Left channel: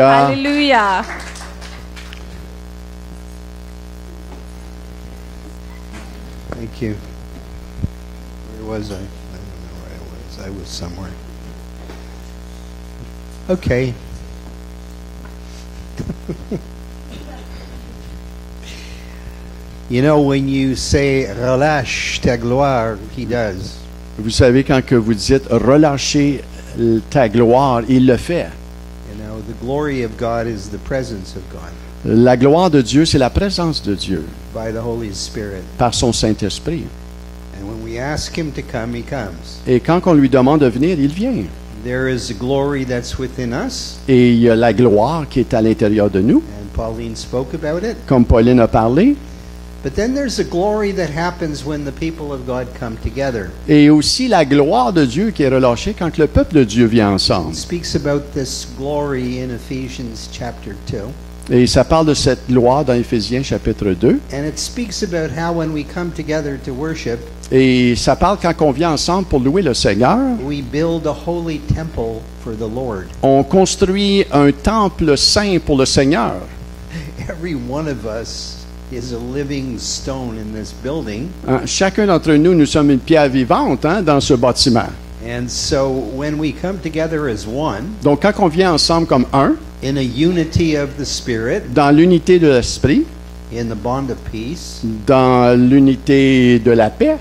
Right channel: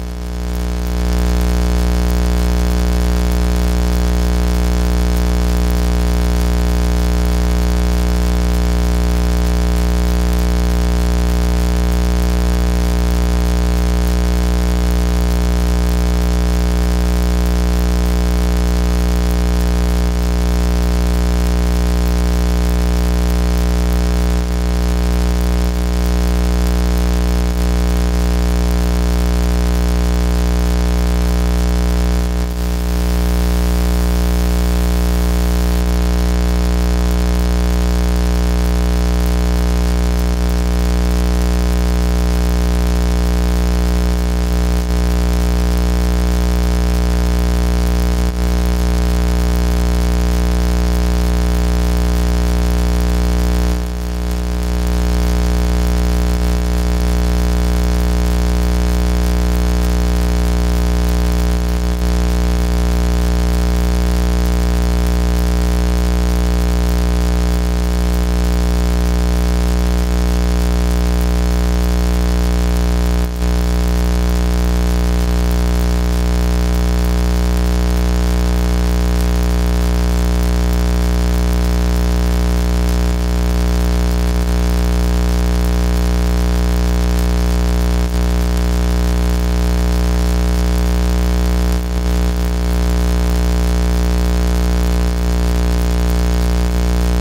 Alléluia. Alléluia. Thank you. There was a somewhere. Okay. You know, when you say relâche ta gloire, he does. Vous savez, quand que vous dites relâcher ta gloire, il le fait. The glory of God is the presence of God La gloire de Dieu, c'est la présence de Dieu by the Holy Spirit. par son Saint-Esprit. When we ask him to come, he comes. Et quand on lui demande de venir, il vient. There is a glory that's within us. Et il y a la gloire qui est à l'intérieur de nous, Pauline spoke about it. comme Pauline a parlé. But then there's a glory that happens when the people of God come together. Et aussi la gloire de Dieu qui est relâchée quand le peuple de Dieu vient ensemble. It speaks about this glory in Ephesians chapter 2. Et ça parle de cette gloire dans Éphésiens chapitre 2. And it speaks about how when we come together to worship, Et ça parle quand on vient ensemble pour louer le Seigneur. we build a holy temple for the Lord. On construit un temple saint pour le Seigneur. Every one of us is a living stone in this building. Hein, chacun d'entre nous, nous sommes une pierre vivante dans ce bâtiment. And so when we come together as one, Donc quand on vient ensemble comme un, in a unity of the Spirit, dans l'unité de l'esprit, in the bond of peace, dans l'unité de la paix,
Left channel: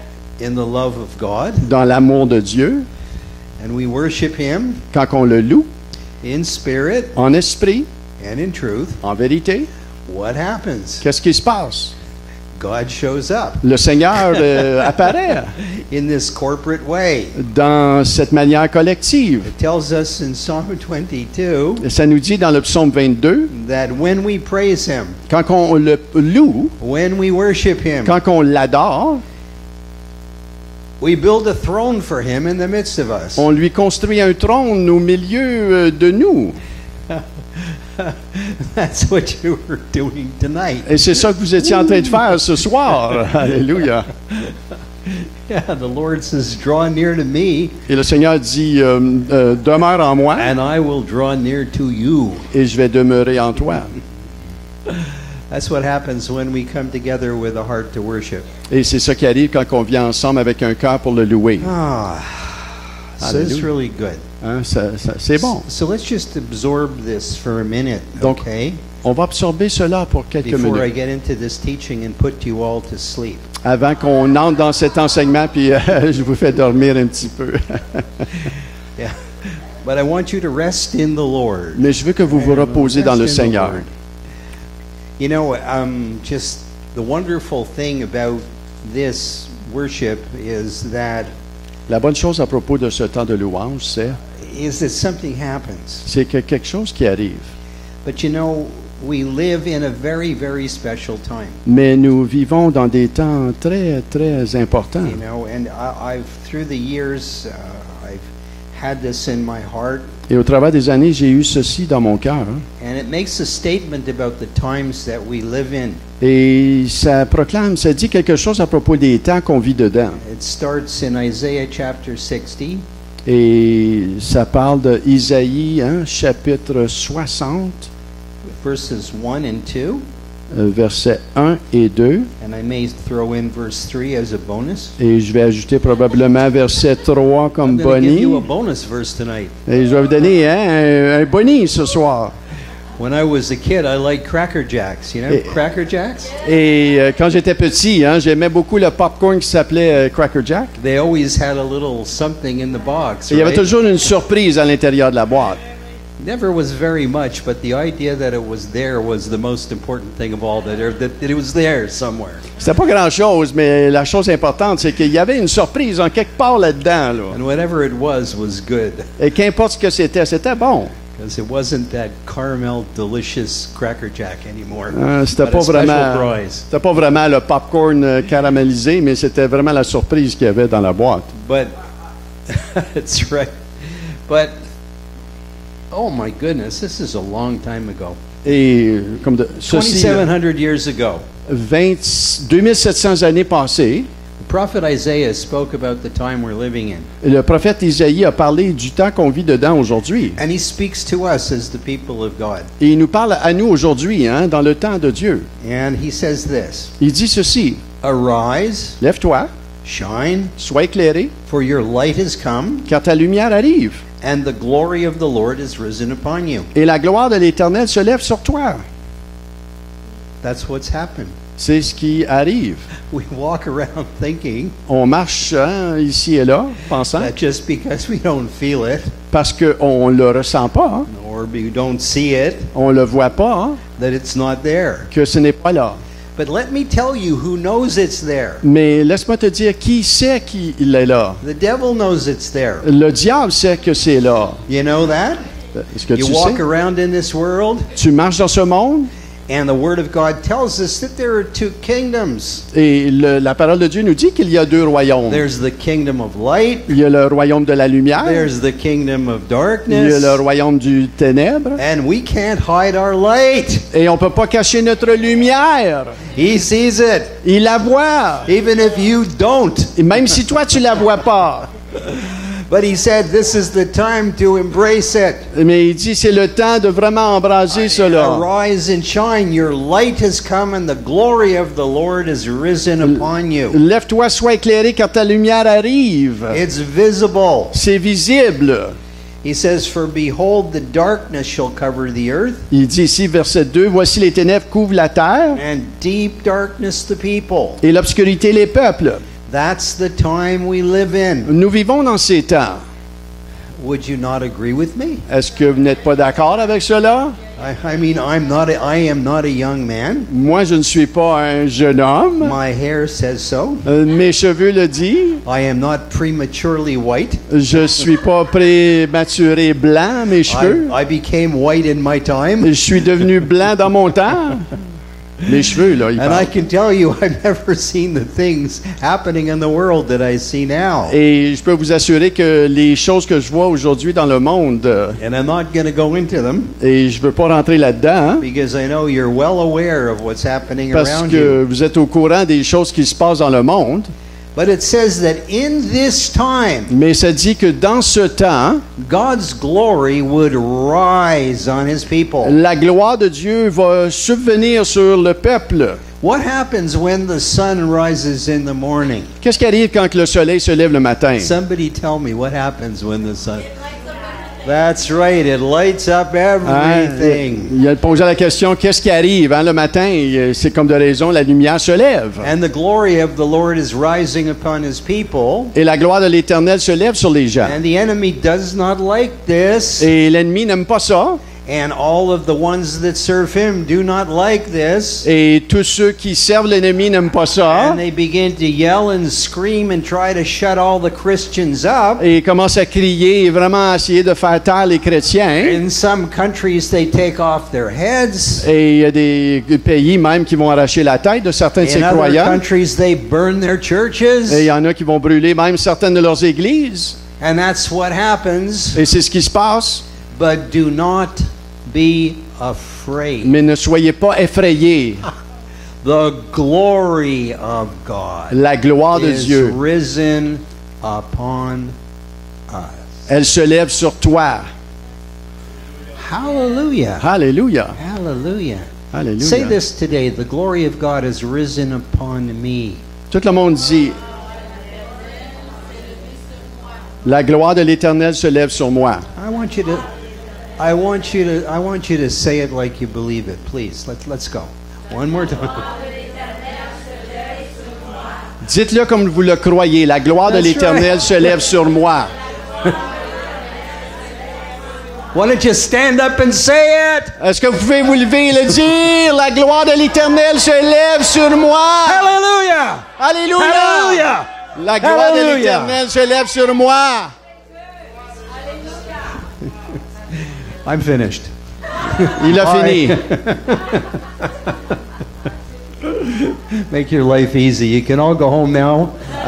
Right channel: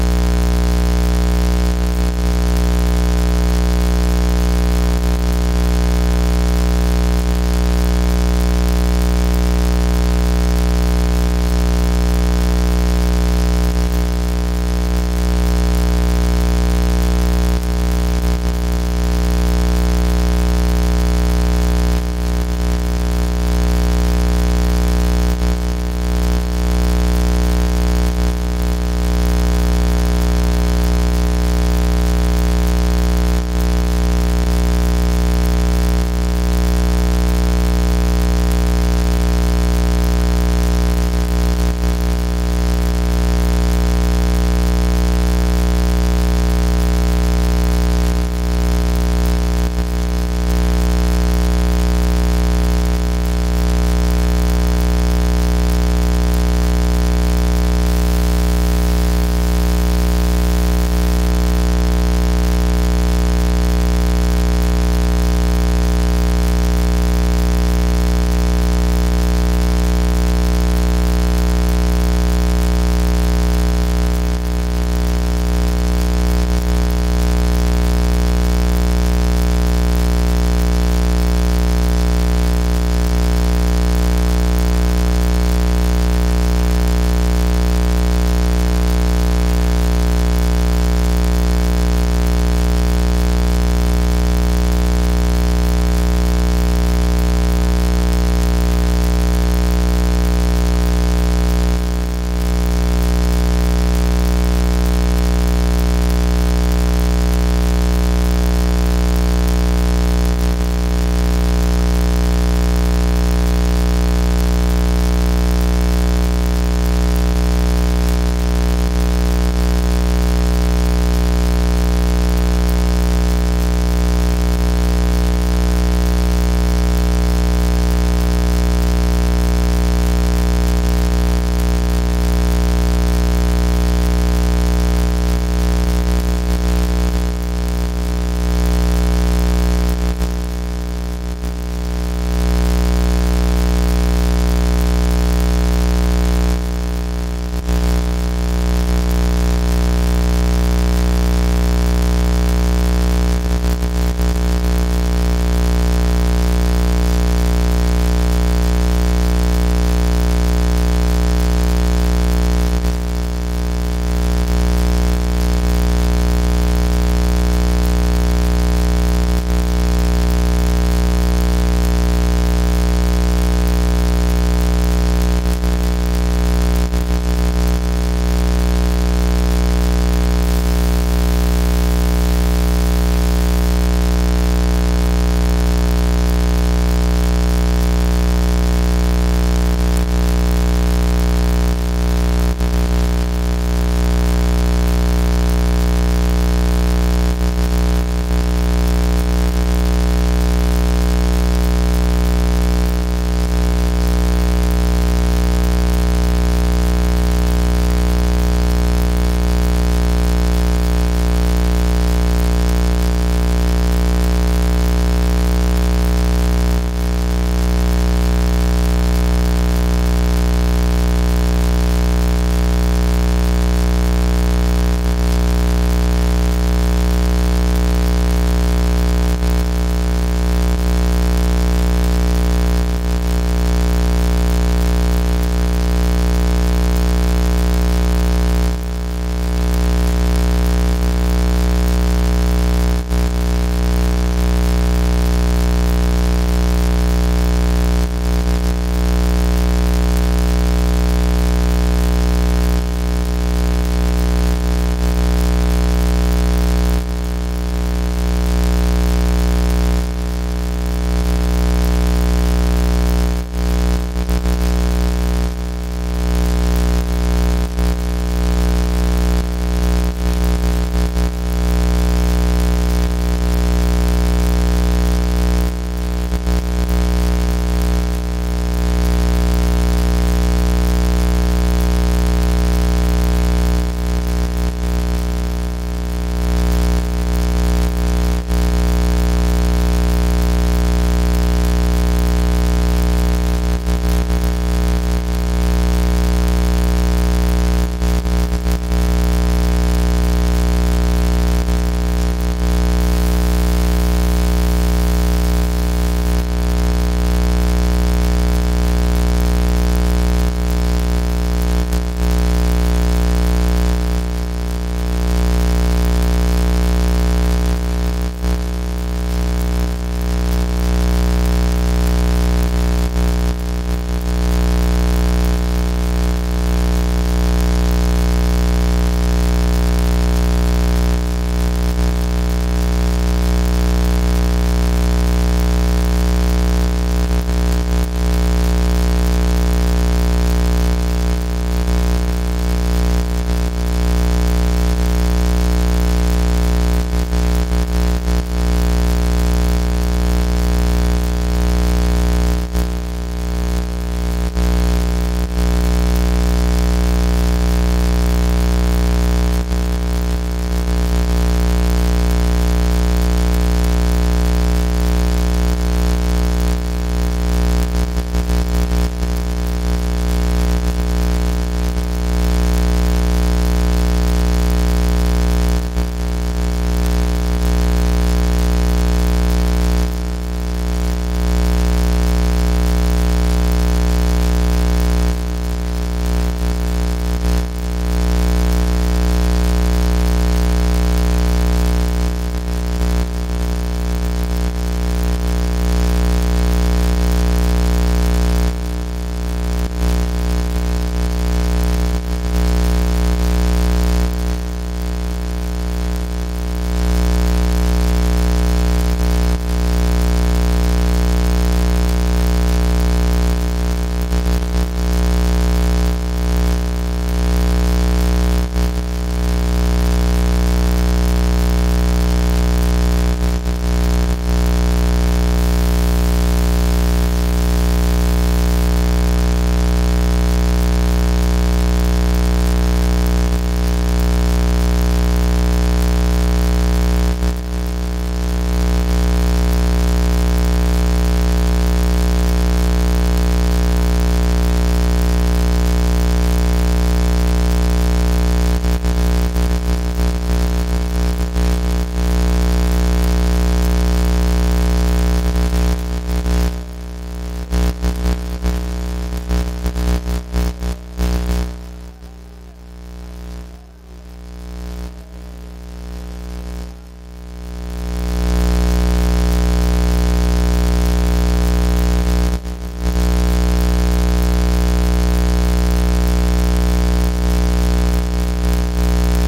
in the love of God, dans l'amour de Dieu, we worship him quand on le loue, in spirit en esprit, and in truth, en vérité, what happens? qu'est-ce qui se passe? God shows up Le Seigneur apparaît in this corporate way. dans cette manière collective. It tells us in Psalm 22 Ça nous dit dans le psaume 22, that when we praise him, quand on le loue, when we worship him, quand on l'adore, we build a throne for him in the midst of us. on lui construit un trône au milieu de nous. That's what you were doing tonight. Et c'est ça que vous étiez en train de faire ce soir. Alléluia. Yeah, the Lord says, draw near to me, Et le Seigneur dit, demeure en moi and I will draw near to you. et je vais demeurer en toi. That's what happens when we come together with a heart to worship. Et c'est ça qui arrive quand on vient ensemble avec un cœur pour le louer. So it's really good. Hein, c'est bon. So let's just absorb this for a minute, Donc, okay? on va absorber cela pour quelques Before I minutes. get into this teaching and put you all to sleep. Avant qu'on entre dans cet enseignement, puis je vous fais dormir un petit peu. Yeah. But I want you to rest in the Lord. Mais je veux que vous vous reposez dans le Rest in the Seigneur. Lord. You know, just the wonderful thing about this worship is that La bonne chose à propos de ce temps de louange, something happens. c'est qu'il y a quelque chose qui arrive. But you know, we live in a very, very special time. Mais nous vivons dans des temps très, très importants. You know, and I through the years, I had this in my heart, Et au travers des années, j'ai eu ceci dans mon cœur. and it makes a statement about the times that we live in. Et ça proclame, ça dit quelque chose à propos des temps qu'on vit dedans. It starts in Isaiah chapter 60, Et ça parle d'Isaïe, chapitre 60, verses 1 and 2, versets 1 et 2. and I may throw in verse 3 as a bonus. Et je vais ajouter probablement verset 3 comme I'm going to give boni. you a bonus verse tonight. Et je vais vous donner un boni ce soir. When I was a kid, I liked Cracker Jacks. You know Cracker Jacks? Et quand j'étais petit, j'aimais beaucoup le popcorn qui s'appelait Cracker Jack. They always had a little something in the box. Et il y avait right? toujours une surprise à l'intérieur de la boîte. Never was very much, but the idea that it was there was the most important thing of all. That it was there somewhere. C'était pas grand-chose, mais la chose importante, c'est qu'il y avait une surprise en quelque part là-dedans. Là. And whatever it was good. Et qu'importe ce que c'était bon. Because it wasn't that caramel delicious Cracker Jack anymore. C'était But pas a special vraiment, prize. c'était pas vraiment le popcorn caramélisé, mais c'était vraiment la surprise qu'il y avait dans la boîte. But that's right. But oh my goodness, this is a long time ago. Et comme de ceci, 2,700 years ago, 2700 années passées, Prophet Isaiah spoke about the time we're living in. le prophète Isaïe a parlé du temps qu'on vit dedans aujourd'hui. And he speaks to us as the people of God. Et il nous parle à nous aujourd'hui, hein, dans le temps de Dieu. And he says this, Il dit ceci, arise, lève-toi, shine, sois éclairé, for your light has come, car ta lumière arrive, and the glory of the Lord is risen upon you. et la gloire de l'Éternel se lève sur toi. That's what's happening. C'est ce qui arrive. We walk around thinking On marche hein, ici et là, pensant, that just because we don't feel it, parce qu'on ne le ressent pas, hein, or we don't see it, on ne le voit pas, hein, that it's not there. que ce n'est pas là. But let me tell you who knows it's there. Mais laisse-moi te dire qui sait qu'il est là. The devil knows it's there. Le diable sait que c'est là. You know that? Est-ce que You tu walk sais? around in this world, Tu marches dans ce monde and the Word of God tells us that there are two kingdoms. et la parole de Dieu nous dit qu'il y a deux royaumes. There's the kingdom of light, Il y a le royaume de la lumière, there's the kingdom of il y a darkness, le royaume du ténèbre, and we can't hide our light. et on ne peut pas cacher notre lumière. He sees it, Il la voit, even if you don't. et même si toi tu la vois pas. But he said this is the time to embrace it. Mais il dit c'est le temps de vraiment embraser cela. Arise and shine, your light has come and the glory of the Lord is risen upon you. Lève-toi, sois éclairé car ta lumière arrive. It's visible. C'est visible. He says, for behold, the darkness shall cover the earth, Il dit ici, verset 2, « Voici les ténèbres couvrent la terre and deep darkness the people. et l'obscurité les peuples. That's the time we live in. Nous vivons dans ces temps. Would you not agree with me? Est-ce que vous n'êtes pas d'accord avec cela? I mean, I am not a young man. Moi, je ne suis pas un jeune homme. My hair says so. Mes cheveux le disent. I am not prematurely white. Je ne suis pas prématuré blanc, mes cheveux. I became white in my time. Je suis devenu blanc dans mon temps. Les cheveux, là, ils And I parlent. can tell you, I've never seen the things happening in the world that I see now. Et je peux vous assurer que les choses que je vois aujourd'hui dans le monde, And I'm not going to go into them et je ne veux pas rentrer là-dedans, hein, because I know you're well aware of what's happening parce around you. que vous êtes au courant des choses qui se passent dans le monde. But it says that in this time, Mais ça dit que dans ce temps, God's glory would rise on his people. la gloire de Dieu va subvenir sur le peuple. What happens when the sun rises in the morning? Qu'est-ce qui arrive quand le soleil se lève le matin? Somebody tell me what happens when the sun... That's right, it lights up Hein? everything. Il a posé la question, qu'est-ce qui arrive hein, le matin? Et, c'est comme de raison, la lumière se lève. And the glory of the Lord is rising upon his people. Et la gloire de l'Éternel se lève sur les gens. And the enemy does not like this. Et l'ennemi n'aime pas ça. And all of the ones that serve him do not like this. Et tous ceux qui servent l'ennemi n'aiment pas ça. And they begin to yell and scream and try to shut all the Christians up. Et ils commencent à crier et vraiment à essayer de faire taire les chrétiens. In some countries, they take off their heads. Et il y a des pays même qui vont arracher la tête de certains de ces In other croyants. countries, they burn their churches. Et il y en a qui vont brûler même certaines de leurs églises. And that's what happens. Et c'est ce qui se passe. But do not be afraid. Mais ne soyez pas effrayés. The glory of God La gloire de is Dieu, risen upon us. elle se lève sur toi. Hallelujah. Alléluia. Hallelujah. Say Alléluia. this today. The glory of God is risen upon me. Tout le monde dit, la gloire de l'Éternel se lève sur moi. I want you to say it like you believe it. Please, let's go. One more time. Dites-le comme vous le croyez. La gloire de That's l'Éternel right. se lève sur moi. Why don't you stand up and say it? Est-ce que vous pouvez vous lever et le dire? La gloire de l'Éternel se lève sur moi. Hallelujah! Alléluia. Hallelujah! La gloire de Hallelujah. l'Éternel se lève sur moi. I'm finished. Il a All fini. right. Make your life easy. You can all go home now.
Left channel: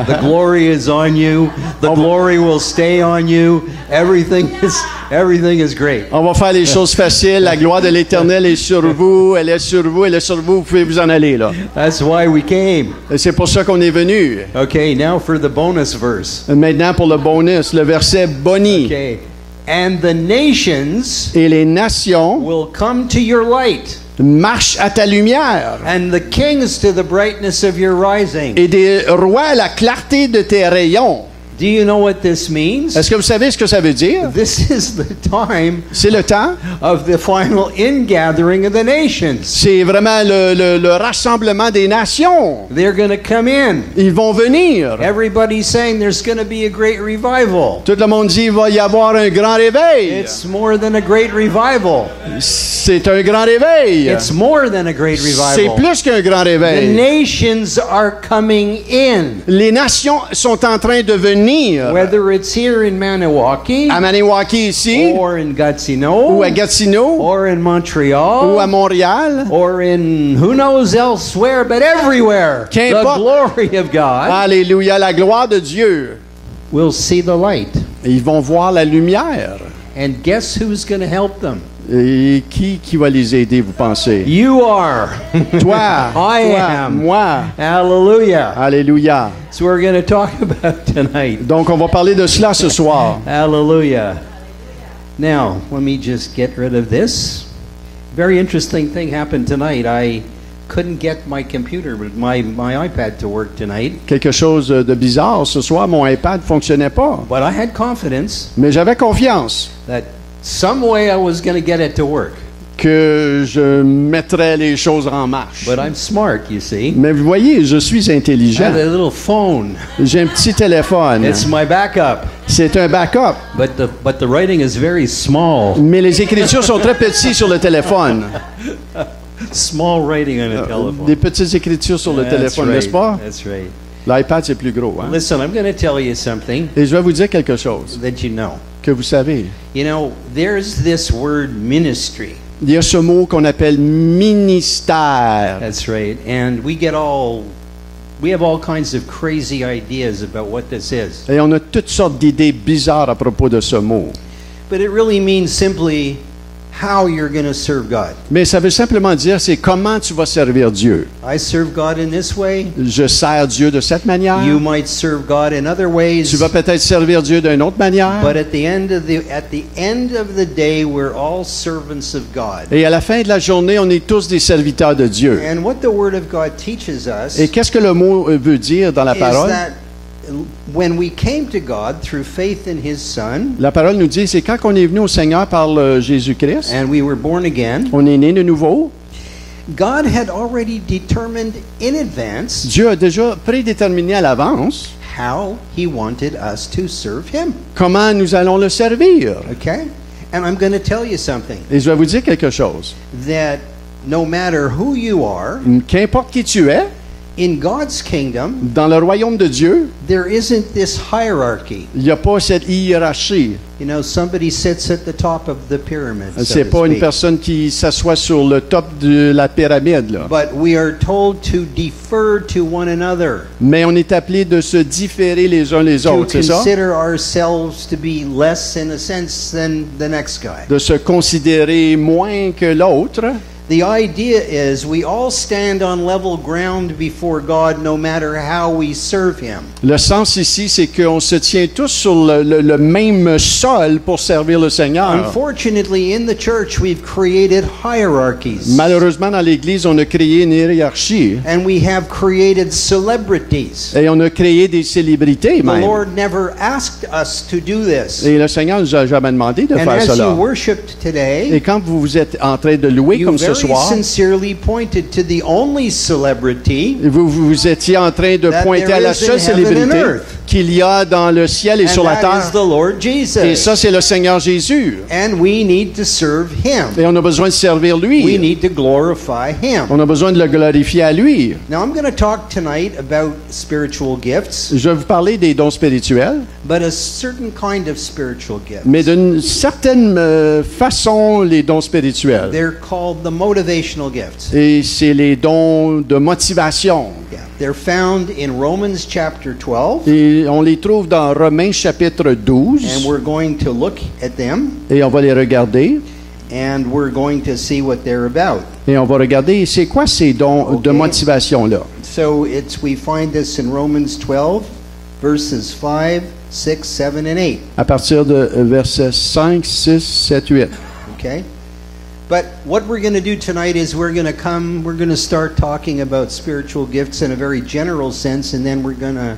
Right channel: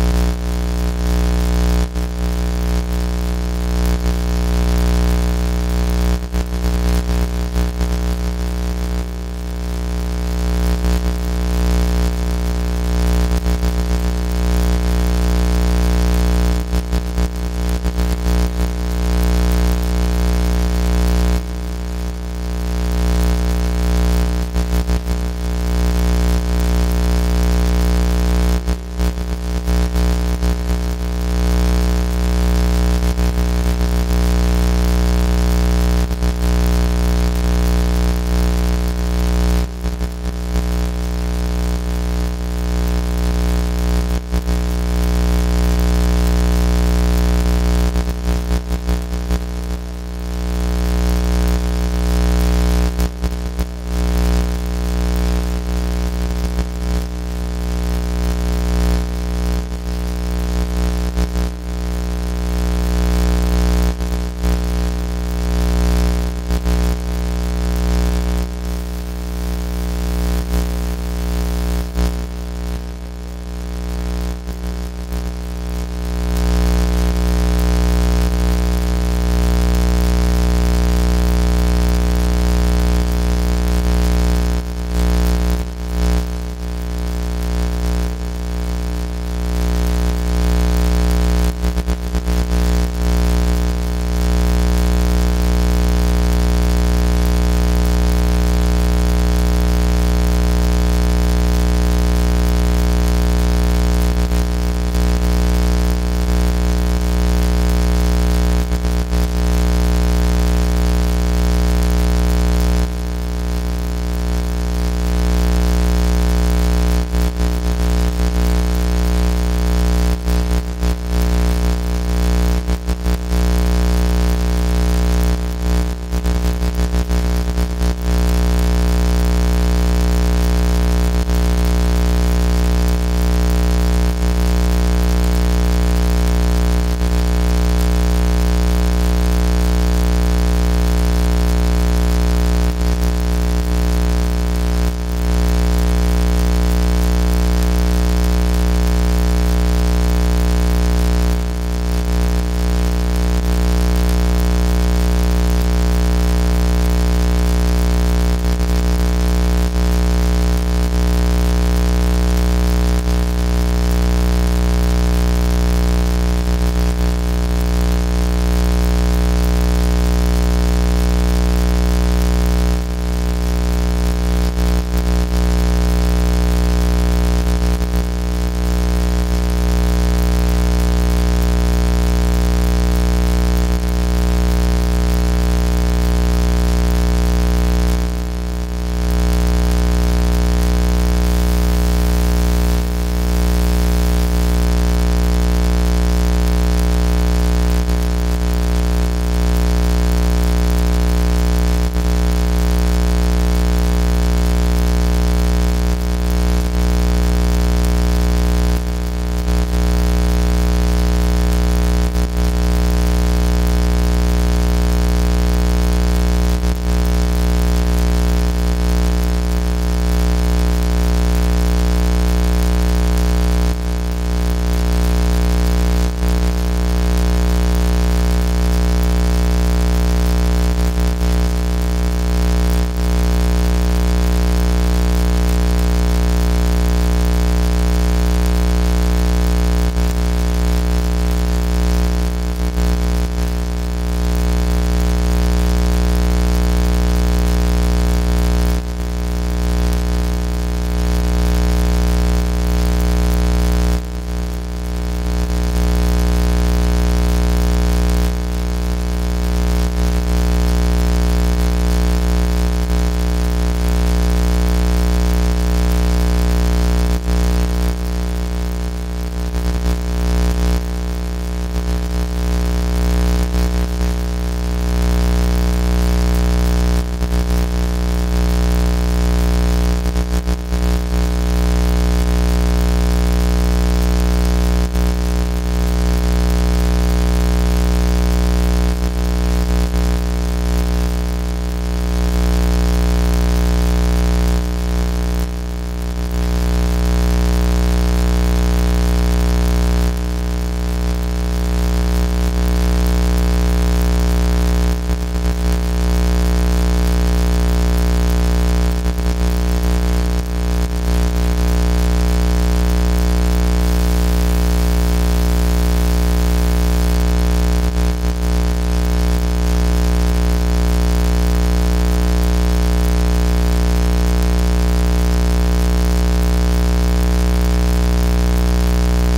The glory is on you. The glory will stay on you. Everything is great. On va faire les choses faciles. La gloire de l'Éternel est sur vous. Elle est sur vous. Elle est sur vous. Vous pouvez vous en aller, là. That's why we came. Et c'est pour ça qu'on est venu. Okay, now for the bonus verse. Maintenant, pour le bonus, le verset boni. Okay. And the nations et les nations will come to your light, marchent à ta lumière, and the kings to the brightness of your rising. et des rois à la clarté de tes rayons. Do you know what this means? Est-ce que vous savez ce que ça veut dire? This is the time C'est le temps. of the final ingathering of the nations. C'est vraiment le rassemblement des nations. They're going to come in. Ils vont venir. Everybody's saying there's going to be a great revival. Tout le monde dit qu'il va y avoir un grand réveil. It's more than a great revival. C'est un grand réveil. It's more than a great C'est revival. plus qu'un grand The réveil. nations are coming in. Les nations sont en train de venir. Whether it's here in Maniwaki, À Maniwaki ici, or in Gatineau, ou à Gatineau, or in ou à Montreal, Montréal. or in who knows elsewhere, but everywhere, the Qu'importe. glory of God Alléluia, la gloire de Dieu. will see the light. Ils vont voir la lumière. And guess who's going to help them? Et qui va les aider, vous pensez? You are. Toi, I toi, am. moi. Hallelujah. Alléluia. That's what we're going to talk about tonight. Donc, on va parler de cela ce soir. Hallelujah. Now, let me just get rid of this. Very interesting thing happened tonight. I couldn't get my computer, my iPad to work tonight, Quelque chose de bizarre. Ce soir, mon iPad ne fonctionnait pas. but I had confidence Mais j'avais confiance that some way I was going to get it to work. que je mettrais les choses en marche. But I'm smart, you see. Mais vous voyez, je suis I intelligent. had a little phone. J'ai un petit téléphone. It's my backup, C'est un backup. but the writing is very small. Mais les écritures sont très petites sur le téléphone. Small writing on a telephone. Des petites écritures sur le That's téléphone, right. n'est-ce pas? That's right. L'iPad, c'est plus gros. Hein? Listen, I'm going to tell you something Et je vais vous dire quelque chose that you know. que vous savez. You know, there's this word ministry. Il y a ce mot qu'on appelle ministère. That's right. And we have all kinds of crazy ideas about what this is. Et on a toutes sortes d'idées bizarres à propos de ce mot. But it really means simply how you're going to serve God. Mais ça veut simplement dire, c'est comment tu vas servir Dieu. I serve God in this way. Je sers Dieu de cette manière. You might serve God in other Tu ways. vas peut-être servir Dieu d'une autre manière. But at the end of the day, we're all servants of God. Et à la fin de la journée, on est tous des serviteurs de Dieu. And what the Word of God teaches us Et qu'est-ce que le mot veut dire dans la is parole? that when we came to God through faith in His Son, La parole nous dit, c'est quand on est venu au Seigneur par Jésus-Christ, and we were born again, on est né de nouveau. God had already determined in advance Dieu a déjà prédéterminé à l'avance how He wanted us to serve Him. comment nous allons le servir. Okay? And I'm going to tell you something, Et je vais vous dire quelque chose. that no matter who you are, Qu'importe qui tu es, in God's kingdom, dans le royaume de Dieu, there isn't this hierarchy. il n'y a pas cette hiérarchie. You know, somebody sits at the top of the pyramid, so C'est to pas une speak. personne qui s'assoit sur le top de la pyramide, là. But we are told to defer to one another, Mais on est appelé de se différer les uns les to autres, c'est ça? consider ourselves to be less in a sense than the next guy. De se considérer moins que l'autre. The idea is we all stand on level ground before God no matter how we serve Him. Le sens ici, c'est qu'on se tient tous sur le même sol pour servir le Seigneur. Unfortunately, in the church, we've created hierarchies. Malheureusement, dans l'Église, on a créé une hiérarchie And we have created celebrities. et on a créé des célébrités The même. Lord never asked us to do this. Et le Seigneur nous a jamais demandé de And faire as cela. you worshiped today, Et quand vous êtes en train de louer you comme ce very soir, sincerely pointed to the only celebrity, vous étiez en train de that pointer there à la is in seule heaven and célébrité earth. qu'il y a dans le ciel et and sur la that terre. is the Lord Et Jesus. ça, c'est le Seigneur Jésus. And we need to serve Him. Et on a besoin de servir We lui. need to glorify Him. On a besoin de le glorifier à lui. Now, I'm going to talk tonight about spiritual gifts, Je vais vous parler des dons spirituels, but a certain kind of spiritual gift. mais d'une certaine façon, les dons spirituels. They're called the motivational gifts. Et c'est les dons de motivation. They're found in Romans chapter 12, Et on les trouve dans Romains chapitre and 12. we're going to look at them, Et on va les regarder. and we're going to see what they're about. Et on va regarder c'est quoi ces dons de Ok. motivation-là. So we find this in Romans 12, verses 5 6, 7, and 8. à partir de versets 5, 6, 7, 8. Okay? But what we're going to do tonight is we're going to start talking about spiritual gifts in a very general sense, and then we're going to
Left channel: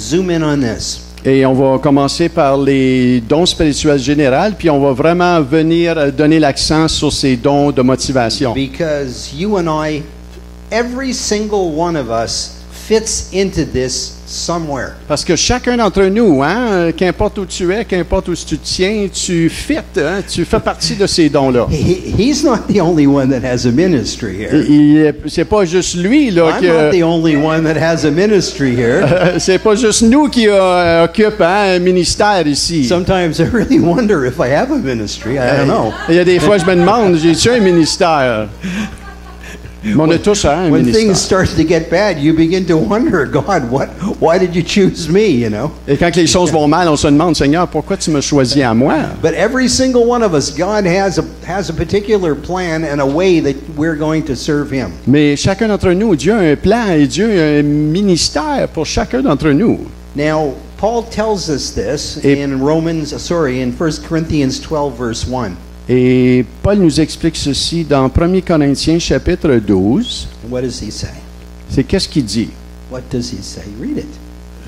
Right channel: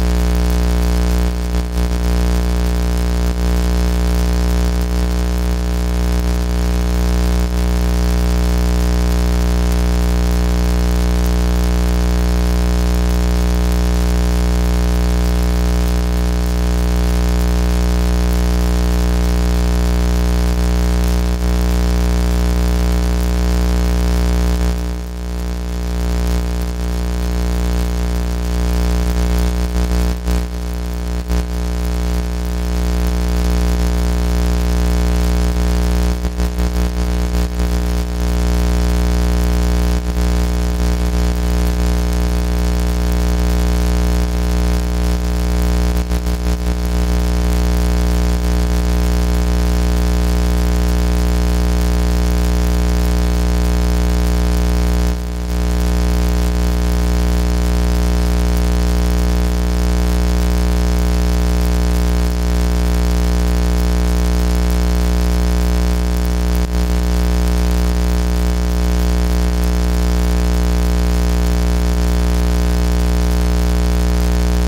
zoom in on this. Et on va commencer par les dons spirituels généraux, puis on va vraiment venir donner l'accent sur ces dons de motivation. Because you and I, every single one of us fits into this somewhere. Parce que chacun d'entre nous, hein, qu'importe où tu es, qu'importe où tu te tiens, tu fites, hein, tu fais partie de ces dons-là. He's not the only one that has a ministry here. C'est pas juste lui là I'm not the only one that has a ministry here. c'est pas juste nous qui occupent un ministère ici. Sometimes I really wonder if I have a ministry. I don't know. Il y a des fois je me demande, j'ai-tu un ministère? Mais on a tous un When ministère. things start to get bad, you begin to wonder, God, why did you choose me, you know? Et quand les choses vont mal, on se demande, Seigneur, pourquoi tu m'as choisi à moi? But every single one of us, God has a particular plan and a way that we're going to serve Him. Mais chacun d'entre nous, Dieu a un plan et Dieu a un ministère pour chacun d'entre nous. Now, Paul tells us this in 1 Corinthians 12, verse 1. Et Paul nous explique ceci dans 1 Corinthiens chapitre 12. What does he say? C'est qu'est-ce qu'il dit? What does he say? Read it.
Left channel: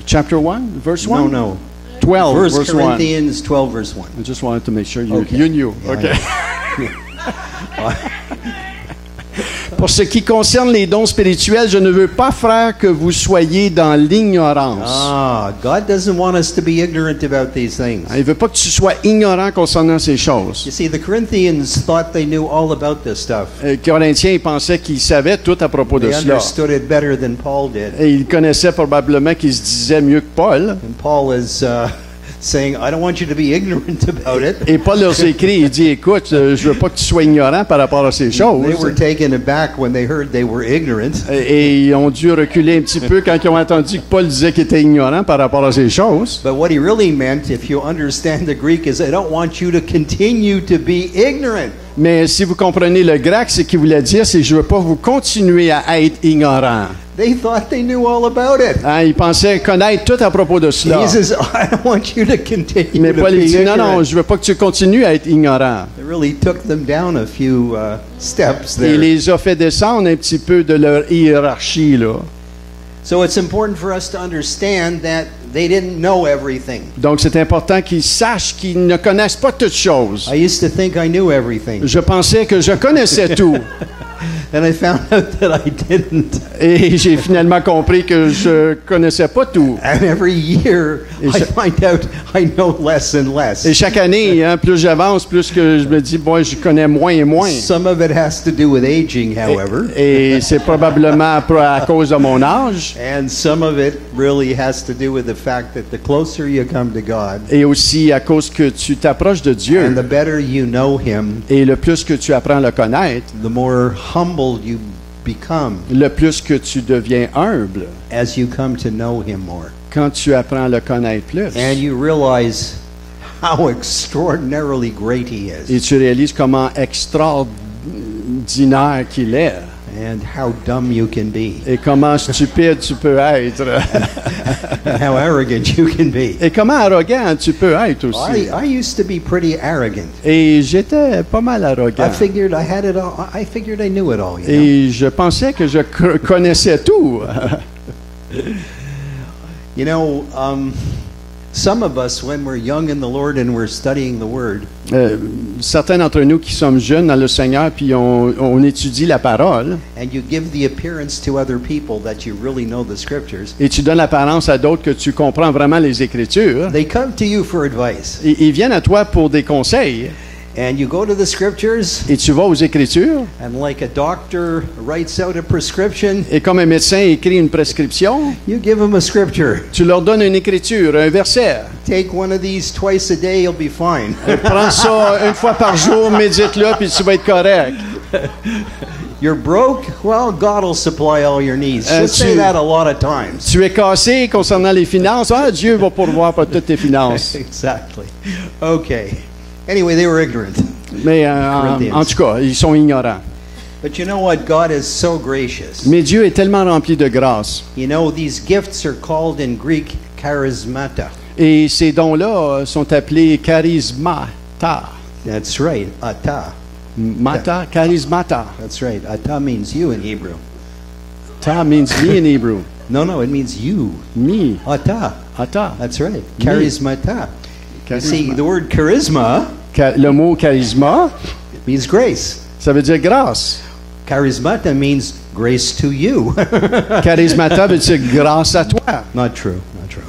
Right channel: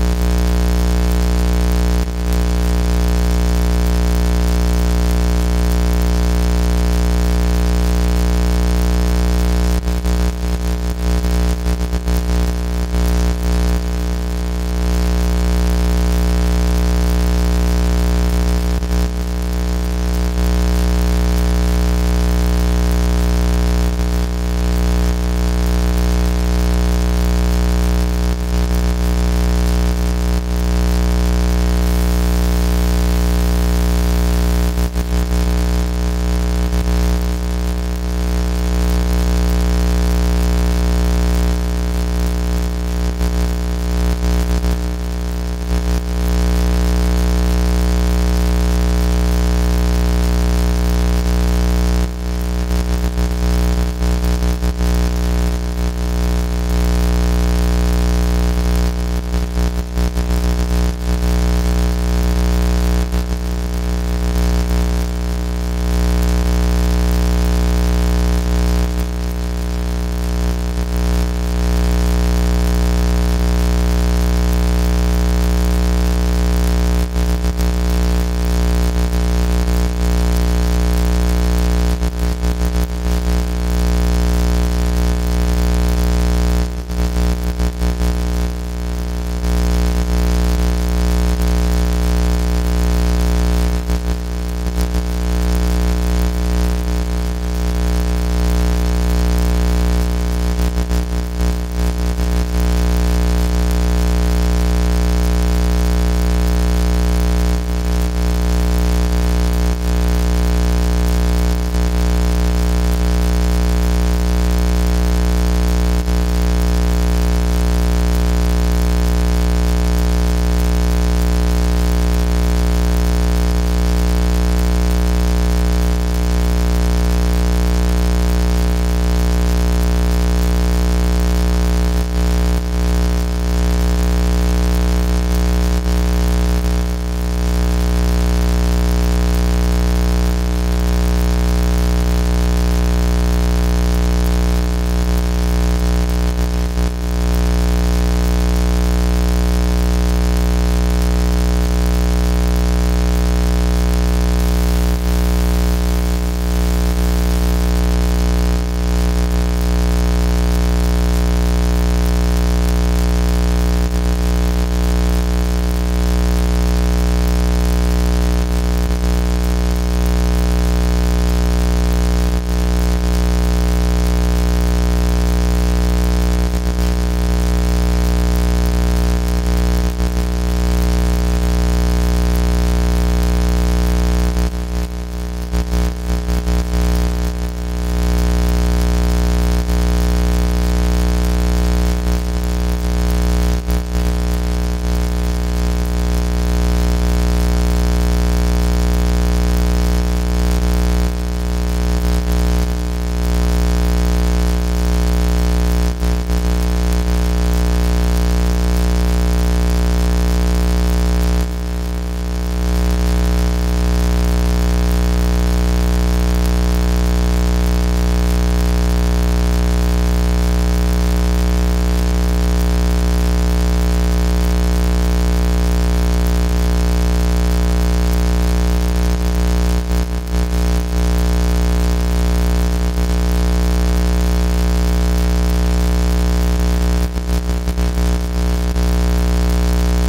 Chapter 1, verse 1? No. 12, 1 verse 1. Corinthians 12, verse 1. I just wanted to make sure you knew. Okay. Pour ce qui concerne les dons spirituels, je ne veux pas, frère, que vous soyez dans l'ignorance. God doesn't want us to be ignorant about these things. Il ne veut pas que tu sois ignorant concernant ces choses. You see, the Corinthians thought they knew all about this stuff. Les Corinthiens pensaient qu'ils savaient tout à propos de They cela. understood it better than Paul did. Et ils connaissaient probablement qu'ils se disaient mieux que Paul. Paul is saying, I don't want you to be ignorant about it. Et Paul leur écrit, il dit, écoute, je veux pas que tu sois ignorant par rapport à ces choses. They were taken aback when they heard they were ignorant. Et ils ont dû reculer un petit peu quand ils ont entendu que Paul disait qu'il était ignorant par rapport à ces choses. But what he really meant, if you understand the Greek, is I don't want you to continue to be ignorant. Mais si vous comprenez le grec, ce qu'il voulait dire, c'est que je veux pas vous continuer à être ignorant. They thought they knew all about it. Hein, ils pensaient connaître tout à propos de cela. He says, I don't want you to continue Mais to Paul be dit, non, ignorant. non, je veux pas que tu continues à être ignorant. It really took them down a few steps Et there. il les a fait descendre un petit peu de leur hiérarchie, là. So it's important for us to understand that they didn't know everything. Donc, c'est important qu'ils sachent qu'ils ne connaissent pas toutes choses. I used to think I knew everything, Je pensais que je connaissais tout. and I found out that I didn't. Et j'ai finalement compris que je connaissais pas tout. And every year, I find out I know less and less. Et chaque année, hein, plus j'avance, plus que je me dis, bon, je connais moins et moins. Some of it has to do with aging, however, Et c'est probablement à cause de mon âge. and some of it really has to do with the fact that the closer you come to God, Et aussi à cause que tu t'approches de Dieu. and the better you know Him, Et le plus que tu apprends à le connaître, the more humble you become le plus que tu deviens humble as you come to know Him more. quand tu apprends à le connaître plus. And you realize how extraordinarily great He is, Et tu réalises comment extraordinaire qu'il est. and how dumb you can be, Et comment stupide tu peux être. and how arrogant you can be. Et comment arrogant tu peux être aussi. I used to be pretty arrogant. Et j'étais pas mal I arrogant. figured I had it all. I figured I knew it all. Et je pensais que je connaissais tout. You know, some of us, when we're young in the Lord and we're studying the Word, Certains d'entre nous qui sommes jeunes dans le Seigneur, puis on étudie la parole, and you give the appearance to other people that you really know the Scriptures, et tu donnes l'apparence à d'autres que tu comprends vraiment les Écritures, they come to you for advice. ils viennent à toi pour des conseils. And you go to the Scriptures, Et tu vas aux Écritures, and like a doctor writes out a prescription, et comme un médecin écrit une prescription, you give them a Scripture. tu leur donnes une écriture, un verset. Take one of these twice a day, you'll be fine. Prends ça une fois par jour, médite-le, puis tu vas être correct. You're broke? Well, God will supply all your needs. Just say that a lot of times. Tu es cassé concernant les finances, ah, Dieu va pourvoir pour toutes tes finances. Exactly. Okay. Anyway, they were ignorant. Mais en tout cas, ils sont ignorants. But you know what? God is so gracious. Mais Dieu est tellement rempli de grâce. You know, these gifts are called in Greek charismata. Et ces dons-là sont appelés charismata. That's right. Ata. Mata, charismata. That's right. Ata means you in Hebrew. Ta means me in Hebrew. No, it means you. Me. Ata. Ata. That's right. Charismata. You see, the word charisma Le mot charisma, means grace. ça veut dire grâce. Charismata means grace to you. Charismata veut dire grâce à toi. Not true.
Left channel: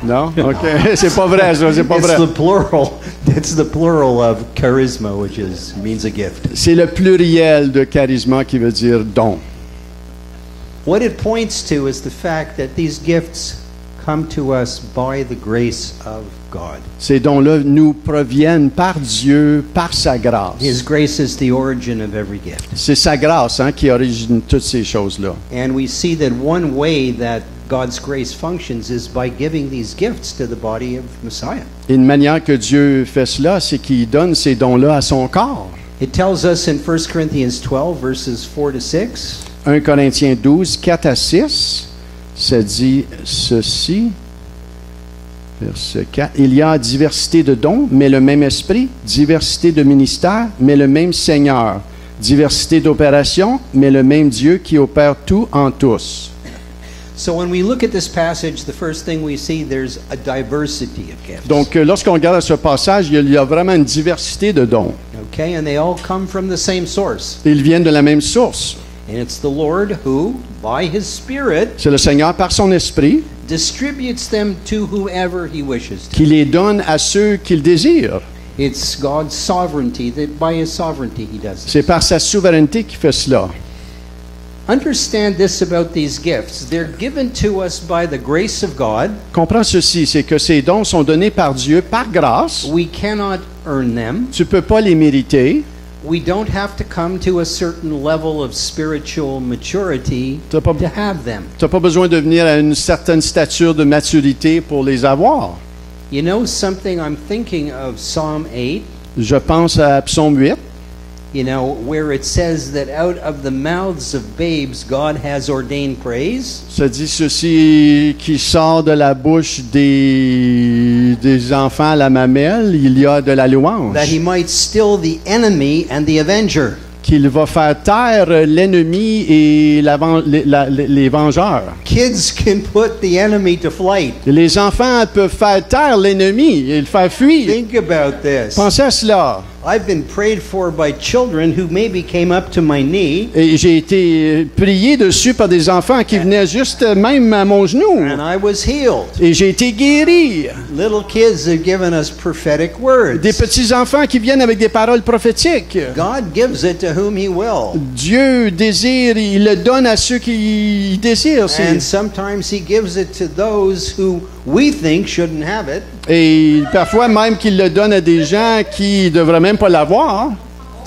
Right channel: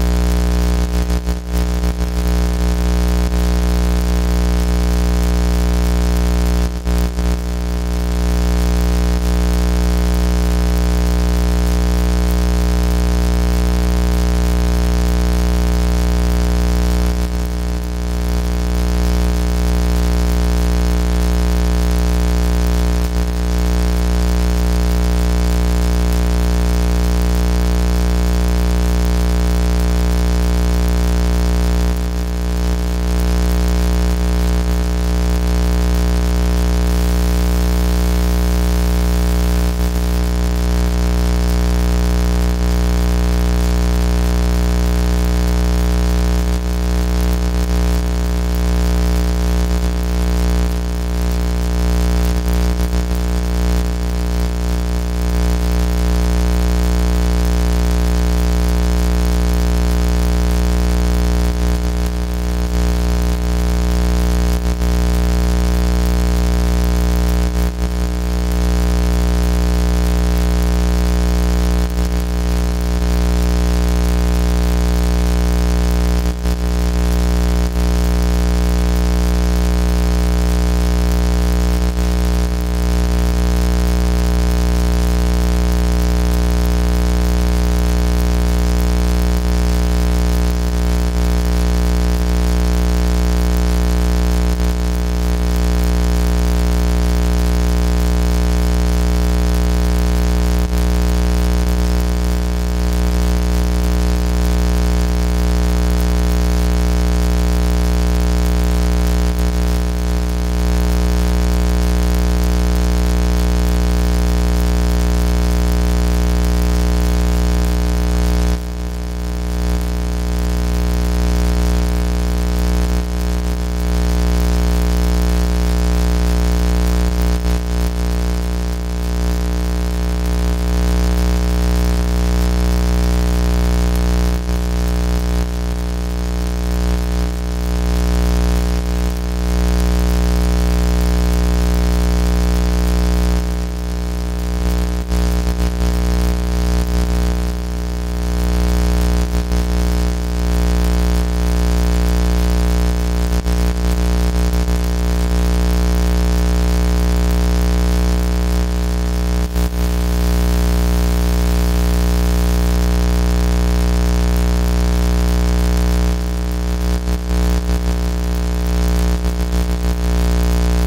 Non? OK. C'est pas vrai, ça. C'est pas It's vrai. the plural. It's the plural of charisma, which means a gift. C'est le pluriel de charisma qui veut dire don. What it points to is the fact that these gifts come to us by the grace of God. Ces dons-là nous proviennent par Dieu, par sa grâce. His grace is the origin of every gift. C'est sa grâce qui origine toutes ces choses-là. And we see that one way that God's grace functions is by giving these gifts to the body of Messiah. Et une manière que Dieu fait cela, c'est qu'il donne ces dons-là à son corps. It tells us in 1 Corinthians 12, verses 4 to 6, 1 Corinthiens 12, 4 à 6, ça dit ceci. Verset 4. Il y a diversité de dons, mais le même esprit, diversité de ministères, mais le même Seigneur, diversité d'opérations, mais le même Dieu qui opère tout en tous. so when we look at this passage, the first thing we see, there's a diversity of gifts. Donc, lorsqu'on regarde ce passage, il y a vraiment une diversité de dons. Okay, and they all come from the same source. Ils viennent de la même source. And it's the Lord who, by His Spirit, C'est le Seigneur, par son esprit, distributes them to whoever He wishes. qui les donne à ceux qu'il désire. It's God's sovereignty, that by His sovereignty He does it. C'est par sa souveraineté qu'il fait cela. Understand this about these gifts. They're given to us by the grace of God. Comprends ceci, c'est que ces dons sont donnés par Dieu, par grâce. We cannot earn them. Tu ne peux pas les mériter. We don't have to come to a certain level of spiritual maturity Tu n'as pas, to have them. t'as pas besoin de venir à une certaine stature de maturité pour les avoir. You know something, I'm thinking of Psalm 8, Je pense à Psaume 8, you know, where it says that out of the mouths of babes God has ordained praise. ça dit ceci, qui sort de la bouche des enfants à la mamelle, il y a de la louange. That He might still the enemy and the avenger. Qu'il va faire taire l'ennemi et les vengeurs. Kids can put the enemy to flight. Les enfants peuvent faire taire l'ennemi et le faire fuir. Think about this. Pensez à cela. I've been prayed for by children who maybe came up to my knee, Et j'ai été prié dessus par des enfants qui venaient juste même à mon genou. and I was healed. Et j'ai été guéri. Little kids have given us prophetic words. Des petits-enfants qui viennent avec des paroles prophétiques. God gives it to whom He will. Dieu désire, il le donne à ceux qui désirent. And sometimes He gives it to those who we think shouldn't have it, Et parfois même qu'il le donne à des gens qui ne devraient même pas l'avoir,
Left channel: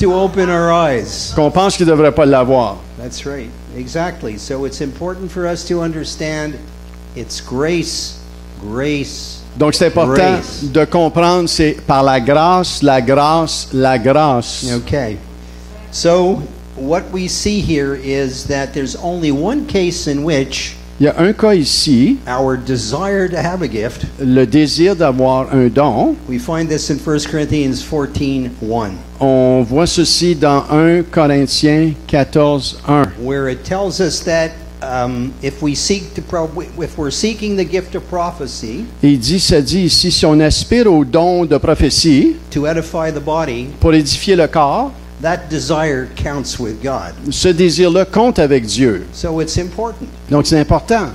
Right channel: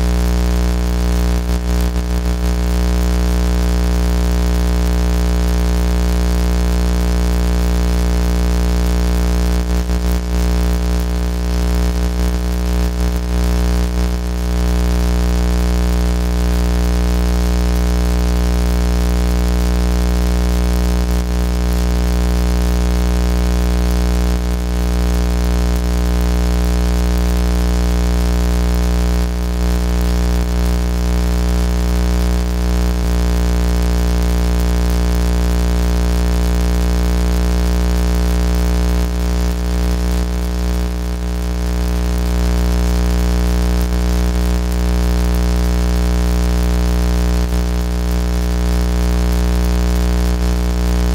to open our eyes. qu'on pense qu'ils ne devraient pas l'avoir. That's right. Exactly. So it's important for us to understand it's grace, grace. Donc c'est important Grace. de comprendre, c'est par la grâce, la grâce, la grâce. Okay. So what we see here is that there's only one case in which Il y a un cas ici, our desire to have a gift, le désir d'avoir un don. we find this in 1 Corinthians 14:1, On voit ceci dans 1 Corinthiens 14, 1. where it tells us that if we're seeking the gift of prophecy Ça dit ici, si on aspire au don de prophétie to edify the body, pour édifier le corps, that desire counts with God. ce désir-là compte avec Dieu. So it's important Donc c'est important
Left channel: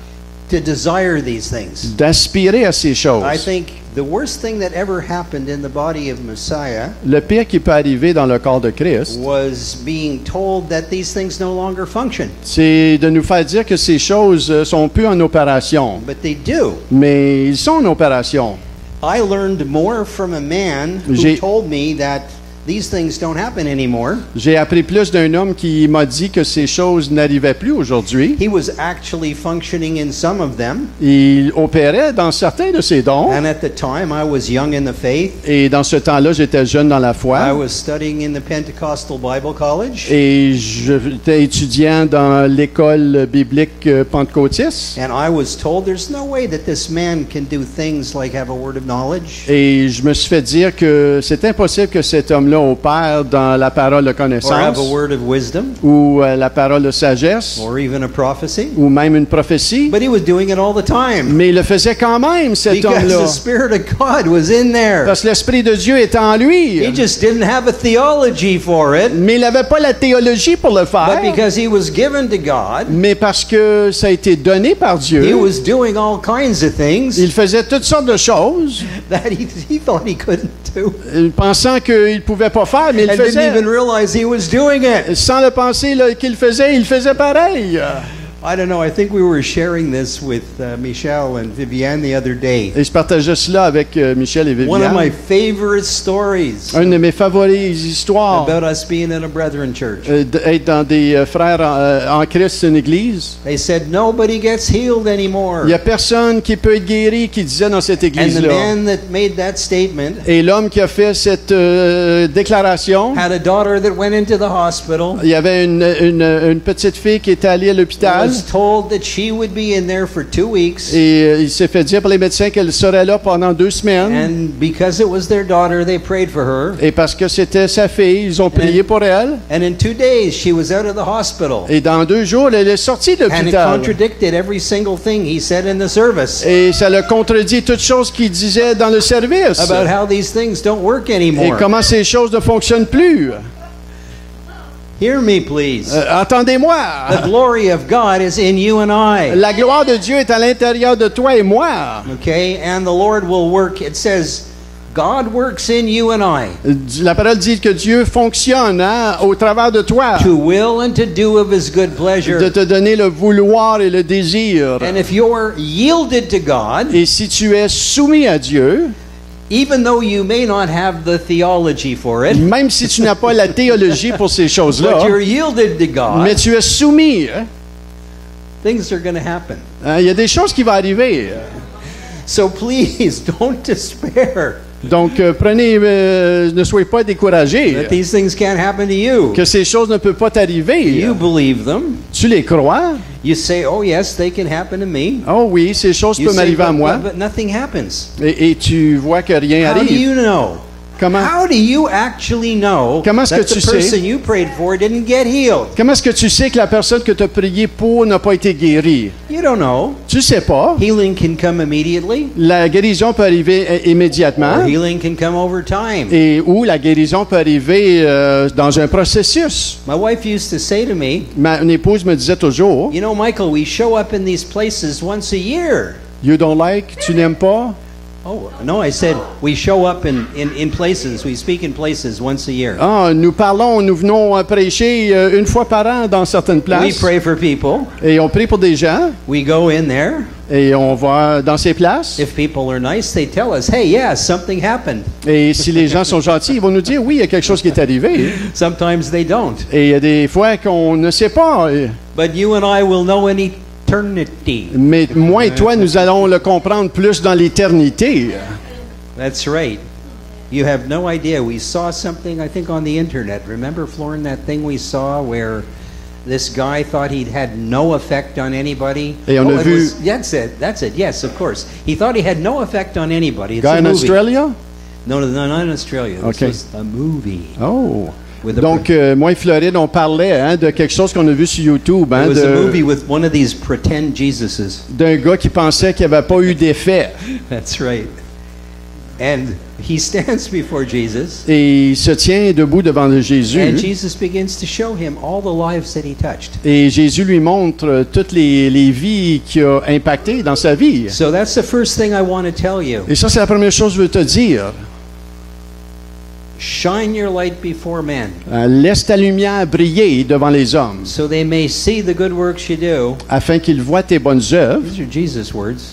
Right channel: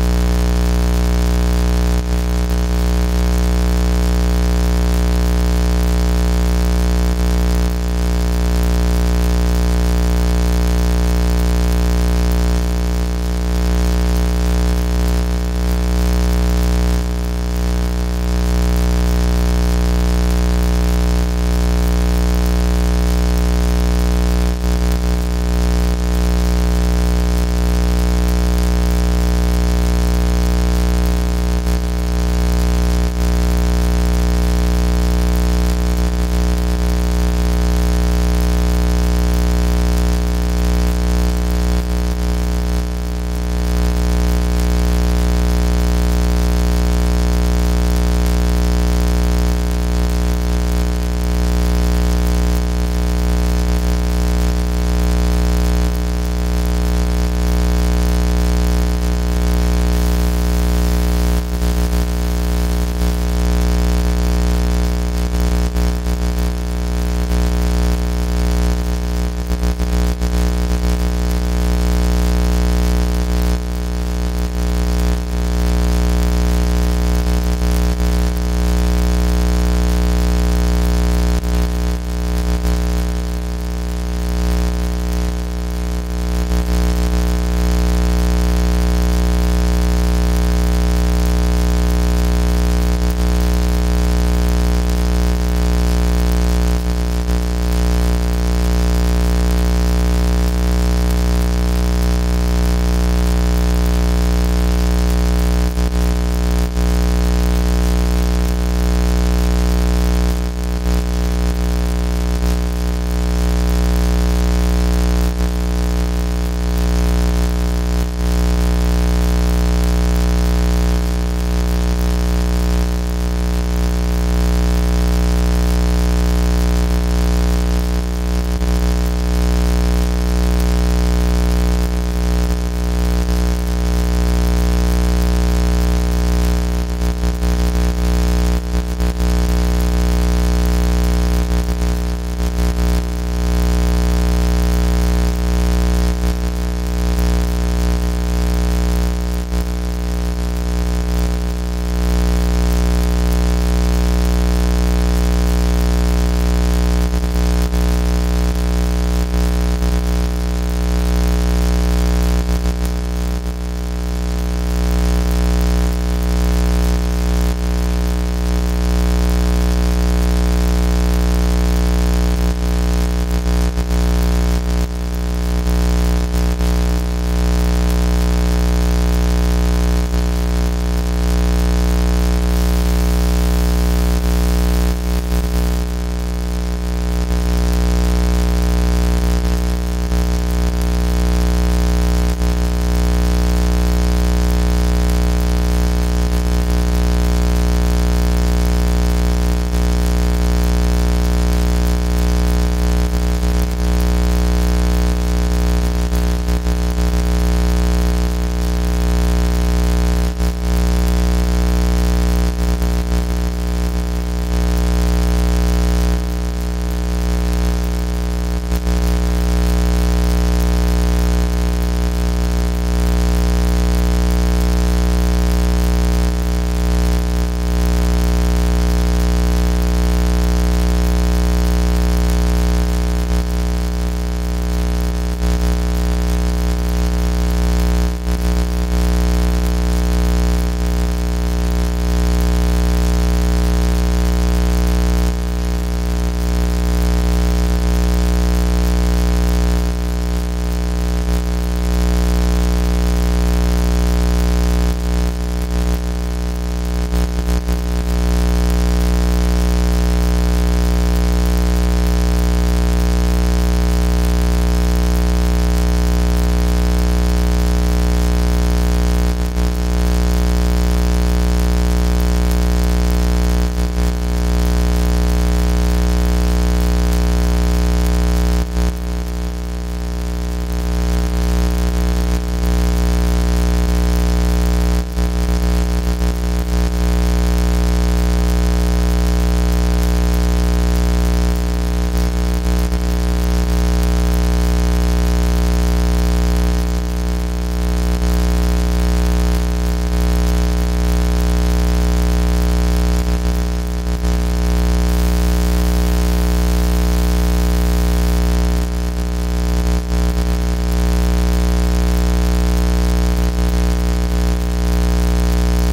to desire these things. d'aspirer à ces choses. I think the worst thing that ever happened in the body of Messiah Le pire qui peut arriver dans le corps de Christ, was being told that these things no longer function. c'est de nous faire dire que ces choses sont plus en opération. But they do. Mais ils sont en opération. I learned more from a man who J'ai- told me that these things don't happen anymore. J'ai appris plus d'un homme qui m'a dit que ces choses n'arrivaient plus aujourd'hui. He was actually functioning in some of them. Il opérait dans certains de ses dons. And at the time, I was young in the faith. Et dans ce temps-là, j'étais jeune dans la foi. I was studying in the Pentecostal Bible College. Et j'étais étudiant dans l'école biblique pentecôtiste. And I was told there's no way that this man can do things like have a word of knowledge. Et je me suis fait dire que c'est impossible que cet homme-là opère dans la parole de Or have connaissance a word of wisdom. ou la parole de sagesse Or even a prophecy. ou même une prophétie. But he was doing it all the time. Mais il le faisait quand même, cet Because homme-là. the Spirit of God was in there. Parce que l'Esprit de Dieu est en lui. He just didn't have a theology for it. Mais il n'avait pas la théologie pour le But faire. because he was given to God, Mais parce que ça a été donné par he Dieu, was doing all kinds of things il faisait toutes sortes de choses, that he thought he couldn't do. pensant qu'il ne pouvait pas faire, mais il And didn't faisait. even realize he was doing it. Sans le penser là, qu'il faisait, il faisait pareil. I don't know. I think we were sharing this with Michelle and Viviane the other day. Et je partageais cela avec Michel et One of Viviane. my favorite stories Une de mes favorites histoires about us being in a brethren church. d'être dans des frères en Christ, une église. They said nobody gets healed anymore. Il n'y a personne qui peut être guéri, qui disait dans cette And the église-là. man that made that statement Et l'homme qui a fait cette déclaration, had a daughter that went into the hospital. il y avait une petite fille qui était allée à l'hôpital. Was told that she would be in there for 2 weeks. Et il s'est fait dire par les médecins qu'elle serait là pendant 2 semaines. And because it was their daughter, they prayed for her. Et parce que c'était sa fille, ils ont prié pour elle. And in 2 days, she was out of the hospital. Et dans 2 jours, elle est sortie de And it l'hôpital. contradicted every single thing he said in the service Et ça le contredit toutes choses qu'il disait dans le service. about how these things don't work Et anymore. comment ces choses ne fonctionnent plus. Hear me, please. Entendez-moi. The glory of God is in you and I. La gloire de Dieu est à l'intérieur de toi et moi. Okay? And the Lord will work. It says, God works in you and I La parole dit que Dieu fonctionne au travers de toi. to will and to do of his good De pleasure. te donner le vouloir et le désir. And if you're yielded to God, Et si tu es soumis à Dieu, even though you may not have the theology for it, même si tu n'as pas la théologie pour ces choses-là, but you're yielded to mais God, tu es soumis, things are going to happen. il y a des choses qui vont arriver. So please don't despair Donc, ne soyez pas découragés that these things can't happen to you. que ces choses ne peuvent pas t'arriver. You believe them. Tu les crois? You say, oh yes, they can happen to me. Oh oui, ces choses You peuvent say, m'arriver à moi. but nothing happens. Et tu vois que rien How do arrive. you know? Comment? How do you actually know Comment est-ce that que the tu sais? person you prayed for didn't get healed? Comment est-ce que tu sais que la personne que tu as prié pour n'a pas été guérie? You don't know. Tu sais pas. Healing can come immediately, La guérison peut arriver immédiatement. or healing can come over time. Et ou la guérison peut arriver dans un processus. My wife used to say to me, Mon épouse me disait toujours, you know, Michael, we show up in these places once a year. you don't like, tu n'aimes pas? No, I said we show up in places, we speak in places once a year. Ah, nous parlons, nous venons prêcher une fois par an dans certaines We places. pray for people. Et on prie pour des gens. We go in there. Et on va dans ces places. If people are nice, they tell us, hey, yeah, something happened. Et si les gens sont gentils, ils vont nous dire, oui, il y a quelque chose qui est arrivé. Sometimes they don't. Et il y a des fois qu'on ne sait pas. But you and I will know in eternity. Mais moi et toi, nous allons le comprendre plus dans l'éternité. That's right. You have no idea. We saw something, I think, on the internet. Remember, Florin, that thing we saw where this guy thought he had no effect on anybody? Et on a it vu- was- that's it. That's it. Yes, of course. He thought he had no effect on anybody. It's Guy a in movie. Australia? No, not in Australia. Okay. This was a movie. Oh. With a- Donc, moi et Floride, on parlait de quelque chose qu'on a vu sur YouTube, it was a movie de, with one of these pretend Jesuses. d'un gars qui pensait qu'il n'y avait pas eu d'effet. That's right. And he stands before Jesus, Et il se tient debout devant le Jésus. and Jesus begins to show him all the lives that he touched. Et Jésus lui montre toutes les vies qu'il a impactées dans sa vie. So that's the first thing I want to tell you. Et ça, c'est la première chose que je veux te dire. Shine your light before men, Laisse ta lumière briller devant les hommes, so they may see the good works you do. afin qu'ils voient tes bonnes œuvres. These are Jesus' words.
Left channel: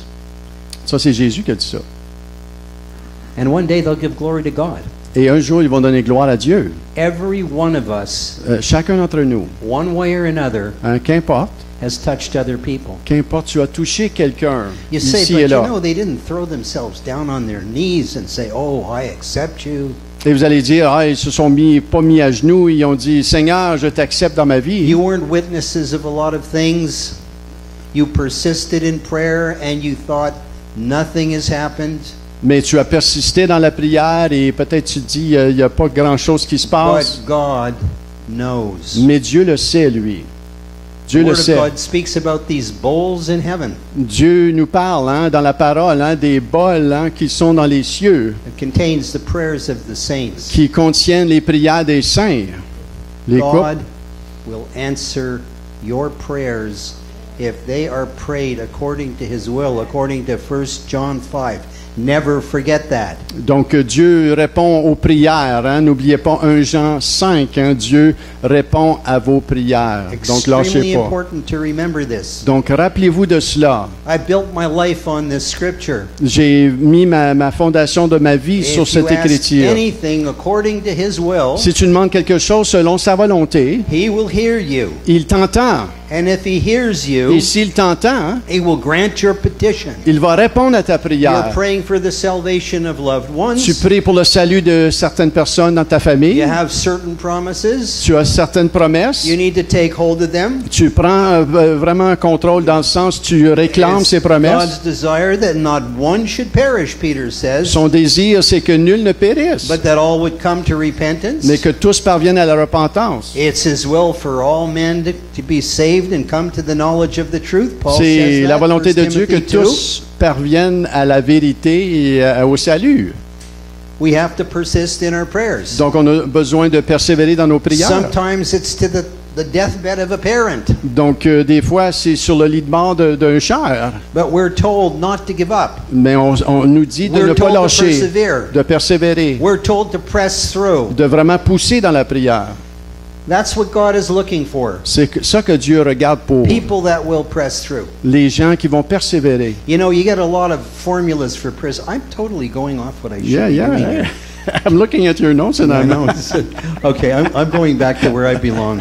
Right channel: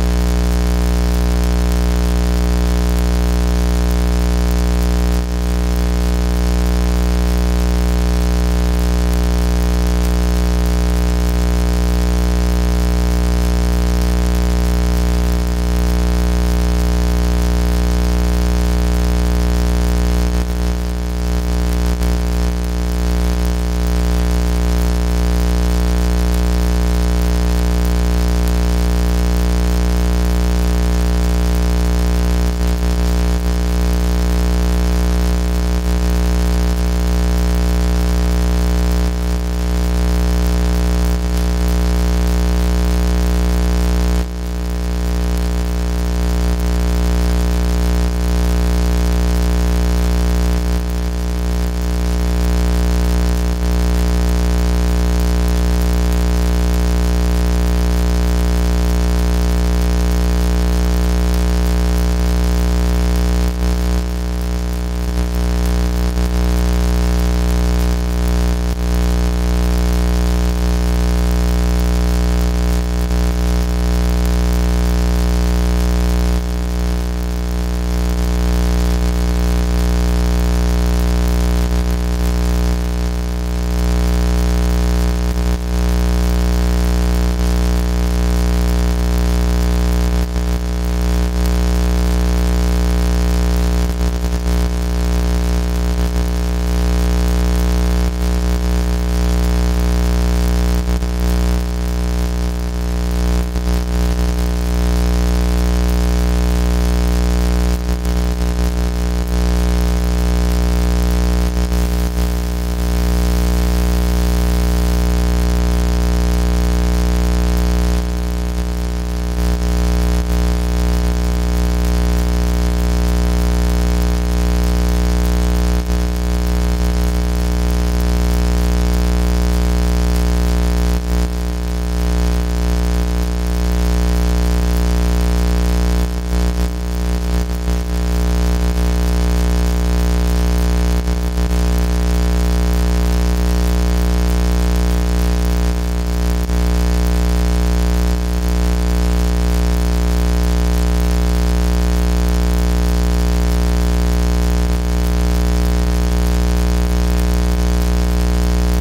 Ça, c'est Jésus qui a dit ça. And one day they'll give glory to God. Et un jour, ils vont donner gloire à Dieu. Every one of us, Chacun d'entre nous, one way or another, qu'importe, has touched other people. qu'importe, tu as touché quelqu'un You say, ici but et you là. know, they didn't throw themselves down on their knees and say, oh, I accept you. Et vous allez dire, ah, ils se sont pas mis à genoux, ils ont dit, Seigneur, je t'accepte dans ma vie. You weren't witnesses of a lot of things. You persisted in prayer and you thought nothing has happened. Mais tu as persisté dans la prière et peut-être tu dis, il n'y a pas grand-chose qui se But passe. God knows. Mais Dieu le sait, lui. Dieu The le Word of sait. God speaks about these bowls in heaven. Dieu nous parle dans la parole des bols qui sont dans les cieux, It contains the prayers of the saints. qui contiennent les prières des saints. Les God coupes. will answer your prayers if they are prayed according to His will, according to 1 John 5. Never forget that. Donc Dieu répond aux prières. N'oubliez pas 1 Jean 5. Dieu répond à vos prières. Donc lâchez Extremely pas. important to remember this. Donc rappelez-vous de cela. I built my life on this scripture. J'ai mis ma fondation de ma vie sur If you cette ask écriture. anything according to His will, Si tu demandes quelque chose selon sa volonté, He will hear you. il t'entend. And if He hears Et you, s'il t'entend, He will grant your petition. il va répondre à ta prière. You're praying for the salvation of loved Tu ones. pries pour le salut de certaines personnes dans ta famille. You have certain promises. Tu as certaines promesses. You need to take hold of them. Tu prends vraiment un contrôle dans le sens, tu réclames It's ces promesses. God's desire that not one should perish, Peter says, Son désir, c'est que nul ne périsse, but that all would come to repentance. mais que tous parviennent à la repentance. It's His will for all men to be saved and come to the knowledge of the truth. Paul C'est says la that, volonté 1 de Dieu que Timothy 2. tous parviennent à la vérité et au salut. We have to persist in our prayers. Donc, on a besoin de persévérer dans nos prières. Sometimes it's to the deathbed of a parent, Donc, des fois, c'est sur le lit de mort d'un cher, but we're told not to give up. mais on nous dit de We're ne pas told to lâcher, persevere. de persévérer, We're told to press through. de vraiment pousser dans la prière. That's what God is looking for. C'est ça que Dieu regarde pour People that will press through. les gens qui vont persévérer. You know, you get a lot of formulas for prison. I'm totally going off what I should Yeah, be. yeah. I'm looking at your notes and I know. Okay, I'm going back to where I belong.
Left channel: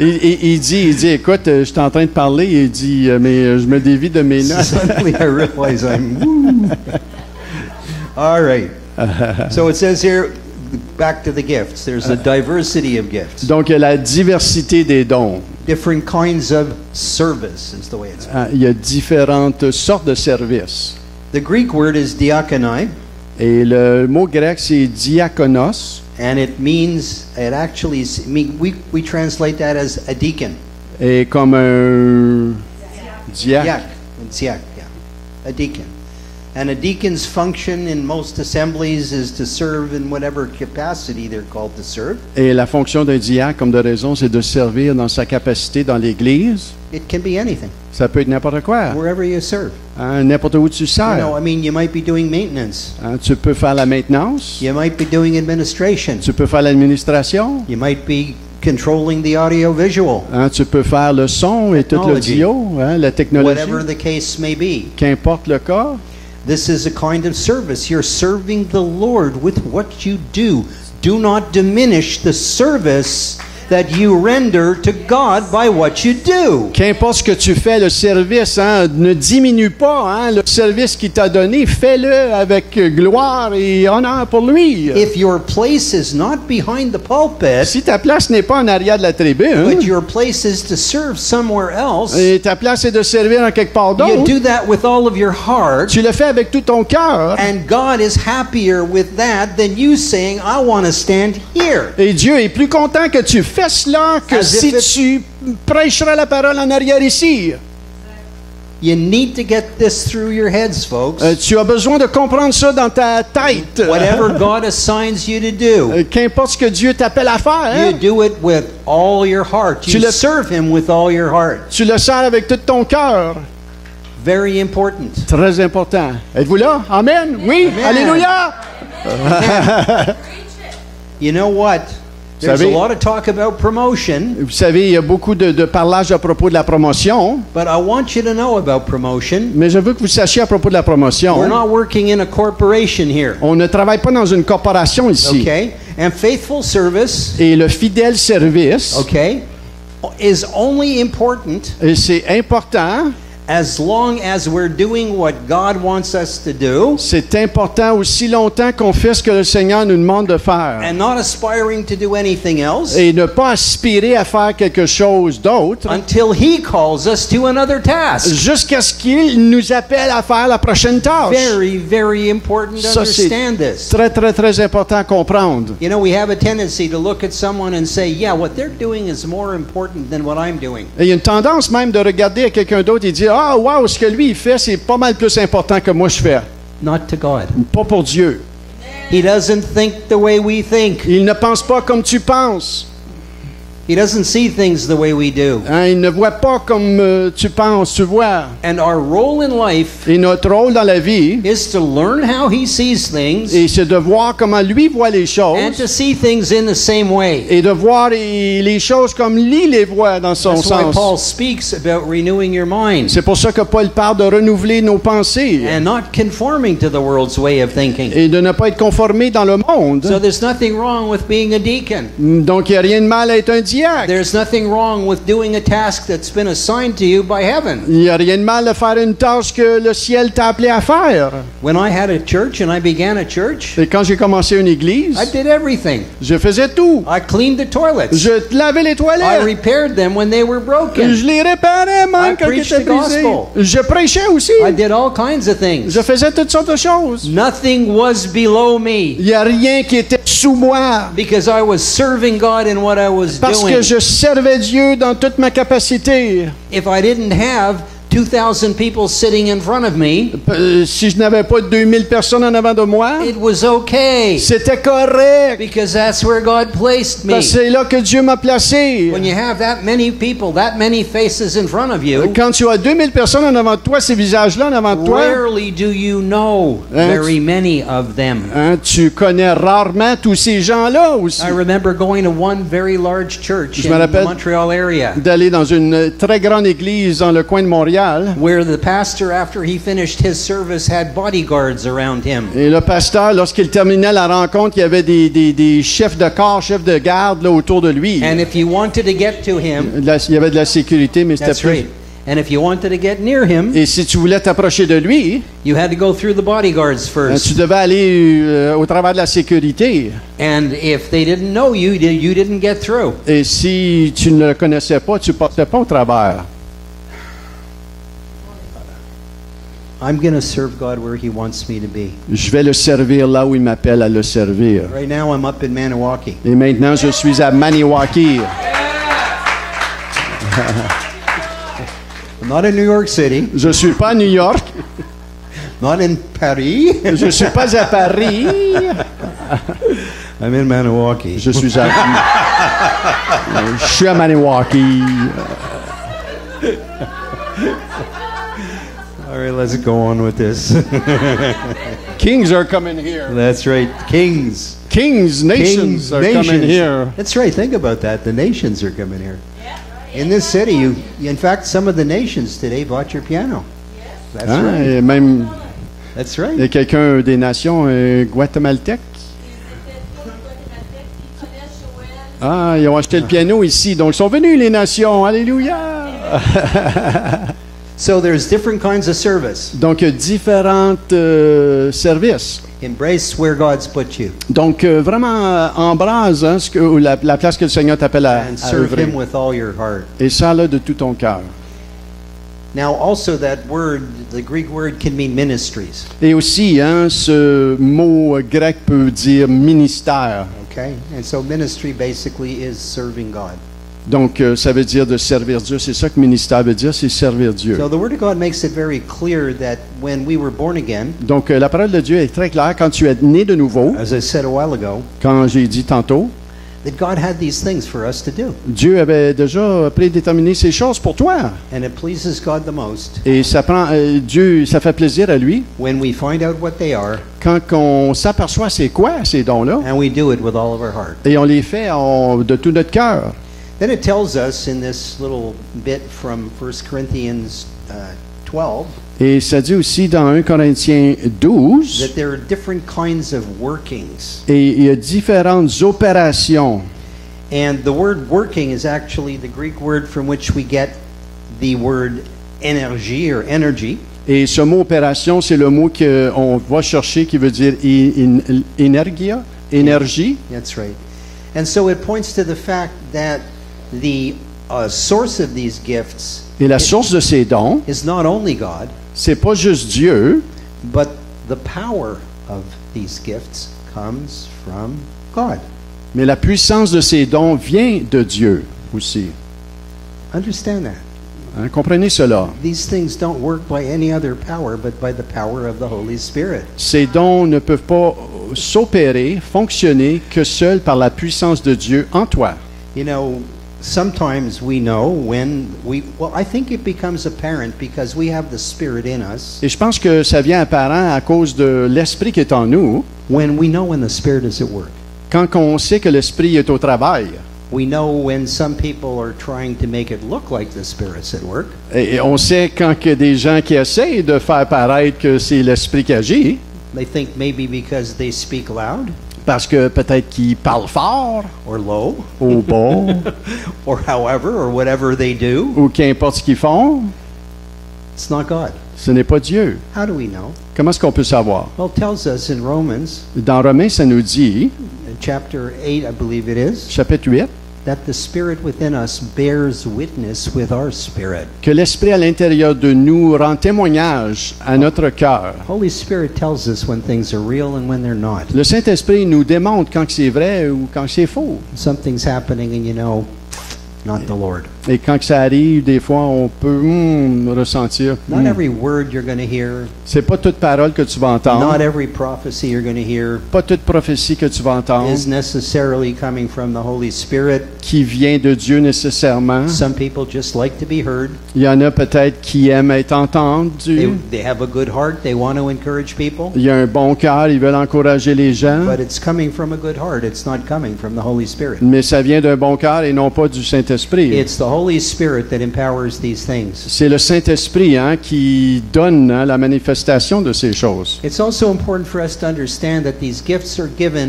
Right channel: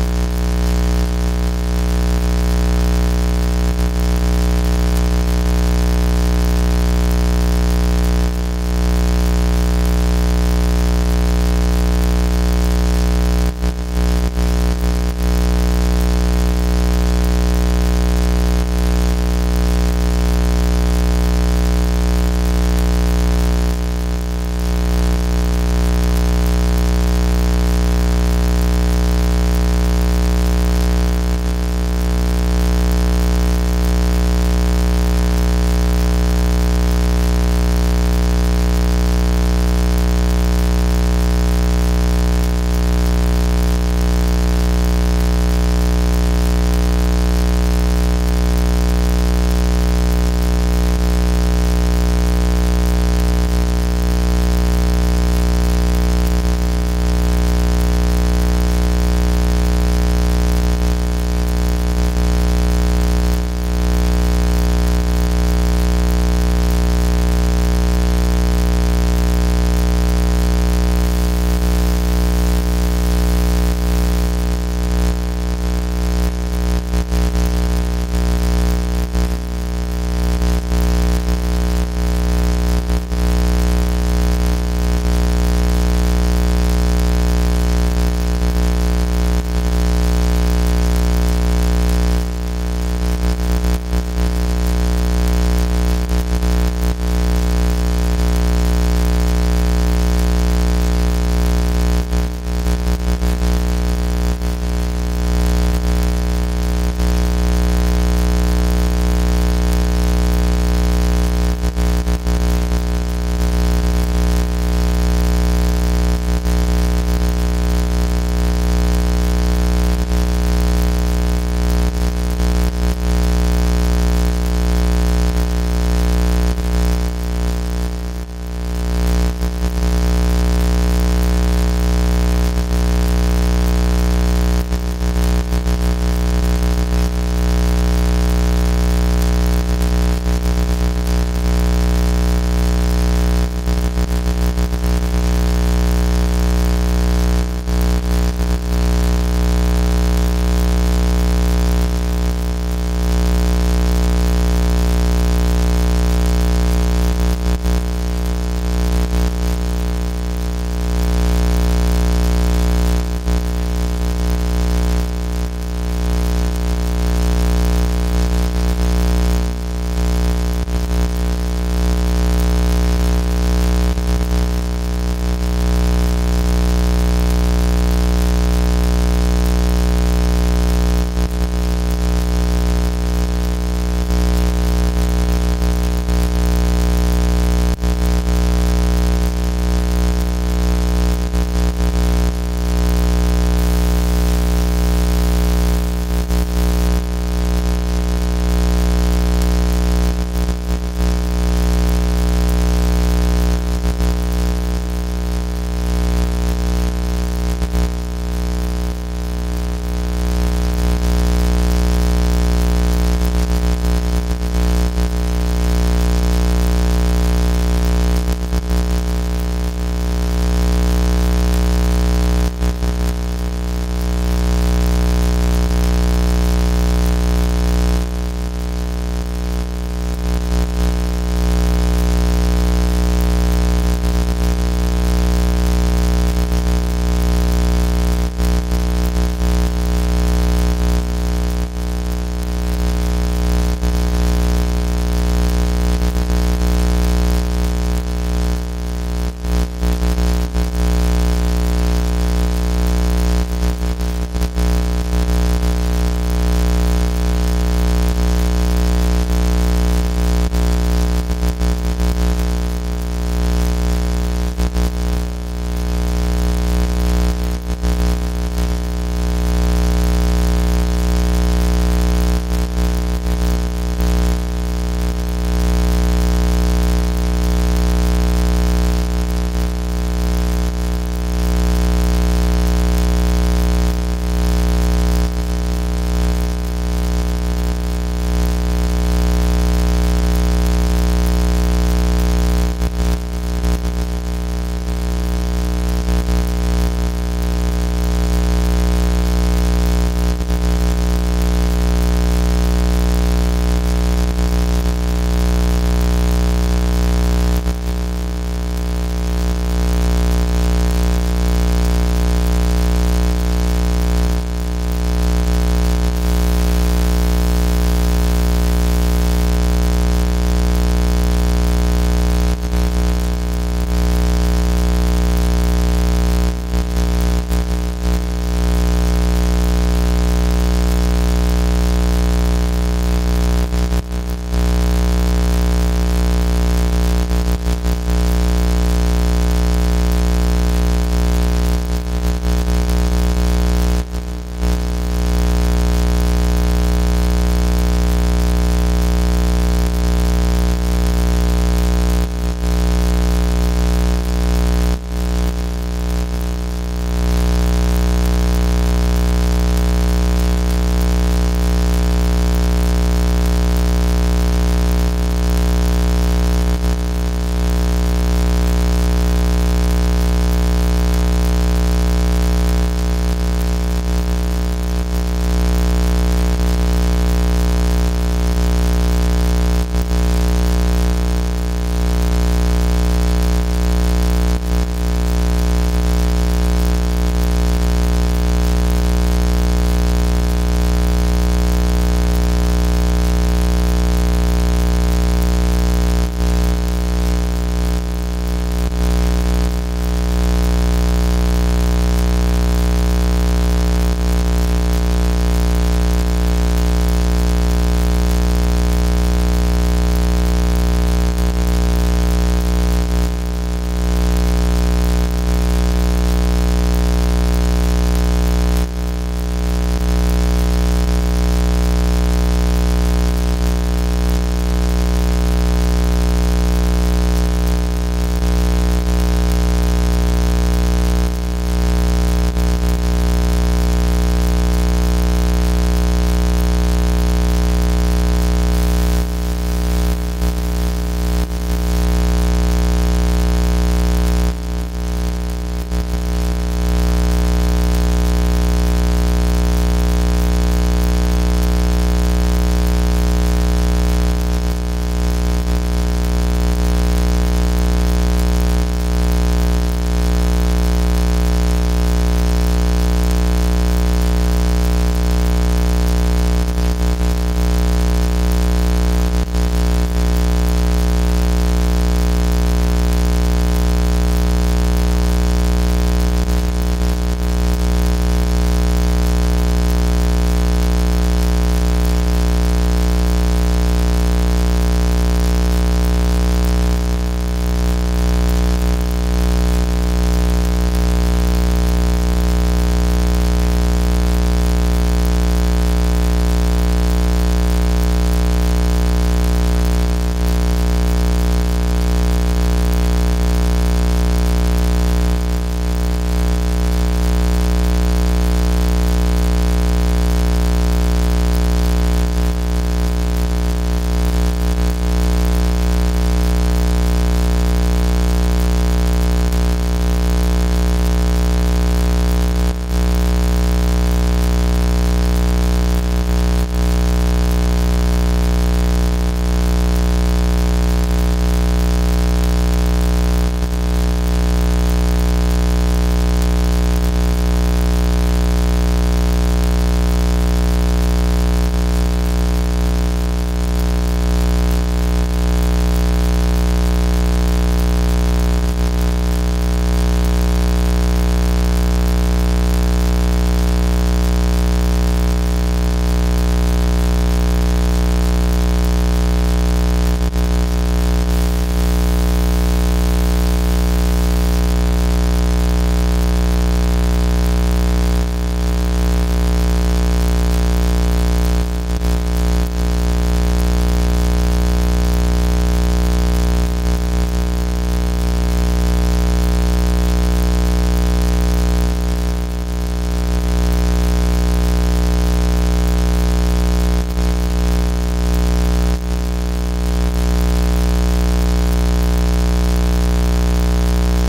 il dit, écoute, je suis en train de parler, il dit, mais je me dévie de mes notes. Suddenly I realize All right. So it says here, back to the gifts. There's a diversity of gifts. Donc, il y a la diversité des dons. Different kinds of service is the way it's Il y a différentes sortes de services. The Greek word is diakonai, Et le mot grec, c'est diakonos. and it means, it actually, we translate that as a deacon. Et comme un diacre. Yeah, it's yeah, a deacon. And a deacon's function in most assemblies is to serve in whatever capacity they're called to serve. Et la fonction d'un diacre, comme de raison, c'est de servir dans sa capacité dans l'Église. It can be anything, Ça peut être n'importe quoi. wherever you serve. N'importe où tu You sers. know, I mean, you might be doing maintenance. Tu peux faire la maintenance. You might be doing administration. Tu peux faire l'administration. You might be controlling the audio visual. Tu peux faire le son et tout Technology. l'audio, la technologie. Whatever the case may be. Qu'importe le cas. This is a kind of service. You're serving the Lord with what you do. Do not diminish the service that you render to God by what you do. Qu'importe ce que tu fais, le service, ne diminue pas le service qu'il t'a donné. Fais-le avec gloire et honneur pour lui. If your place is not behind the pulpit, Si ta place n'est pas en arrière de la tribune, but your place is to serve somewhere else, et ta place est de servir en quelque part you d'autre, do that with all of your heart, tu le fais avec tout ton cœur. and God is happier with that than you saying, I want to stand here. Et Dieu est plus content que tu fais cela que As si if tu prêcheras la parole en arrière ici. You need to get this through your heads, folks. Tu as besoin de comprendre ça dans ta tête. Whatever God assigns you to do, Qu'importe ce que Dieu t'appelle à faire, you do it with all your heart. Tu You le- serve Him with all your heart. tu le sers avec tout ton cœur. Very important. Très important. Êtes-vous là? Amen? Oui? Amen. Alléluia! You know what? There's a savez, lot of talk about promotion, vous savez, il y a beaucoup de parlage à propos de la promotion, but I want you to know about promotion. mais je veux que vous sachiez à propos de la promotion. We're not working in a corporation here, On ne travaille pas dans une corporation ici. okay? And faithful service, Et le fidèle service, okay, is only important et c'est important, as long as we're doing what God wants us to do c'est important aussi longtemps qu'on fait ce que le Seigneur nous demande de faire. and not aspiring to do anything else Et ne pas aspirer à faire quelque chose d'autre until He calls us to another task. jusqu'à ce qu'il nous appelle à faire la prochaine tâche. Very, very important to Ça, c'est understand this. très, très, très important à comprendre. You know, we have a tendency to look at someone and say, yeah, what they're doing is more important than what I'm doing. Et il y a une tendance même de regarder à quelqu'un d'autre et dire « Ah, wow, ce que lui il fait, c'est pas mal plus important que moi je fais. Not to God. » Pas pour Dieu. He doesn't think the way we think. Il ne pense pas comme tu penses. He doesn't see things the way we do. Hein, il ne voit pas comme tu penses, tu vois. And our role in life Et notre rôle dans la vie, is to learn how He sees things et c'est de voir comment lui voit les and choses to see things in the same way. et de voir les choses comme lui les voit dans son That's why sens. Paul speaks about renewing your mind C'est pour ça que Paul parle de renouveler nos pensées and not conforming to the world's way of thinking. et de ne pas être conformé dans le monde. So there's nothing wrong with being a deacon. Donc il n'y a rien de mal à être un diacre. There's nothing wrong with doing a task that's been assigned to you by heaven. Il n'y a rien de mal à faire une tâche que le ciel t'a appelé à faire. When I had a church and I began a church, Et quand j'ai commencé une église, I did everything. je faisais tout. I cleaned the toilets. Je lavais les I toilettes. repaired them when they were broken. Je les réparais I même quand ils preached étaient the brisés. gospel. Je prêchais aussi. I did all kinds of things. Je faisais toutes sortes de choses. Nothing was below me Il n'y a rien qui était sous moi because I was serving God in what I was parce que doing. je servais Dieu dans toute ma capacité. If I didn't have 2,000 people sitting in front of me, Si je n'avais pas 2000 personnes en avant de moi, it was okay c'était correct. because that's where God placed me. Parce que c'est là que Dieu m'a placé. When you have that many people, that many faces in front of you, Quand tu as 2000 personnes en avant de toi, ces visages-là en avant de toi, rarely do you know Hein? very many of them. hein, tu connais rarement tous ces gens-là aussi. I remember going to one very large church Je in me the rappelle Montreal area d'aller dans une très grande église dans le coin de Montréal. where the pastor, after he finished his service, had bodyguards around him. Et le pasteur, lorsqu'il terminait la rencontre, il y avait des chefs de corps, chefs de garde là, autour de lui. And if you wanted to get to him, Il y avait de la sécurité, mais c'était that's plus. right. And if you wanted to get near him, Et si tu voulais t'approcher de lui, you had to go through the bodyguards tu first. devais aller au travers de la sécurité. And if they didn't know you, you didn't get through. Et si tu ne le connaissais pas, tu ne partais pas au travers. I'm going to serve God where He wants me to be. Je vais le servir là où il m'appelle à le servir. Right now, I'm up in Maniwaki. Et maintenant, je suis à Maniwaki. Not in New York City, Je suis pas à New York. not in Paris. Je suis pas à Paris. I'm in Maniwaki. Je suis à... Je suis à Maniwaki. All right, let's go on with this. Kings are coming here. That's right. Kings. Kings, nations are coming here. That's right. Think about that. The nations are coming here. In this city, in fact, some of the nations today bought your piano. That's Hein? right. Et même That's right. il y a quelqu'un des nations guatémaltèques. Ah, ils ont acheté le piano ici. Donc, ils sont venus, les nations. Alléluia! So there's different kinds of service. Donc, il y a différents services. Embrace where God's put you Donc, vraiment, embrase hein, la place que le Seigneur t'appelle à and serve œuvrer. Him with all your heart. Et ça, là, de tout ton cœur. Now, also that word, the Greek word, can mean ministries. Et aussi, hein, ce mot grec peut dire ministère. Okay, and so ministry basically is serving God. Donc, ça veut dire de servir Dieu. C'est ça que ministère veut dire, c'est servir Dieu. So the Word of God makes it very clear that when we were born again, Donc, la parole de Dieu est très claire. Quand tu es né de nouveau, as I said a while ago, quand j'ai dit tantôt, that God had these things for us to do. Dieu avait déjà prédéterminé ces choses pour toi. And it pleases God the most Et ça prend Dieu, ça fait plaisir à lui when we find out what they are quand on s'aperçoit c'est quoi ces dons-là and we do it with all of our heart. et on les fait de tout notre cœur. Then it tells us in this little bit from 1 Corinthians 12 Et ça dit aussi dans 1 Corinthiens 12, that there are different kinds of workings. et il y a différentes opérations. And the word working is actually the Greek word from which we get the word energy or energy. Et ce mot opération, c'est le mot qu'on va chercher qui veut dire énergie. That's right. And so it points to the fact that the source of these gifts Et la source de ces dons, is not only God, c'est pas juste Dieu, but the power of these gifts comes from God. mais la puissance de ces dons vient de Dieu aussi. Understand that. Hein, comprenez cela. These things don't work by any other power, but by the power of the Holy Spirit. Ces dons ne peuvent pas s'opérer, fonctionner que seuls par la puissance de Dieu en toi. You know, sometimes we know well, I think it becomes apparent because we have the Spirit in us. Et je pense que ça vient apparent à cause de l'Esprit qui est en nous. When we know when the Spirit is at work. Quand on sait que l'Esprit est au travail, We know when some people are trying to make it look like the Spirit's at work. et on sait quand il y a des gens qui essayent de faire paraître que c'est l'Esprit qui agit, They think maybe because they speak loud parce que peut-être qu'ils parlent fort, or low ou bon, or however or whatever they do. ou qu'importe ce qu'ils font, It's not God. ce n'est pas Dieu. How do we know? Comment est-ce qu'on peut savoir? Well, it tells us in Romans Dans Romains, ça nous dit, chapter 8, I believe it is, chapitre 8, that the Spirit within us bears witness with our spirit. que l'Esprit à l'intérieur de nous rend témoignage à notre cœur. Holy Spirit tells us when things are real and when they're not. Le Saint-Esprit nous démontre quand c'est vrai ou quand c'est faux. Something's happening and you know, not the Lord. Et quand ça arrive, des fois, on peut ressentir. Not every word you're going to hear, C'est pas toute parole que tu vas entendre, not every prophecy you're going to hear pas toute prophétie que tu vas entendre, is necessarily coming from the Holy Spirit. qui vient de Dieu nécessairement. Some people just like to be heard. Il y en a peut-être qui aiment être entendus. They have a good heart. They want to encourage people. Il y a un bon cœur, ils veulent encourager les gens. But it's coming from a good heart. It's not coming from the Holy Spirit. Mais ça vient d'un bon cœur et non pas du Saint-Esprit. It's the Holy Spirit that empowers these things. C'est le Saint-Esprit qui donne la manifestation de ces choses. It's also important for us to understand that these gifts are given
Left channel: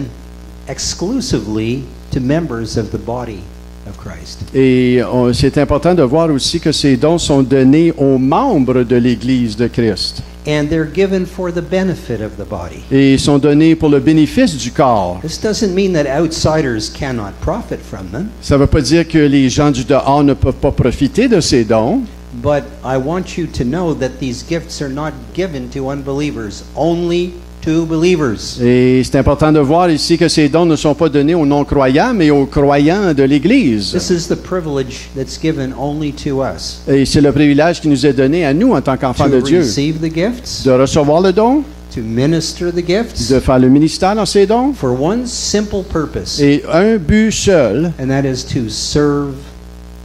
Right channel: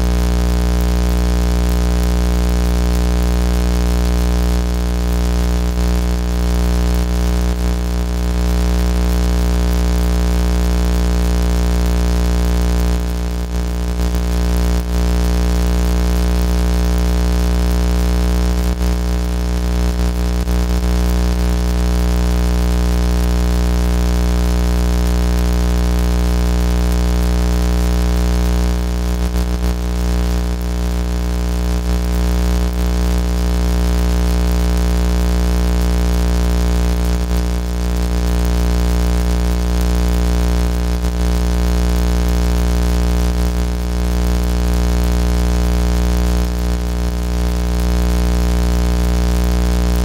exclusively to members of the body of Christ. Et c'est important de voir aussi que ces dons sont donnés aux membres de l'Église de Christ. And they're given for the benefit of the body. Et ils sont donnés pour le bénéfice du corps. This doesn't mean that outsiders cannot profit from them, Ça ne veut pas dire que les gens du dehors ne peuvent pas profiter de ces dons, but I want you to know that these gifts are not given to unbelievers, only to believers. et c'est important de voir ici que ces dons ne sont pas donnés aux non-croyants, mais aux croyants de l'Église. This is the privilege that's given only to us. Et c'est le privilège qui nous est donné à nous en tant qu'enfants de To Dieu, receive the gifts, de recevoir le don, to minister the gifts, de faire le ministère dans ces dons, for one simple purpose, et un but seul, and that is to serve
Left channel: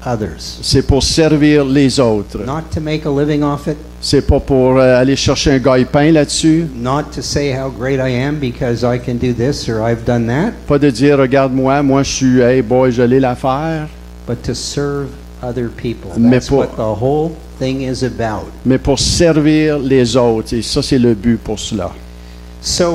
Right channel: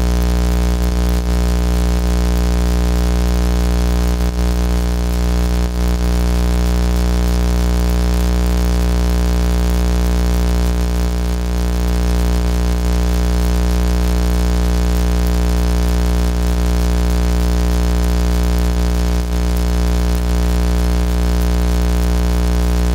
others. c'est pour servir les autres. Not to make a living off it, C'est pas pour aller chercher un gagne-pain là-dessus, not to say how great I am because I can do this or I've done that, pas de dire regarde-moi, moi je suis, hey boy, je l'ai l'affaire, but to serve other people. Mais That's pour- what the whole thing is about. mais pour servir les autres. Et ça, c'est le but pour cela. So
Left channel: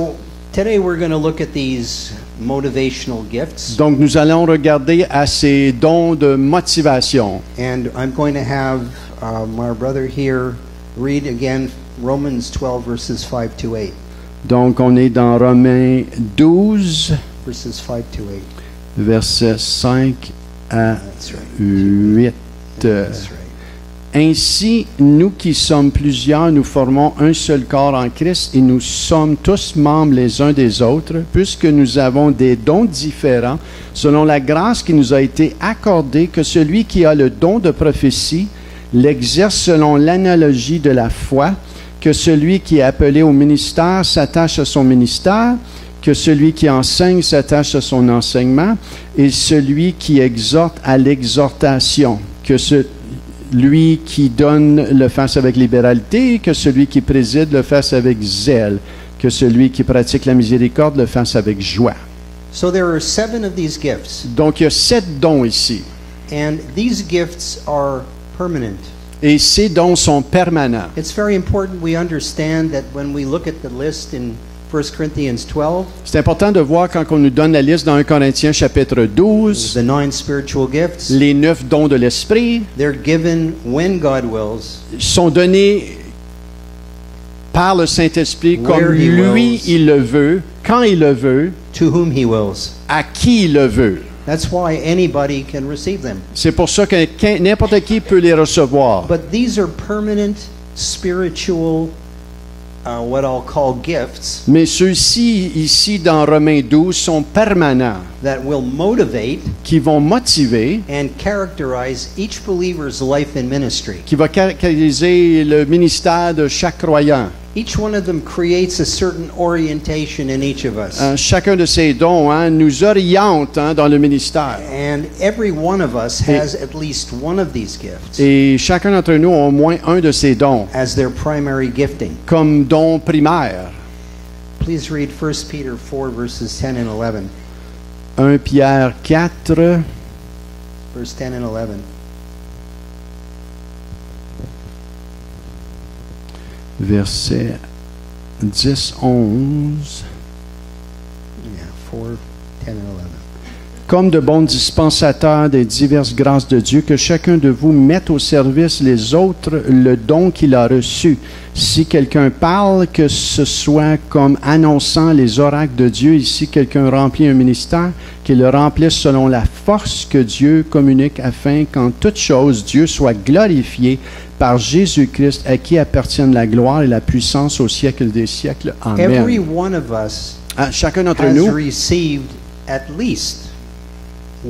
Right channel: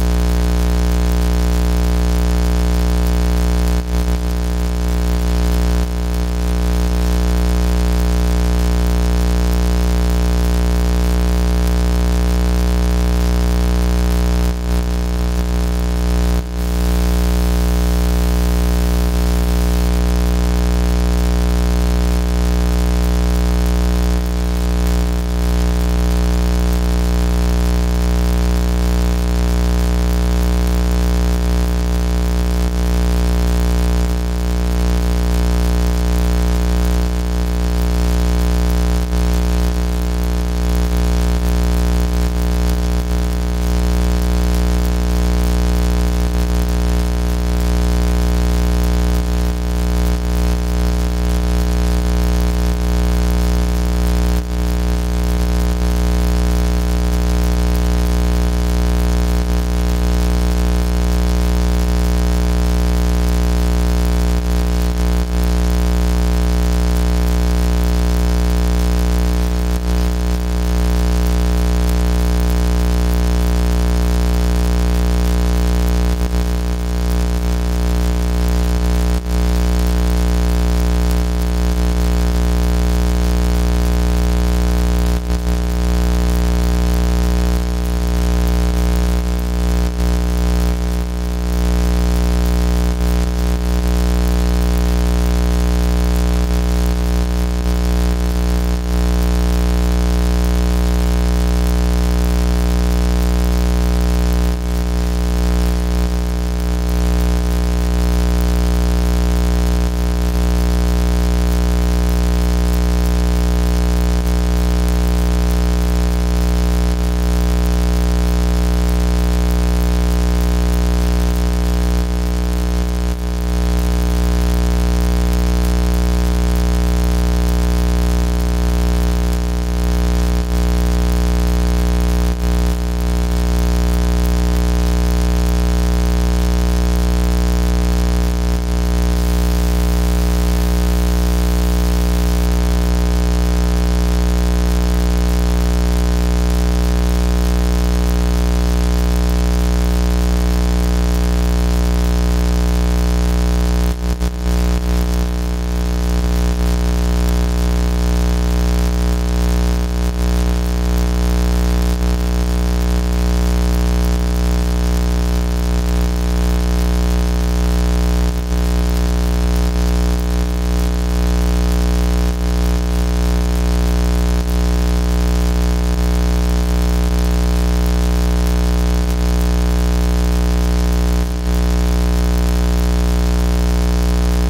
today we're going to look at these motivational gifts, Donc, nous allons regarder à ces dons de motivation. and I'm going to have my brother here read again Romans 12 verses 5 to 8. Donc, on est dans Romains 12, Verses 5 to 8. versets 5 à That's right. 8. Ainsi, nous qui sommes plusieurs, nous formons un seul corps en Christ et nous sommes tous membres les uns des autres, puisque nous avons des dons différents, selon la grâce qui nous a été accordée, que celui qui a le don de prophétie l'exerce selon l'analogie de la foi, que celui qui est appelé au ministère s'attache à son ministère, que celui qui enseigne s'attache à son enseignement et celui qui exhorte à l'exhortation, que celui qui donne le fasse avec libéralité, que celui qui préside le fasse avec zèle, que celui qui pratique la miséricorde le fasse avec joie. So there are 7 of these gifts, Donc il y a 7 dons ici. and these gifts are permanent. Et ces dons sont permanents. It's very important we understand that when we look at the list in 1 Corinthians 12, C'est important de voir quand on nous donne la liste dans 1 Corinthiens chapitre 12, the 9 spiritual gifts, les 9 dons de l'Esprit they're given when God wills, sont donnés par le Saint-Esprit comme Where he lui, wills. il le veut, quand il le veut, to whom He wills. à qui il le veut. That's why anybody can receive them. C'est pour ça que n'importe qui peut les recevoir. But these are permanent spiritual, what I'll call gifts, Mais ceux-ci, ici dans Romains 12, sont permanents, that will motivate qui vont motiver, and characterize each believer's life and ministry. qui vont caractériser le ministère de chaque croyant. Each one of them creates a certain orientation in each of us. Chacun de ces dons nous oriente dans le ministère. And every one of us has at least one of these gifts Et chacun d'entre nous a au moins un de ces dons, as their primary gifting. comme don primaire. Please read 1 Peter 4, verses 10 and 11. 1 Pierre 4, Verse 10 and 11. versets 10, 11. Comme de bons dispensateurs des diverses grâces de Dieu, que chacun de vous mette au service les autres le don qu'il a reçu. Si quelqu'un parle, que ce soit comme annonçant les oracles de Dieu. Ici, quelqu'un remplit un ministère, qu'il le remplisse selon la force que Dieu communique, afin qu'en toute chose, Dieu soit glorifié par Jésus-Christ, à qui appartiennent la gloire et la puissance au siècle des siècles. Amen. Every one of us Chacun d'entre has nous, received at least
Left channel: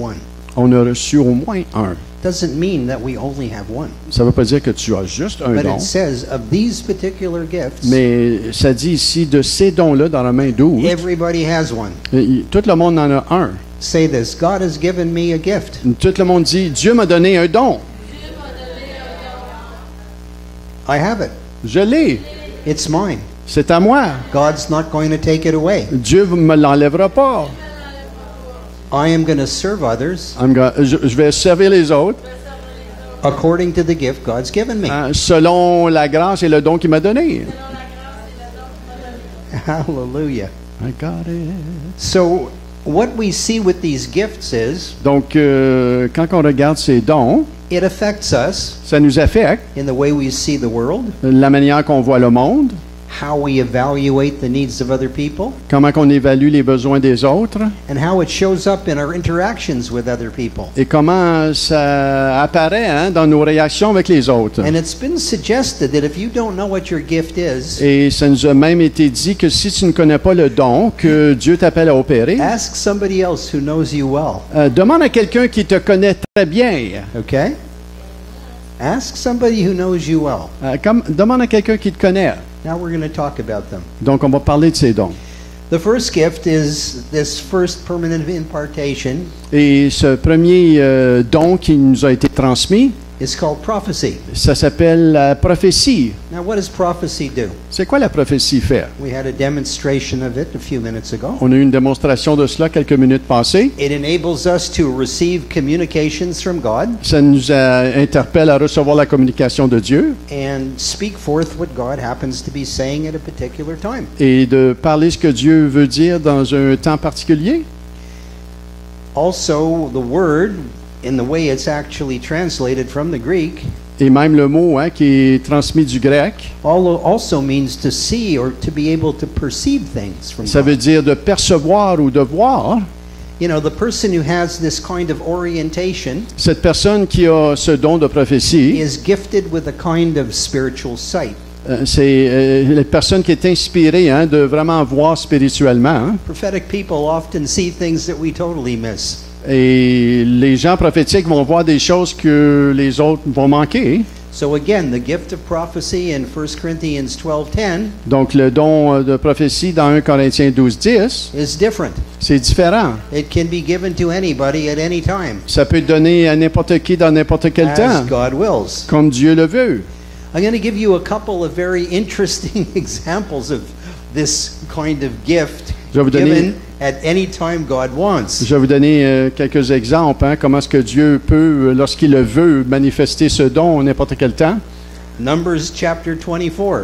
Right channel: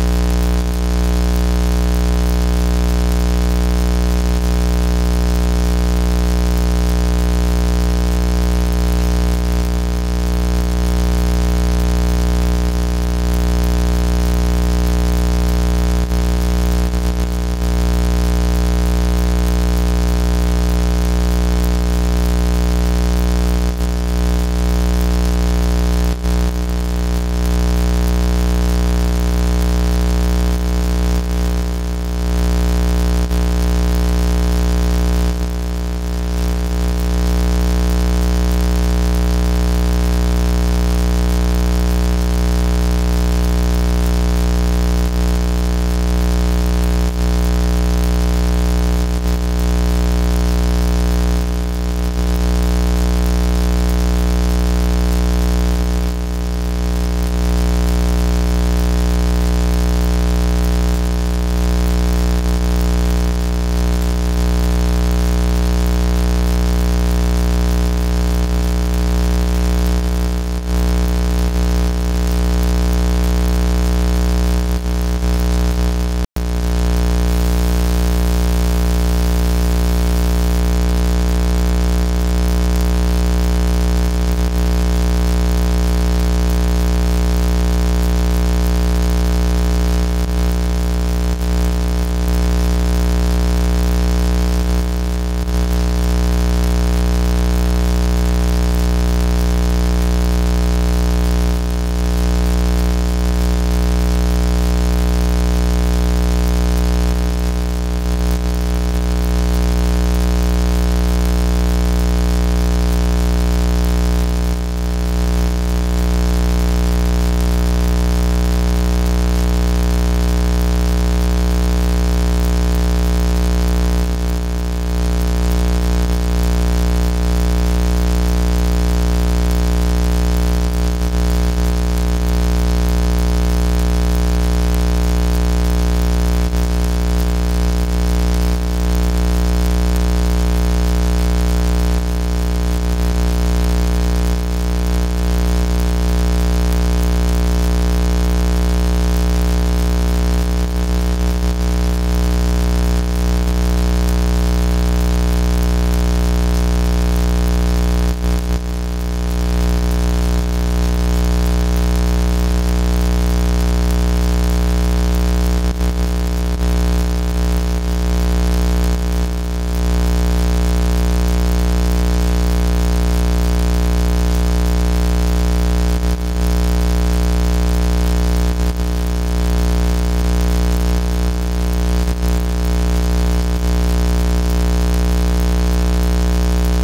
one. on a reçu au moins un. Doesn't mean that we only have one. Ça ne veut pas dire que tu as juste un But don. it says of these particular gifts, Mais ça dit ici, de ces dons-là, dans Romains 12, everybody has one. tout le monde en a un. Say this: God has given me a gift. Tout le monde dit, Dieu m'a donné un don. I have it. Je l'ai. It's mine. C'est à moi. God's not going to take it away. Dieu ne me l'enlèvera pas. I am going to serve others Je vais servir les autres according to the gift God's given me. selon la grâce et le don qu'il m'a donné. Hallelujah. So what we see with these gifts is Donc, quand on regarde ces dons, it affects us ça nous affecte in the way we see the world, la manière qu'on voit le monde, how we evaluate the needs of other people, comment qu'on évalue les besoins des autres and how it shows up in our interactions with other people. et comment ça apparaît dans nos réactions avec les autres. And it's been suggested that if you don't know what your gift is, Et ça nous a même été dit que si tu ne connais pas le don que Dieu t'appelle à opérer, ask somebody else who knows you well. demande à quelqu'un qui te connaît très bien. Okay? Ask somebody who knows you well. Demande à quelqu'un qui te connaît. Now we're going to talk about them. Donc, on va parler de ces dons. The first gift is this first permanent impartation. Et ce premier don qui nous a été transmis, It's called prophecy. ça s'appelle la prophétie. Now, what does prophecy do? C'est quoi la prophétie fait? We had a demonstration of it a few minutes ago. On a eu une démonstration de cela quelques minutes passées. It enables us to receive communications from God Ça nous interpelle à recevoir la communication de Dieu and speak forth what God happens to be saying at a particular time. et de parler ce que Dieu veut dire dans un temps particulier. Also, the word, in the way it's actually translated from the Greek, Et même le mot qui est transmis du grec, also means to see or to be able to perceive things from ça God. veut dire de percevoir ou de voir. You know, the person who has this kind of orientation Cette personne qui a ce don de prophétie, is gifted with a kind of spiritual sight. c'est la personne qui est inspirée de vraiment voir spirituellement. Prophetic people often see things that we totally miss. Et les gens prophétiques vont voir des choses que les autres vont manquer. So again, the gift of prophecy in 1 Corinthians 12:10 Donc, le don de prophétie dans 1 Corinthiens 12:10, is different. c'est différent. It can be given to anybody at any time, Ça peut être donné à n'importe qui dans n'importe quel as temps, God wills. comme Dieu le veut. I'm going to give you a couple of very interesting examples of this kind of gift Je vais vous donner, given at any time God wants. je vais vous donner quelques exemples, hein, comment est-ce que Dieu peut, lorsqu'il le veut, manifester ce don à n'importe quel temps. Numbers chapter 24,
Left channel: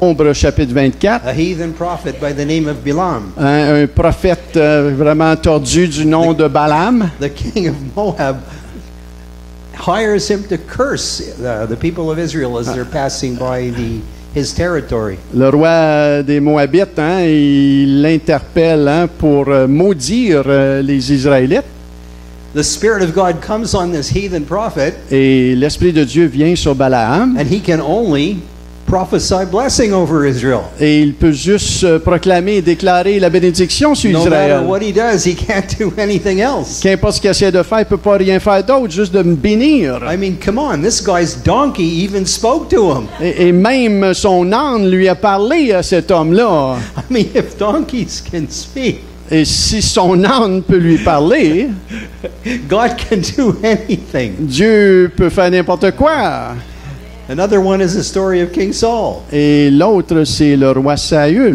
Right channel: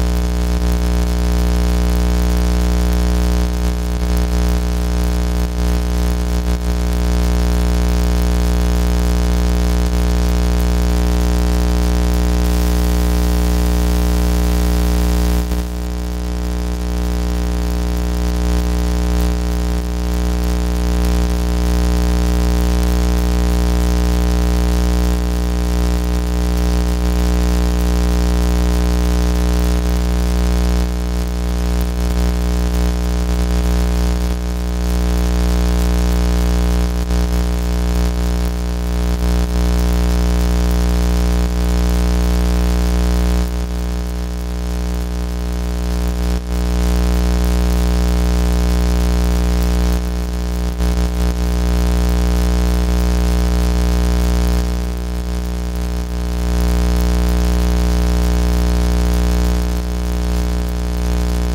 Nombre chapitre 24, a heathen prophet by the name of Balaam, hein, un prophète vraiment tordu du nom de Balaam, the king of Moab, hires him to curse the people of Israel as they're passing by his territory. le roi des Moabites, hein, il l'interpelle hein, pour maudire les Israélites. The Spirit of God comes on this heathen prophet, Et l'Esprit de Dieu vient sur Balaam and he can only prophesy blessing over Israel. et il peut juste proclamer et déclarer la bénédiction sur No matter Israël. what he does, he can't do anything else. Qu'importe ce qu'il essaie de faire, il ne peut pas rien faire d'autre, juste de me bénir. I mean, come on, this guy's donkey even spoke to him. Et même son âne lui a parlé à cet homme-là. I mean, if donkeys can speak, Et si son âne peut lui parler, God can do anything. Dieu peut faire n'importe quoi. Another one is the story of King Saul. Et l'autre, c'est le roi Saül.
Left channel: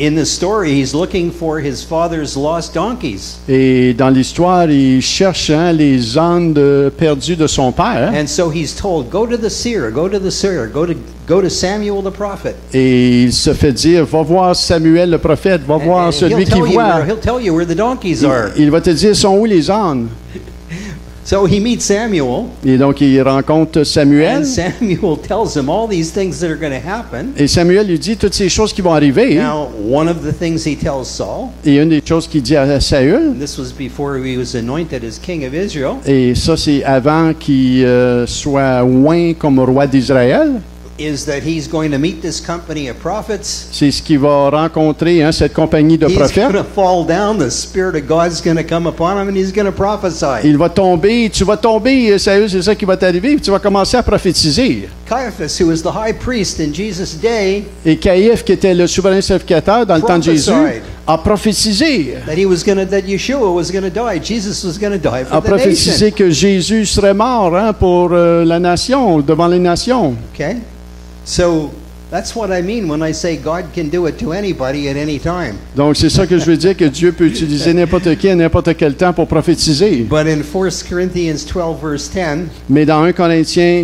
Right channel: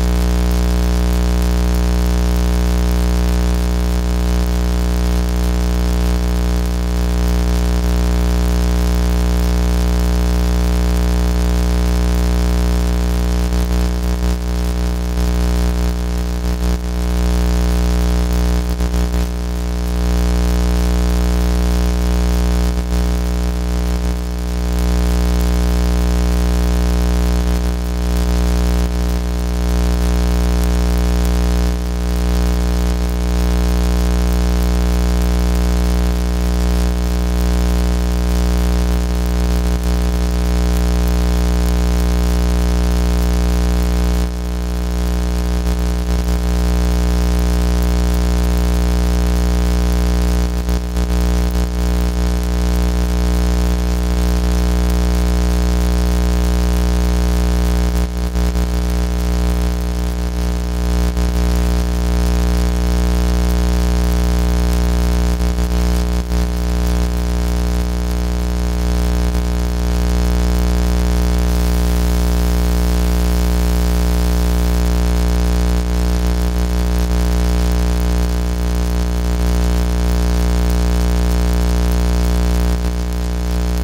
In the story, he's looking for his father's lost donkeys. Et dans l'histoire, il cherche hein, les ânes perdus de son père. And so he's told, go to the seer, go to the seer, go to Samuel the prophet. Et il se fait dire, va voir Samuel le prophète, va voir celui qui voit. He'll tell you where the donkeys are. Il va te dire, sont où les ânes? So he meets Samuel, Et donc, il rencontre Samuel. and Samuel tells him all these things that are going to happen. Et Samuel lui dit toutes ces choses qui vont arriver. Now, one of the things he tells Saul, Et une des choses qu'il dit à Saül, this was before he was anointed as king of Israel, et ça c'est avant qu'il soit oint comme roi d'Israël, is that he's going to meet this company of prophets. c'est ce qu'il va rencontrer, hein, cette compagnie de He's prophètes. going to fall down. The Spirit of God's going to come upon him, and he's going to prophesy. Il va tomber, tu vas tomber, Saül, c'est ça qui va t'arriver, tu vas commencer à prophétiser. Caiaphas, who was the high priest in Jesus' day, Et Caïphe, qui était le souverain sacrificateur dans le temps de Jésus, a prophétisé. that Yeshua was going to die. Jesus was going to die A for the nation. prophétisé que Jésus serait mort hein, pour la nation, devant les nations. Okay, so that's what I mean when I say God can do it to anybody at any time. Donc c'est ça que je veux dire, que Dieu peut utiliser n'importe qui à n'importe quel temps pour prophétiser. But in 1 Corinthians 12 verse 10, Mais dans 1 Corinthiens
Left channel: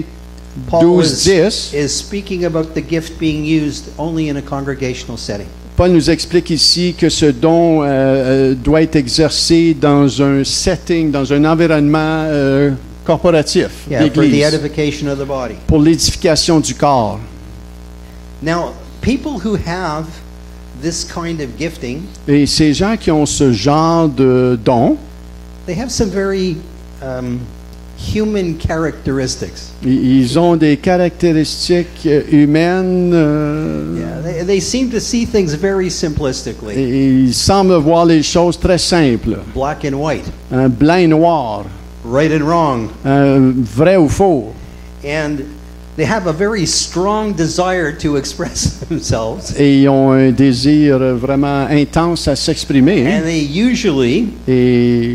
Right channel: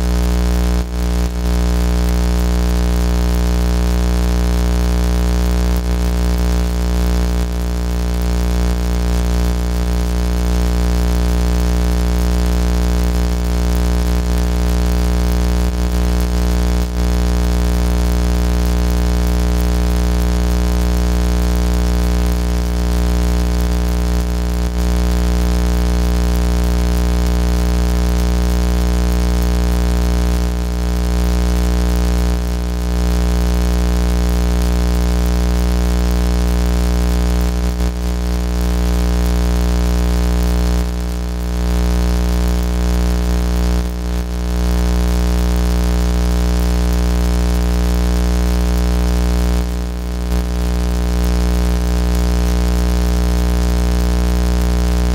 Paul 12:10, is speaking about the gift being used only in a congregational setting. Paul nous explique ici que ce don doit être exercé dans un setting, dans un environnement corporatif Yeah, for the d'église, edification of the body. pour l'édification du corps. Now, people who have this kind of gifting, Et ces gens qui ont ce genre de don, they have some very human characteristics. ils ont des caractéristiques humaines, They seem to see things very simplistically, et ils semblent voir les choses très simples, black and white, un blanc et noir, right and wrong, vrai ou faux. and they have a very strong desire to express themselves, Et ils ont un désir vraiment intense à s'exprimer. and they usually Et,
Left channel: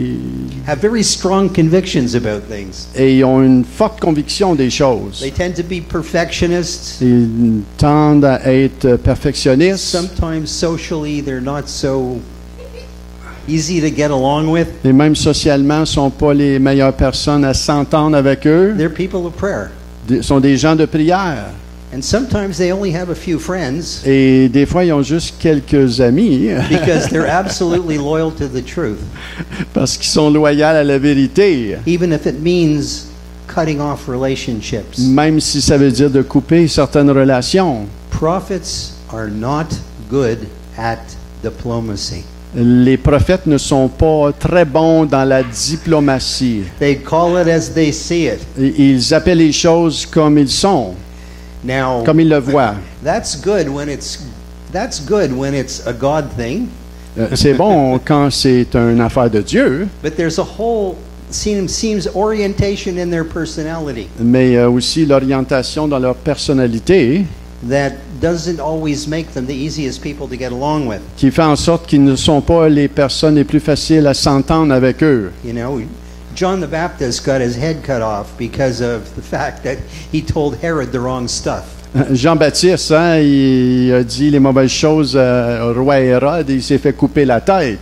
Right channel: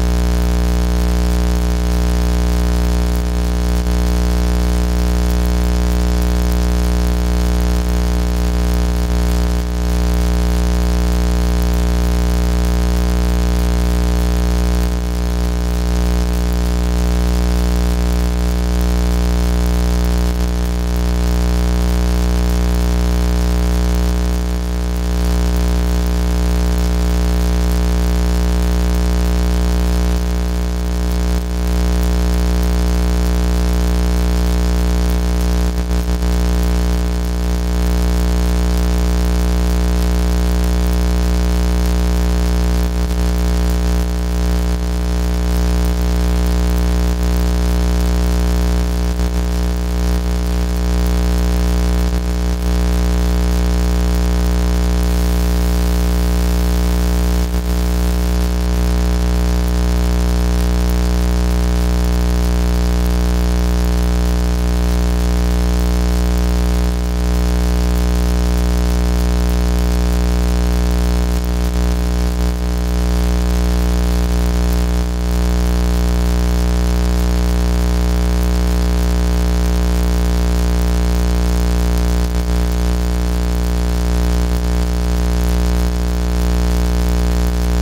have very strong convictions about things. et ils ont une forte conviction des choses. They tend to be perfectionists. Ils tendent à être perfectionnistes. Sometimes socially they're not so easy to get along with. Et même socialement, ne sont pas les meilleures personnes à s'entendre avec eux. They're people of prayer. Ils sont des gens de prière. And sometimes they only have a few friends Et des fois, ils ont juste quelques amis because they're absolutely loyal to the truth, parce qu'ils sont loyaux à la vérité, even if it means cutting off relationships. même si ça veut dire de couper certaines relations. Prophets are not good at diplomacy. Les prophètes ne sont pas très bons dans la diplomatie. They call it as they see it. Ils appellent les choses comme ils sont, Now, comme ils le voient. that's good when it's a God thing, C'est bon quand c'est une affaire de Dieu, but there's a whole seems orientation in their personality mais aussi l'orientation dans leur personnalité that doesn't always make them the easiest people to get along with. qui fait en sorte qu'ils ne sont pas les personnes les plus faciles à s'entendre avec eux. You know, John the Baptist got his head cut off because of the fact that he told Herod the wrong stuff. Jean-Baptiste, hein, il a dit les mauvaises choses au roi Hérode et il s'est fait couper la tête.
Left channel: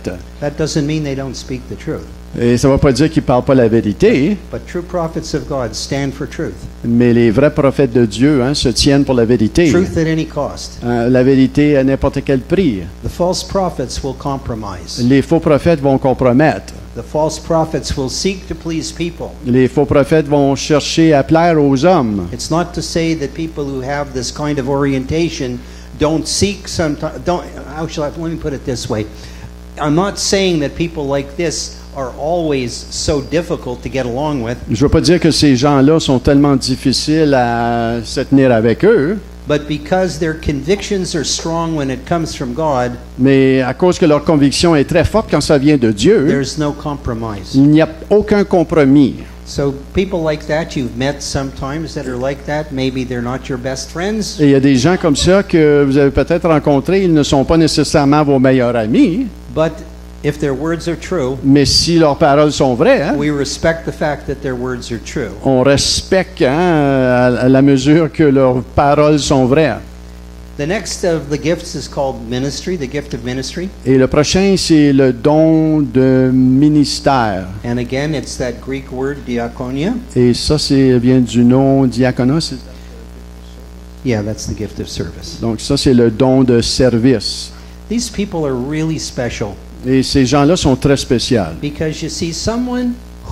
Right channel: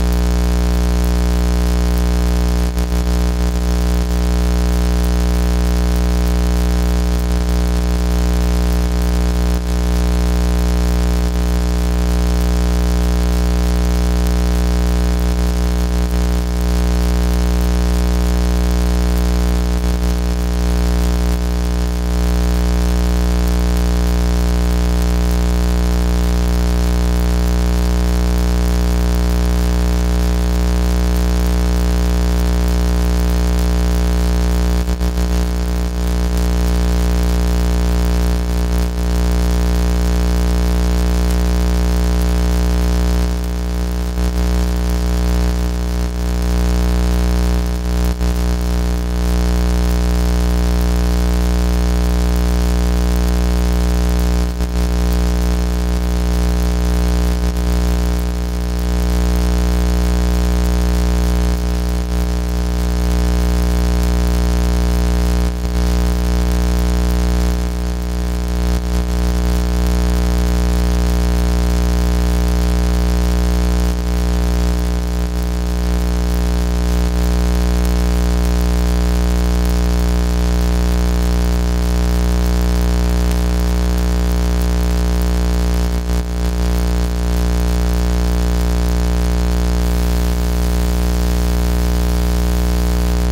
That doesn't mean they don't speak the truth. Et ça ne va pas dire qu'il ne parle pas la vérité, But true prophets of God stand for truth. mais les vrais prophètes de Dieu hein, se tiennent pour la vérité. Truth at any cost. La vérité à n'importe quel prix. The false prophets will compromise. Les faux prophètes vont compromettre. The false prophets will seek to please people. Les faux prophètes vont chercher à plaire aux hommes. It's not to say that people who have this kind of orientation don't seek some, don't, how shall I, let me put it this way. I'm not saying that people like this are always so difficult to get along with, Je ne veux pas dire que ces gens-là sont tellement difficiles à se tenir avec eux, but because their convictions are strong when it comes from God, mais à cause que leur conviction est très forte quand ça vient de Dieu, there's no compromise. il n'y a aucun compromis. So people like that you've met sometimes that are like that, maybe they're not your best friends, Et il y a des gens comme ça que vous avez peut-être rencontrés, ils ne sont pas nécessairement vos meilleurs amis, but if their words are true, mais si leurs paroles sont vraies, hein, we respect the fact that their words are true. on respecte hein, à la mesure que leurs paroles sont vraies. The next of the gifts is called ministry, the gift of ministry. Et le prochain, c'est le don de ministère. And again, it's that Greek word, diakonia. Et ça, c'est vient du nom diaconos. Yeah, that's the gift of service. Donc ça, c'est le don de service. These people are really special Et ces gens-là sont très spéciaux. because you see, someone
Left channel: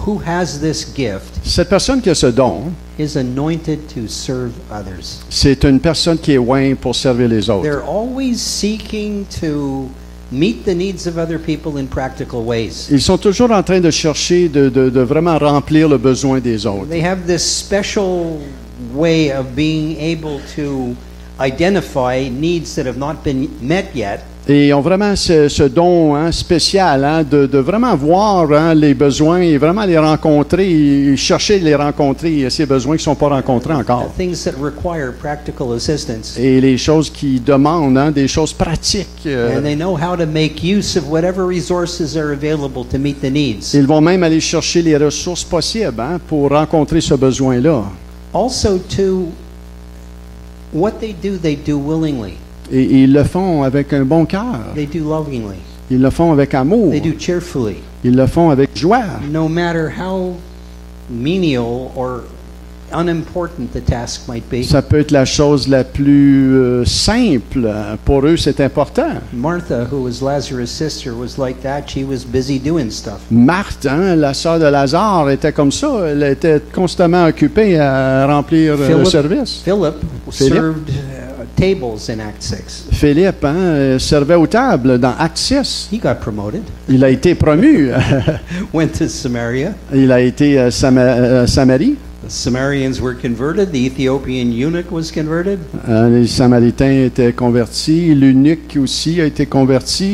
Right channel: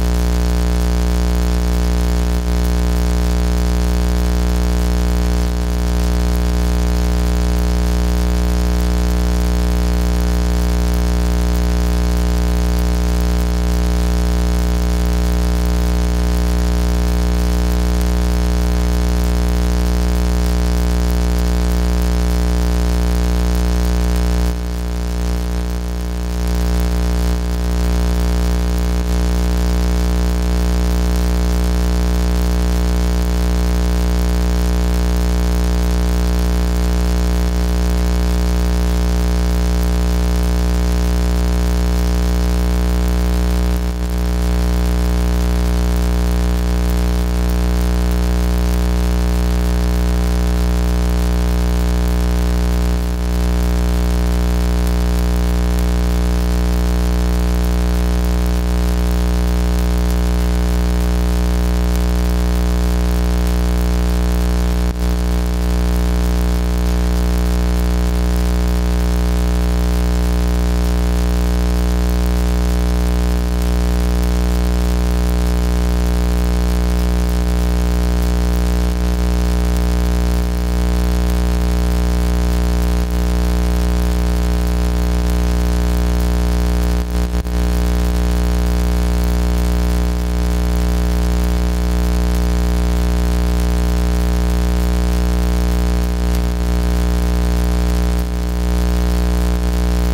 who has this gift Cette personne qui a ce don, is anointed to serve others. c'est une personne qui est ointe pour servir les autres. They're always seeking to meet the needs of other people in practical ways. Ils sont toujours en train de chercher de vraiment remplir le besoin des autres. They have this special way of being able to identify needs that have not been met yet. Et ils ont vraiment ce don hein, spécial hein, de vraiment voir hein, les besoins et vraiment les rencontrer, et chercher de les rencontrer, ces besoins qui ne sont pas rencontrés encore. Things that require practical assistance. Et les choses qui demandent, hein, des choses pratiques. And they know how to make use of whatever resources are available to meet the needs. Ils vont même aller chercher les ressources possibles hein, pour rencontrer ce besoin-là. Also, to what they do willingly. Et ils le font avec un bon cœur. They do lovingly. Ils le font avec amour. They do cheerfully. Ils le font avec joie. No matter how menial or unimportant the task might be. Ça peut être la chose la plus simple. Pour eux, c'est important. Martha, who was Lazarus' sister, was like that. She was busy doing stuff. Marthe, hein, la sœur de Lazare, était comme ça. Elle était constamment occupée à remplir le service. Philip Philip. served tables in Acts 6. Philippe hein, servait aux tables dans Acte 6. He got promoted. Il a été promu. Went to Samaria. Il a été à Samarie. Samarians were converted. The Ethiopian eunuch was converted. Les Samaritains étaient convertis. L'eunuque aussi a été converti.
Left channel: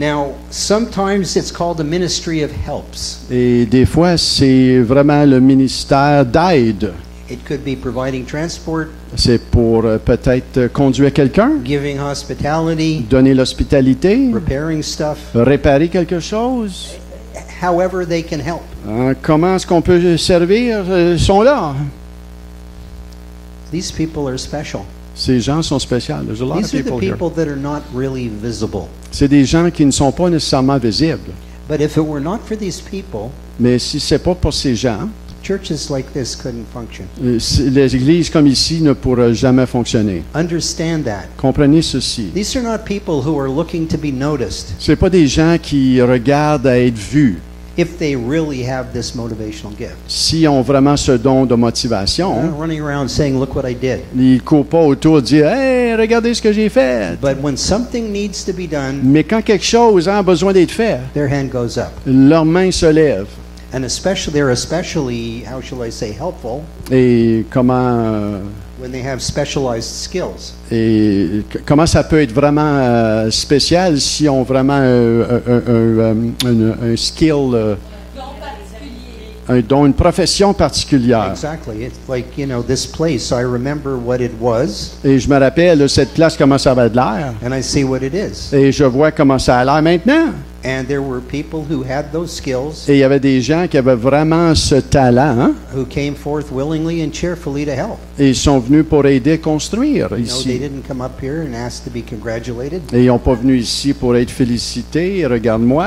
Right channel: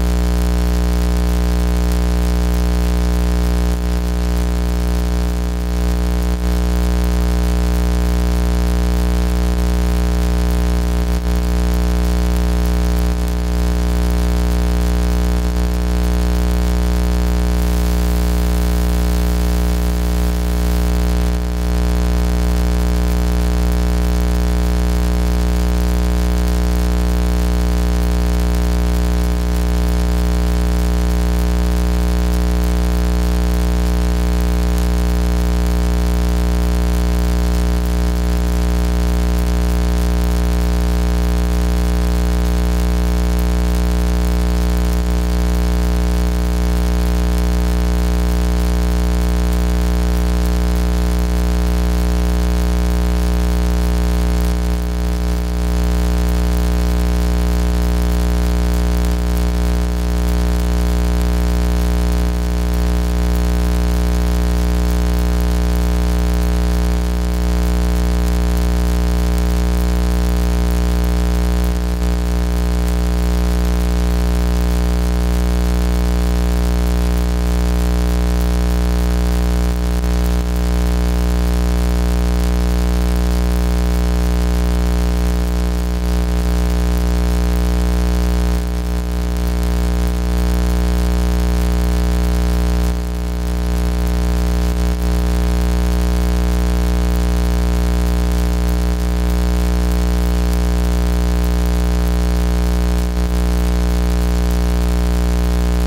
Now, sometimes it's called a ministry of helps. Et des fois, c'est vraiment le ministère d'aide. It could be providing transport, C'est pour peut-être conduire quelqu'un, giving hospitality, donner l'hospitalité, repairing stuff, réparer quelque chose. however they can help. Comment est-ce qu'on peut servir? Ils sont là. These people are special. Ces gens sont spéciaux. There's a lot of These are the people here. people that are not really visible. C'est des gens qui ne sont pas nécessairement visibles. But if it were not for these people, Mais si c'est pas pour ces gens, churches like this couldn't function. les églises comme ici ne pourraient jamais fonctionner. Understand that. Comprenez ceci. These are not people who are looking to be noticed C'est pas des gens qui regardent à être vus. if they really have this motivational gift. S'ils ont vraiment ce don de motivation, They're not running around saying, look what I did. ils ne courent pas autour de dire « Hey, regardez ce que j'ai fait! But when something needs to be done, » Mais quand quelque chose a besoin d'être fait, their hand goes up. leur main se lève. And especially, they're especially, how shall I say, helpful Et when they have specialized skills. comment ça peut être vraiment spécial si on vraiment un skill, un don, une profession particulière. Exactly. It's like, this place, I remember what it was, Et je me rappelle de cette place, comment ça avait de l'air. and I see what it is. Et je vois comment ça a l'air maintenant. And there were people who had those skills, Et il y avait des gens qui avaient vraiment ce talent, hein, who came forth willingly and cheerfully to help. et ils sont venus pour aider à construire No, ici. they didn't come up here and ask to be congratulated. Et ils n'ont pas venu ici pour être félicités. Regarde-moi.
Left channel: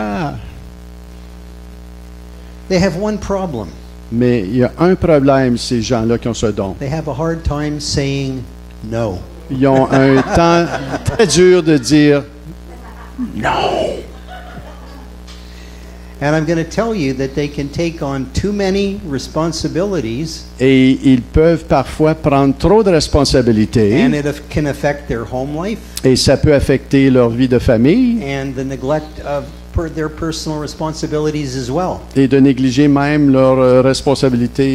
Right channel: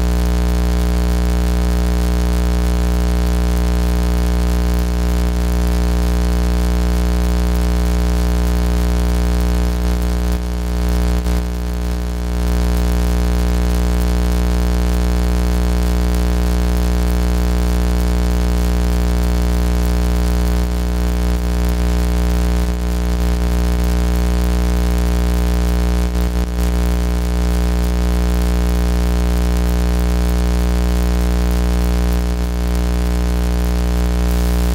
They have one problem. Mais il y a un problème, ces gens-là qui ont ce don. They have a hard time saying no. Ils ont un temps très dur de dire non. And I'm going to tell you that they can take on too many responsibilities, Et ils peuvent parfois prendre trop de responsabilités. and it can affect their home life Et ça peut affecter leur vie de famille and the neglect of their personal responsibilities as well. et de négliger même leurs responsabilités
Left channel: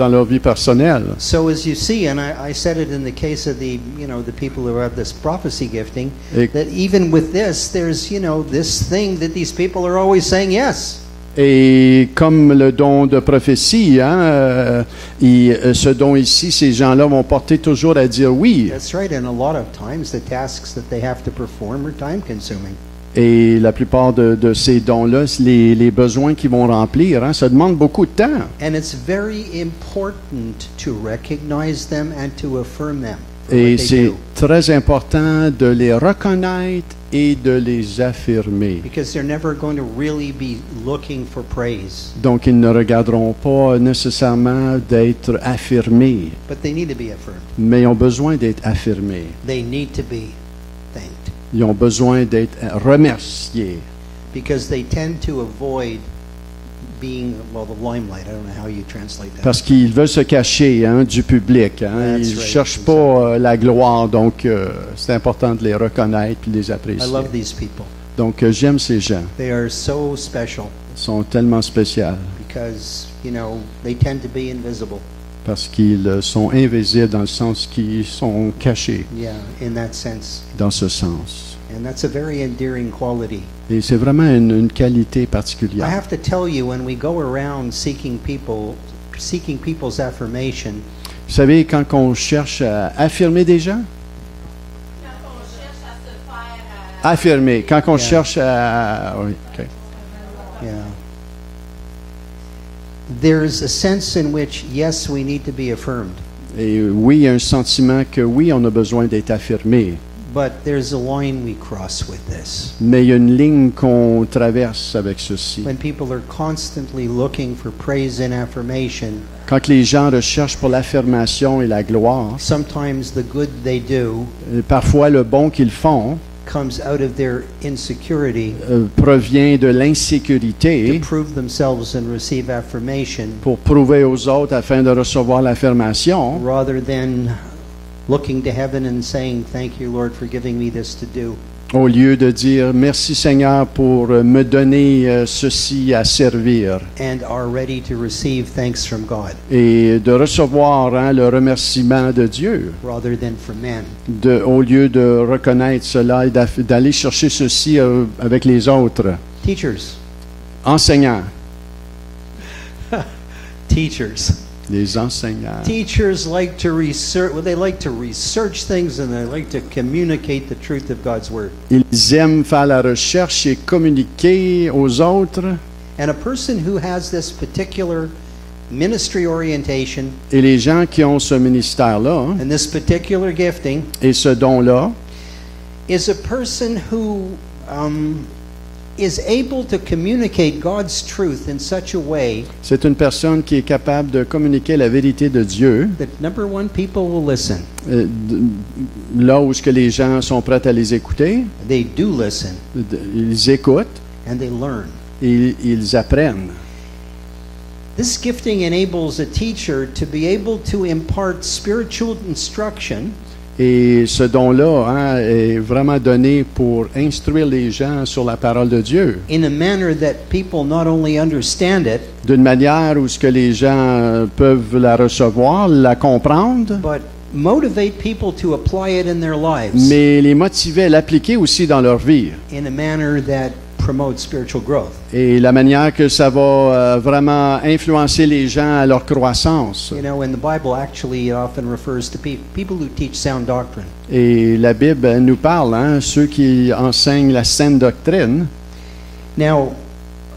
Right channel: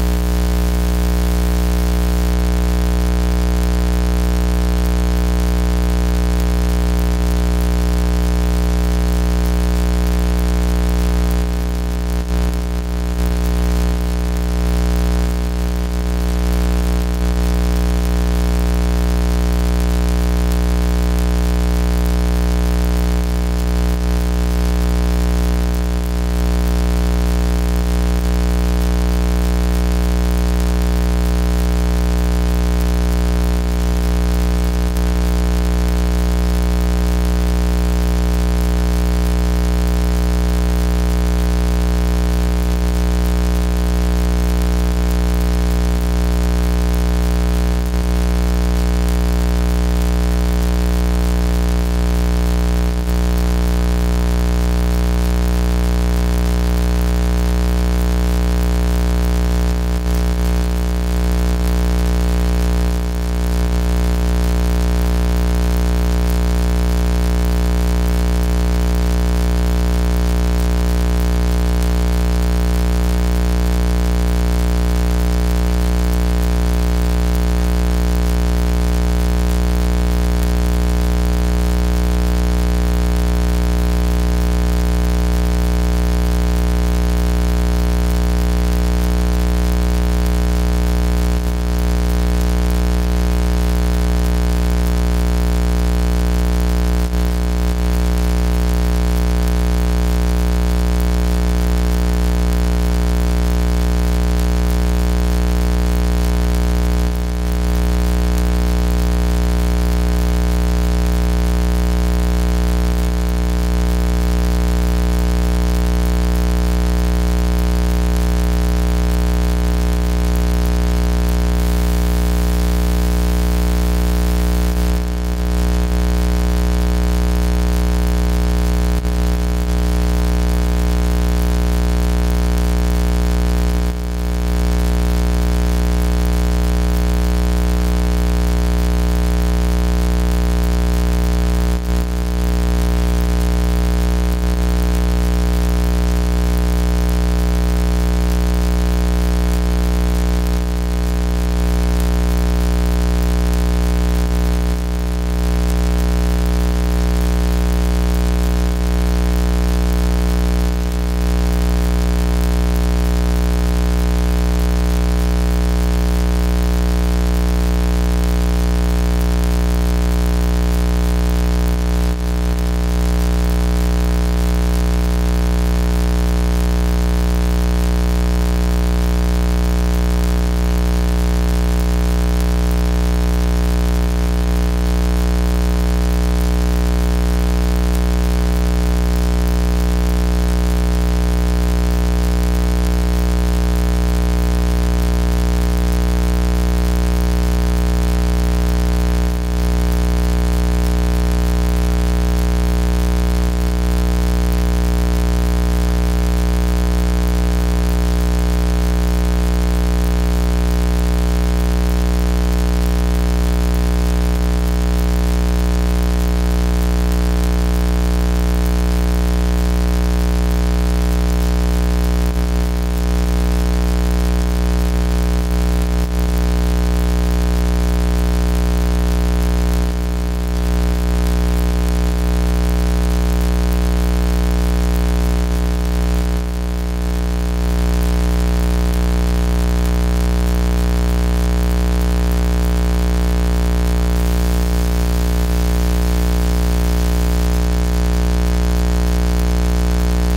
dans leur vie personnelle. So as you see, and I said it in the case of the people who have this prophecy gifting, Et, that even with this, there's this thing that these people are always saying yes. et comme le don de prophétie, hein, ce don ici, ces gens-là vont porter toujours à dire oui. That's right, and a lot of times the tasks that they have to perform are time consuming. Et la plupart de ces dons-là, les besoins qu'ils vont remplir, hein, ça demande beaucoup de temps. And it's very important to recognize them and to affirm them. Et They c'est do, très important de les reconnaître et de les affirmer. because they're never going to really be looking for praise, Donc, ils ne regarderont pas nécessairement d'être affirmés, but they need to be affirmed. mais ils ont besoin d'être affirmés. They need to be thanked, Ils ont besoin d'être remerciés. because they tend to avoid being, well, the limelight. I don't know how you translate that. Parce qu'ils veulent se cacher, hein, du public. Hein. That's Ils ne right. cherchent pas la gloire, donc c'est important de les reconnaître et les I apprécier. love these people. Donc, j'aime ces gens. They are so special Ils sont tellement spéciaux because, they tend to be invisible. parce qu'ils sont invisibles dans le sens qu'ils sont cachés, Yeah, in that sense. dans ce sens. And that's a very endearing quality. Et c'est vraiment une qualité I particulière. have to tell you, when we go around seeking people's affirmation, Vous savez, quand on cherche à affirmer des gens, affirmer, quand on cherche à... there's a sense in which, yes, we need to be affirmed, Et oui, il y a un sentiment que oui, on a besoin d'être affirmé, but there's a line we cross with this. mais il y a une ligne qu'on traverse avec ceci. When people are constantly looking for praise and affirmation, Quand les gens recherchent pour l'affirmation et la gloire, sometimes the good they do et parfois le bon qu'ils font comes out of their insecurity provient de l'insécurité to prove themselves and receive affirmation, pour prouver aux autres afin de recevoir l'affirmation, rather than looking to heaven and saying, thank you, Lord, for giving me this to do. au lieu de dire merci Seigneur pour me donner ceci à servir And are ready to receive thanks from God, et de recevoir, hein, le remerciement de Dieu rather than from man. au lieu de reconnaître cela et d'aller chercher ceci avec les autres. Teachers. Enseignants, Teachers. les enseignants. Teachers like to research, they like to research things, and they like to communicate the truth of God's Word. Ils aiment faire la recherche et communiquer aux autres. And a person who has this particular ministry orientation Et les gens qui ont ce ministère-là, hein, and this particular gifting et ce don-là, is a person who is able to communicate God's truth in such a way c'est une personne qui est capable de communiquer la vérité de Dieu, that, number one, people will listen. euh, là où ce que les gens sont prêts à les écouter, They do listen ils écoutent and they learn. et ils apprennent. This gifting enables a teacher to be able to impart spiritual instruction Et ce don-là, hein, est vraiment donné pour instruire les gens sur la parole de Dieu, in a manner that people not only understand it, d'une manière où ce que les gens peuvent la recevoir, la comprendre, but motivate people to apply it in their lives mais les motiver à l'appliquer aussi dans leur vie, in a manner that promote spiritual growth. Et la manière que ça va vraiment influencer les gens à leur croissance. You know, and the Bible actually often refers to people who teach sound doctrine. Et la Bible elle nous parle, hein, ceux qui enseignent la saine doctrine. Now,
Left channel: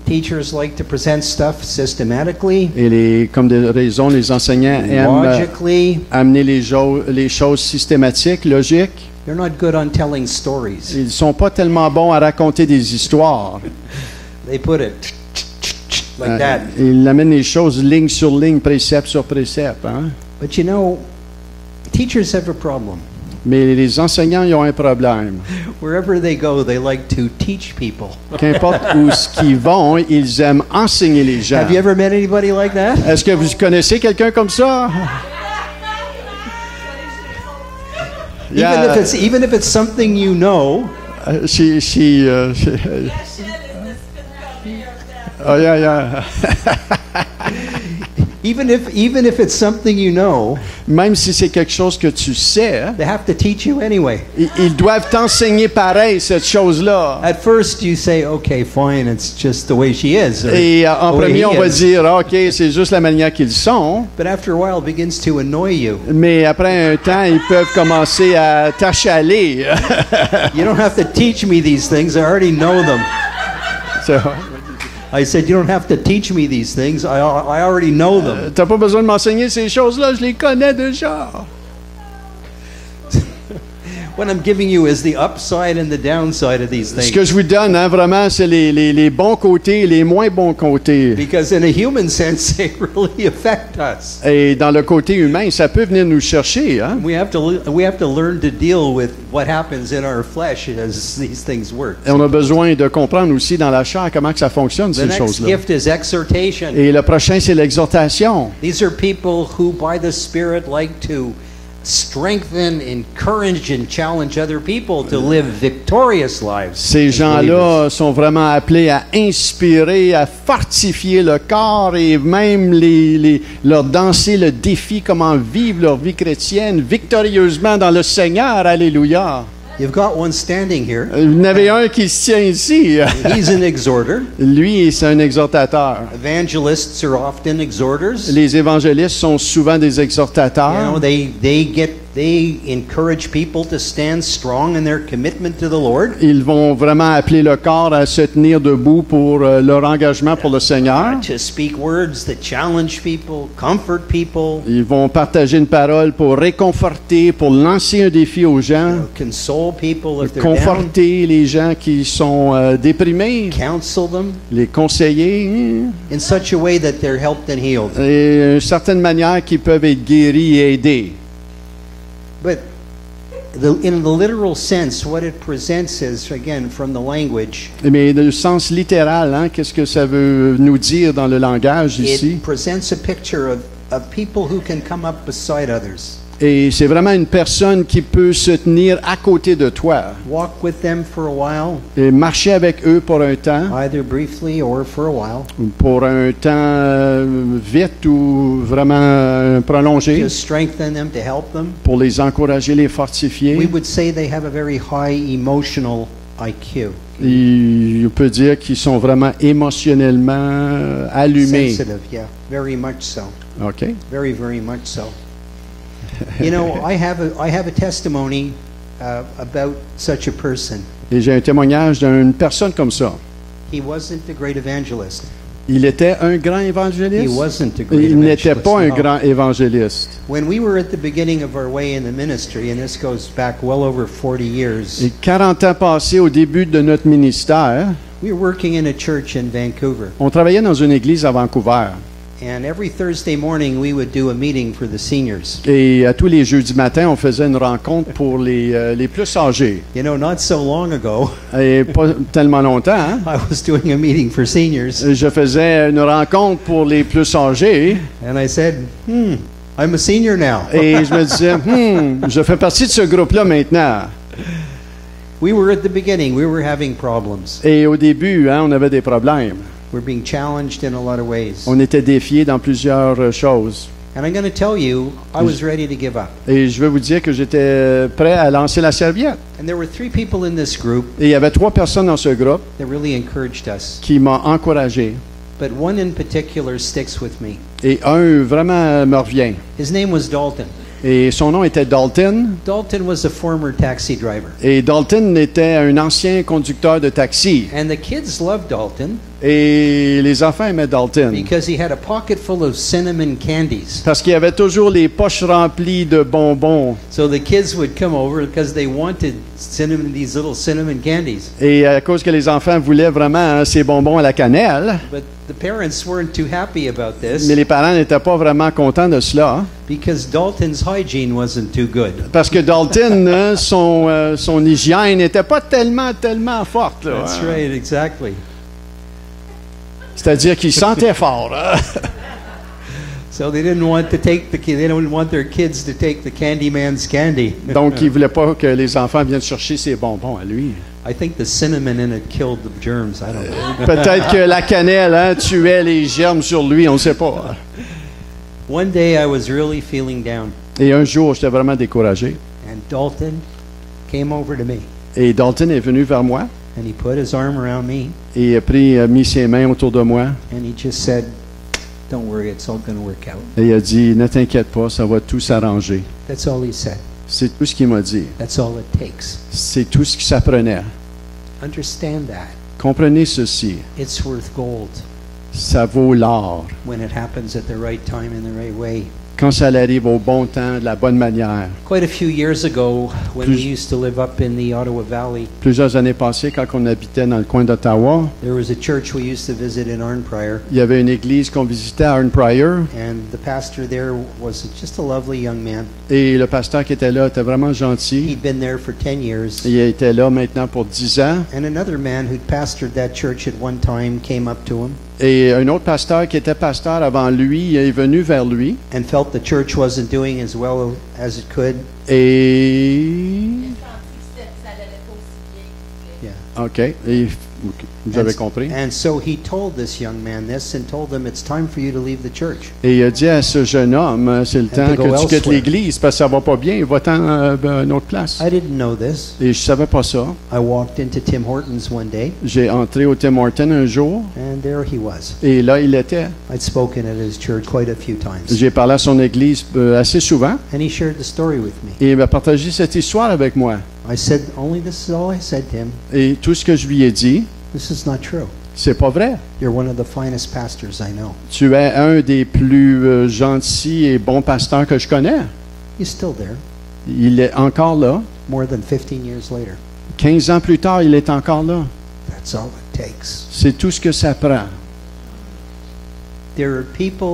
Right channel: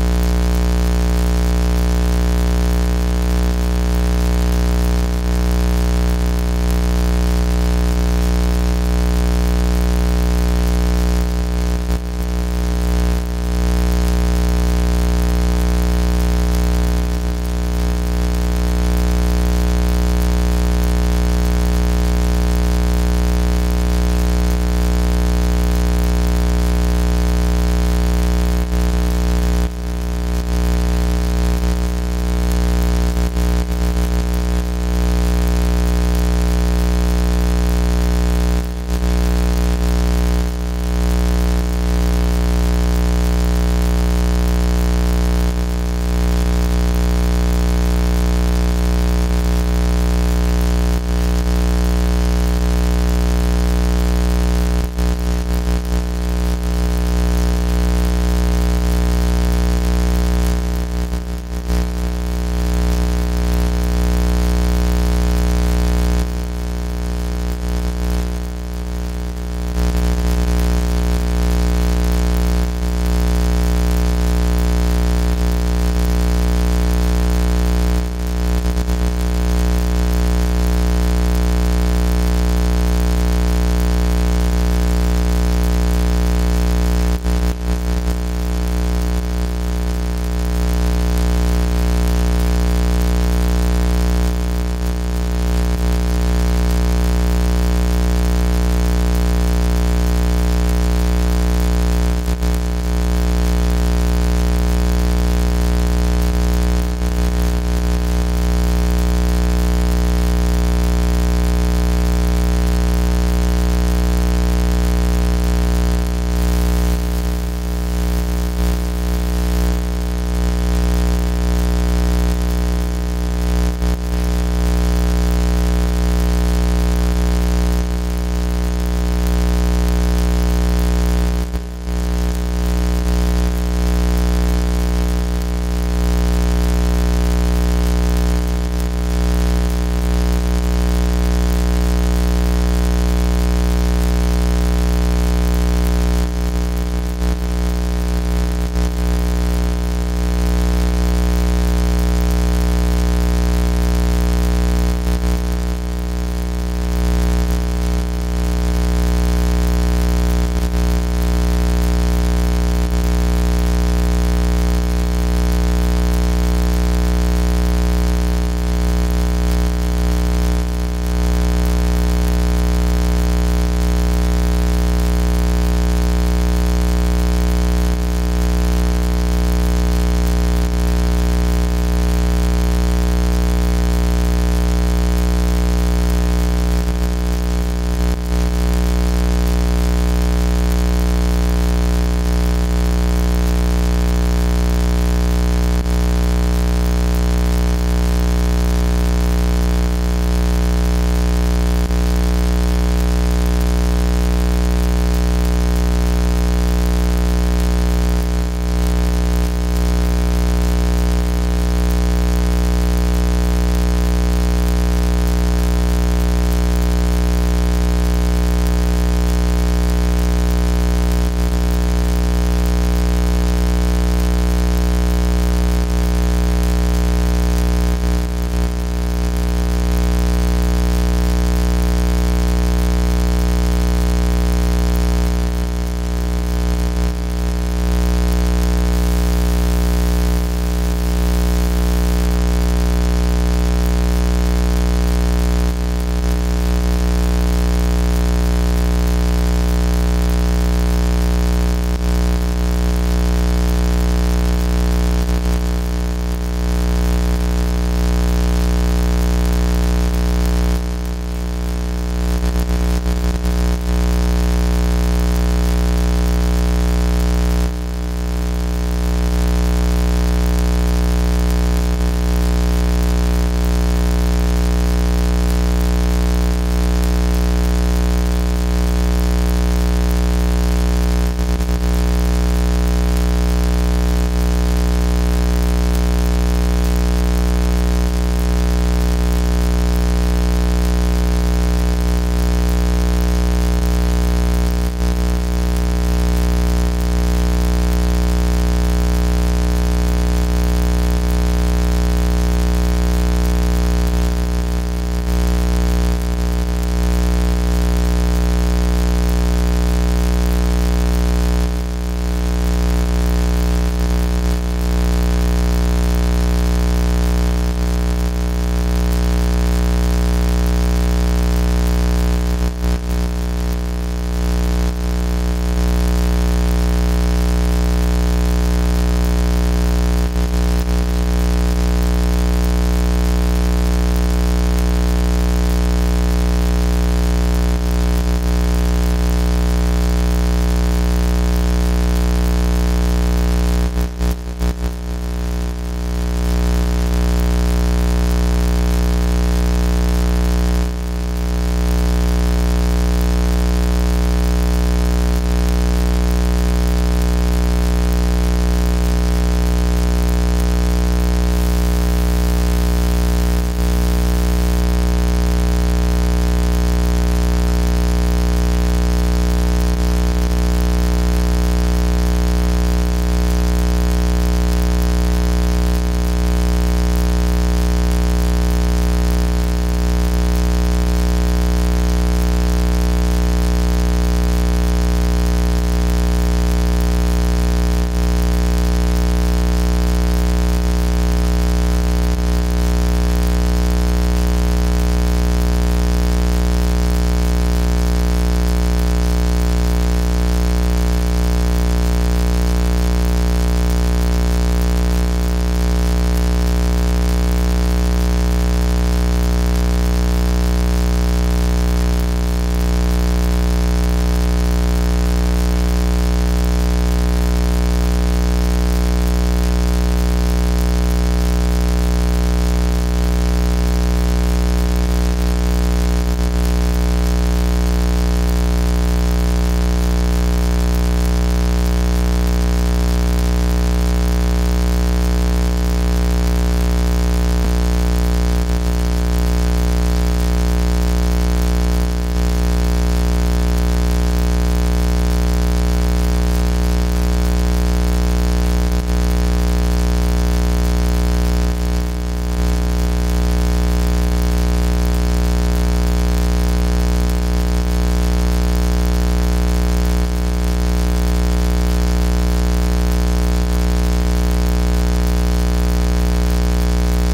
teachers like to present stuff systematically, Et comme de raison, les enseignants aiment logically. amener les choses systématiques, logiques. They're not good on telling stories. Ils ne sont pas tellement bons à raconter des histoires. They put it like that. Ils amènent les choses ligne sur ligne, précepte sur précepte. Hein? But you know, teachers have a problem. Mais les enseignants, ils ont un problème. Wherever they go, they like to teach people. Qu'importe où ils vont, ils aiment enseigner les gens. Have you ever met anybody like that? Est-ce que vous connaissez quelqu'un comme ça? Even if it's something you know, oh yeah. even if it's something you know, Même si c'est quelque chose que tu sais, they have to teach you anyway. ils doivent t'enseigner pareil cette chose-là. At first you say, okay, fine, it's just the way she is. Et en the way premier, he on va is. dire, OK, c'est juste la manière qu'ils sont. But after a while, it begins to annoy you. Mais après un temps, ils peuvent commencer à t'achaler. You don't have to teach me these things. I already know them. So, I said, you don't have to teach me these things. I already know them. t'as pas besoin de m'enseigner ces choses-là, je les connais déjà. What I'm giving you is the upside and the downside of these Ce things. que je vous donne, hein, vraiment, c'est les bons côtés et les moins bons côtés. Because in a human sense, they really affect us. Et dans le côté humain, ça peut venir nous chercher. Hein? We have to learn to deal with what happens in our flesh as these things work. Et on a besoin de comprendre aussi dans la chair comment que ça fonctionne, The ces next choses-là. gift is exhortation. Et le prochain, c'est l'exhortation. These are people who, by the Spirit, like to strengthen, encourage, and challenge other people to live victorious lives. Ces gens-là sont vraiment appelés à inspirer, à fortifier le corps et même leur danser le défi, comment vivre leur vie chrétienne victorieusement dans le Seigneur. Alléluia. You've got one standing here. Il y en avait un qui se tient ici. He's an exhorter. Lui, c'est un exhortateur. Evangelists are often exhorters. Les évangélistes sont souvent des exhortateurs. You know, they encourage people to stand strong in their commitment to the Lord. Ils vont vraiment appeler le corps à se tenir debout pour leur engagement pour le Seigneur. To speak words that challenge people, comfort people, Ils vont partager une parole pour réconforter, pour lancer un défi aux gens, console people if they're down, conforter les gens qui sont déprimés, counsel them les conseiller, in such a way that they're helped and healed. et d'une certaine manière qu'ils peuvent être guéris et aidés. But in the literal sense, what it presents is, again, from the language, Mais dans le sens littéral, hein, qu'est-ce que ça veut nous dire dans le langage it ici? presents a picture of people who can come up beside others, Et c'est vraiment une personne qui peut se tenir à côté de toi walk with them for a while, et marcher avec eux pour un temps, either briefly or for a while, pour un temps vite ou vraiment prolongé, to strengthen them, to help them. pour les encourager, les fortifier. We would say they have a very high emotional IQ. Et on peut dire qu'ils sont vraiment émotionnellement allumés. Sensitive, yeah, very much so. OK. Very, very much so. You know, I have a testimony about such a person. Et j'ai un témoignage d'une personne comme ça. He wasn't a great evangelist. Il était un grand He évangéliste. wasn't a great Il n'était evangelist. pas un No. grand évangéliste. When we were at the beginning of our way in the ministry, and this goes back well over 40 years, Et 40 ans passés au début de notre ministère, we were working in a church in Vancouver. on travaillait dans une église à Vancouver. And every Thursday morning, we would do a meeting for the seniors. Et tous les jeudis matins, on faisait une rencontre pour les plus âgés. You know, not so long ago, Et pas tellement longtemps, hein? I was doing a meeting for seniors, Je faisais une rencontre pour les plus âgés and I said, I'm a senior now. et je me disais, je fais partie de ce groupe-là maintenant. We were at the beginning, we were having problems. Et au début, hein, on avait des problèmes. We're being challenged in a lot of ways. On était défiés dans plusieurs choses. And I'm going to tell you, I was ready to give up. Et je veux vous dire que j'étais prêt à lancer la serviette. And there were three people in this group Et il y avait 3 personnes dans ce groupe that really encouraged us. qui m'ont encouragé. But one in particular sticks with me. Et un vraiment me revient. His name was Dalton. Et son nom était Dalton. Dalton was a former taxi driver. Et Dalton était un ancien conducteur de taxi. And the kids loved Dalton Et les enfants aimaient Dalton. because he had a pocket full of cinnamon candies. Parce qu'il avait toujours les poches remplies de bonbons. So the kids would come over because they wanted these little cinnamon candies. Et à cause que les enfants voulaient vraiment ces bonbons à la cannelle, But the parents weren't too happy about this mais les parents n'étaient pas vraiment contents de cela. because Dalton's hygiene wasn't too good. Parce que Dalton, son hygiène n'était pas tellement forte. Là. That's right, exactly. C'est-à-dire qu'il sentait fort. Là. So they didn't want their kids to take the Candyman's candy. Donc, il ne voulait pas que les enfants viennent chercher ses bonbons à lui. I think the cinnamon in it killed the germs. I don't know. Peut-être que la cannelle tuait les germes sur lui, on ne sait pas. One day I was really feeling down, Et un jour, j'étais vraiment découragé. and Dalton came over to me, Et Dalton est venu vers moi and he put his arm around me, et a mis ses mains autour de moi. and he just said, "Don't worry, it's all going to work out." Et il a dit, ne t'inquiète pas, ça va tout s'arranger. That's all he said. C'est tout ce qu'il m'a dit. That's all it takes. C'est tout ce que ça prenait. Understand that. Comprenez ceci, It's worth gold ça vaut l'or when it happens at the right time and the right way. quand ça arrive au bon temps, de la bonne manière. Quite a few years ago, when we used to live up in the Ottawa Valley, Plusieurs années passées, quand on habitait dans le coin d'Ottawa, there was a church we used to visit in Arnprior, il y avait une église qu'on visitait à Arnprior and the pastor there was just a lovely young man. et le pasteur qui était là était vraiment gentil. He'd been there for 10 years. Il était là maintenant pour 10 ans. And another man who pastored that church at one time came up to him Et un autre pasteur qui était pasteur avant lui est venu vers lui and felt the church wasn't doing as well as it could. et... OK. Et vous avez compris. And so he told this young man this and told him it's time for you to leave the church. Et il a dit à ce jeune homme, c'est le temps Go que tu quittes elsewhere. l'église parce que ça va pas bien, va-t'en à une autre place. I didn't know this. Et je savais pas ça. I walked into Tim Hortons one day J'ai entré au Tim Hortons un jour and there he was. et là il était. I'd spoken at his church quite a few times. J'ai parlé à son église assez souvent And he shared the story with me. et il m'a partagé cette histoire avec moi. I said, only this is all I said to him. Et tout ce que je lui ai dit, This is not true. c'est pas vrai. You're one of the finest pastors I know. Tu es un des plus gentils et bons pasteurs que je connais. He's still there, Il est encore là. more than 15 years later. 15 ans plus tard, il est encore là. That's all it takes. C'est tout ce que ça prend. There are people,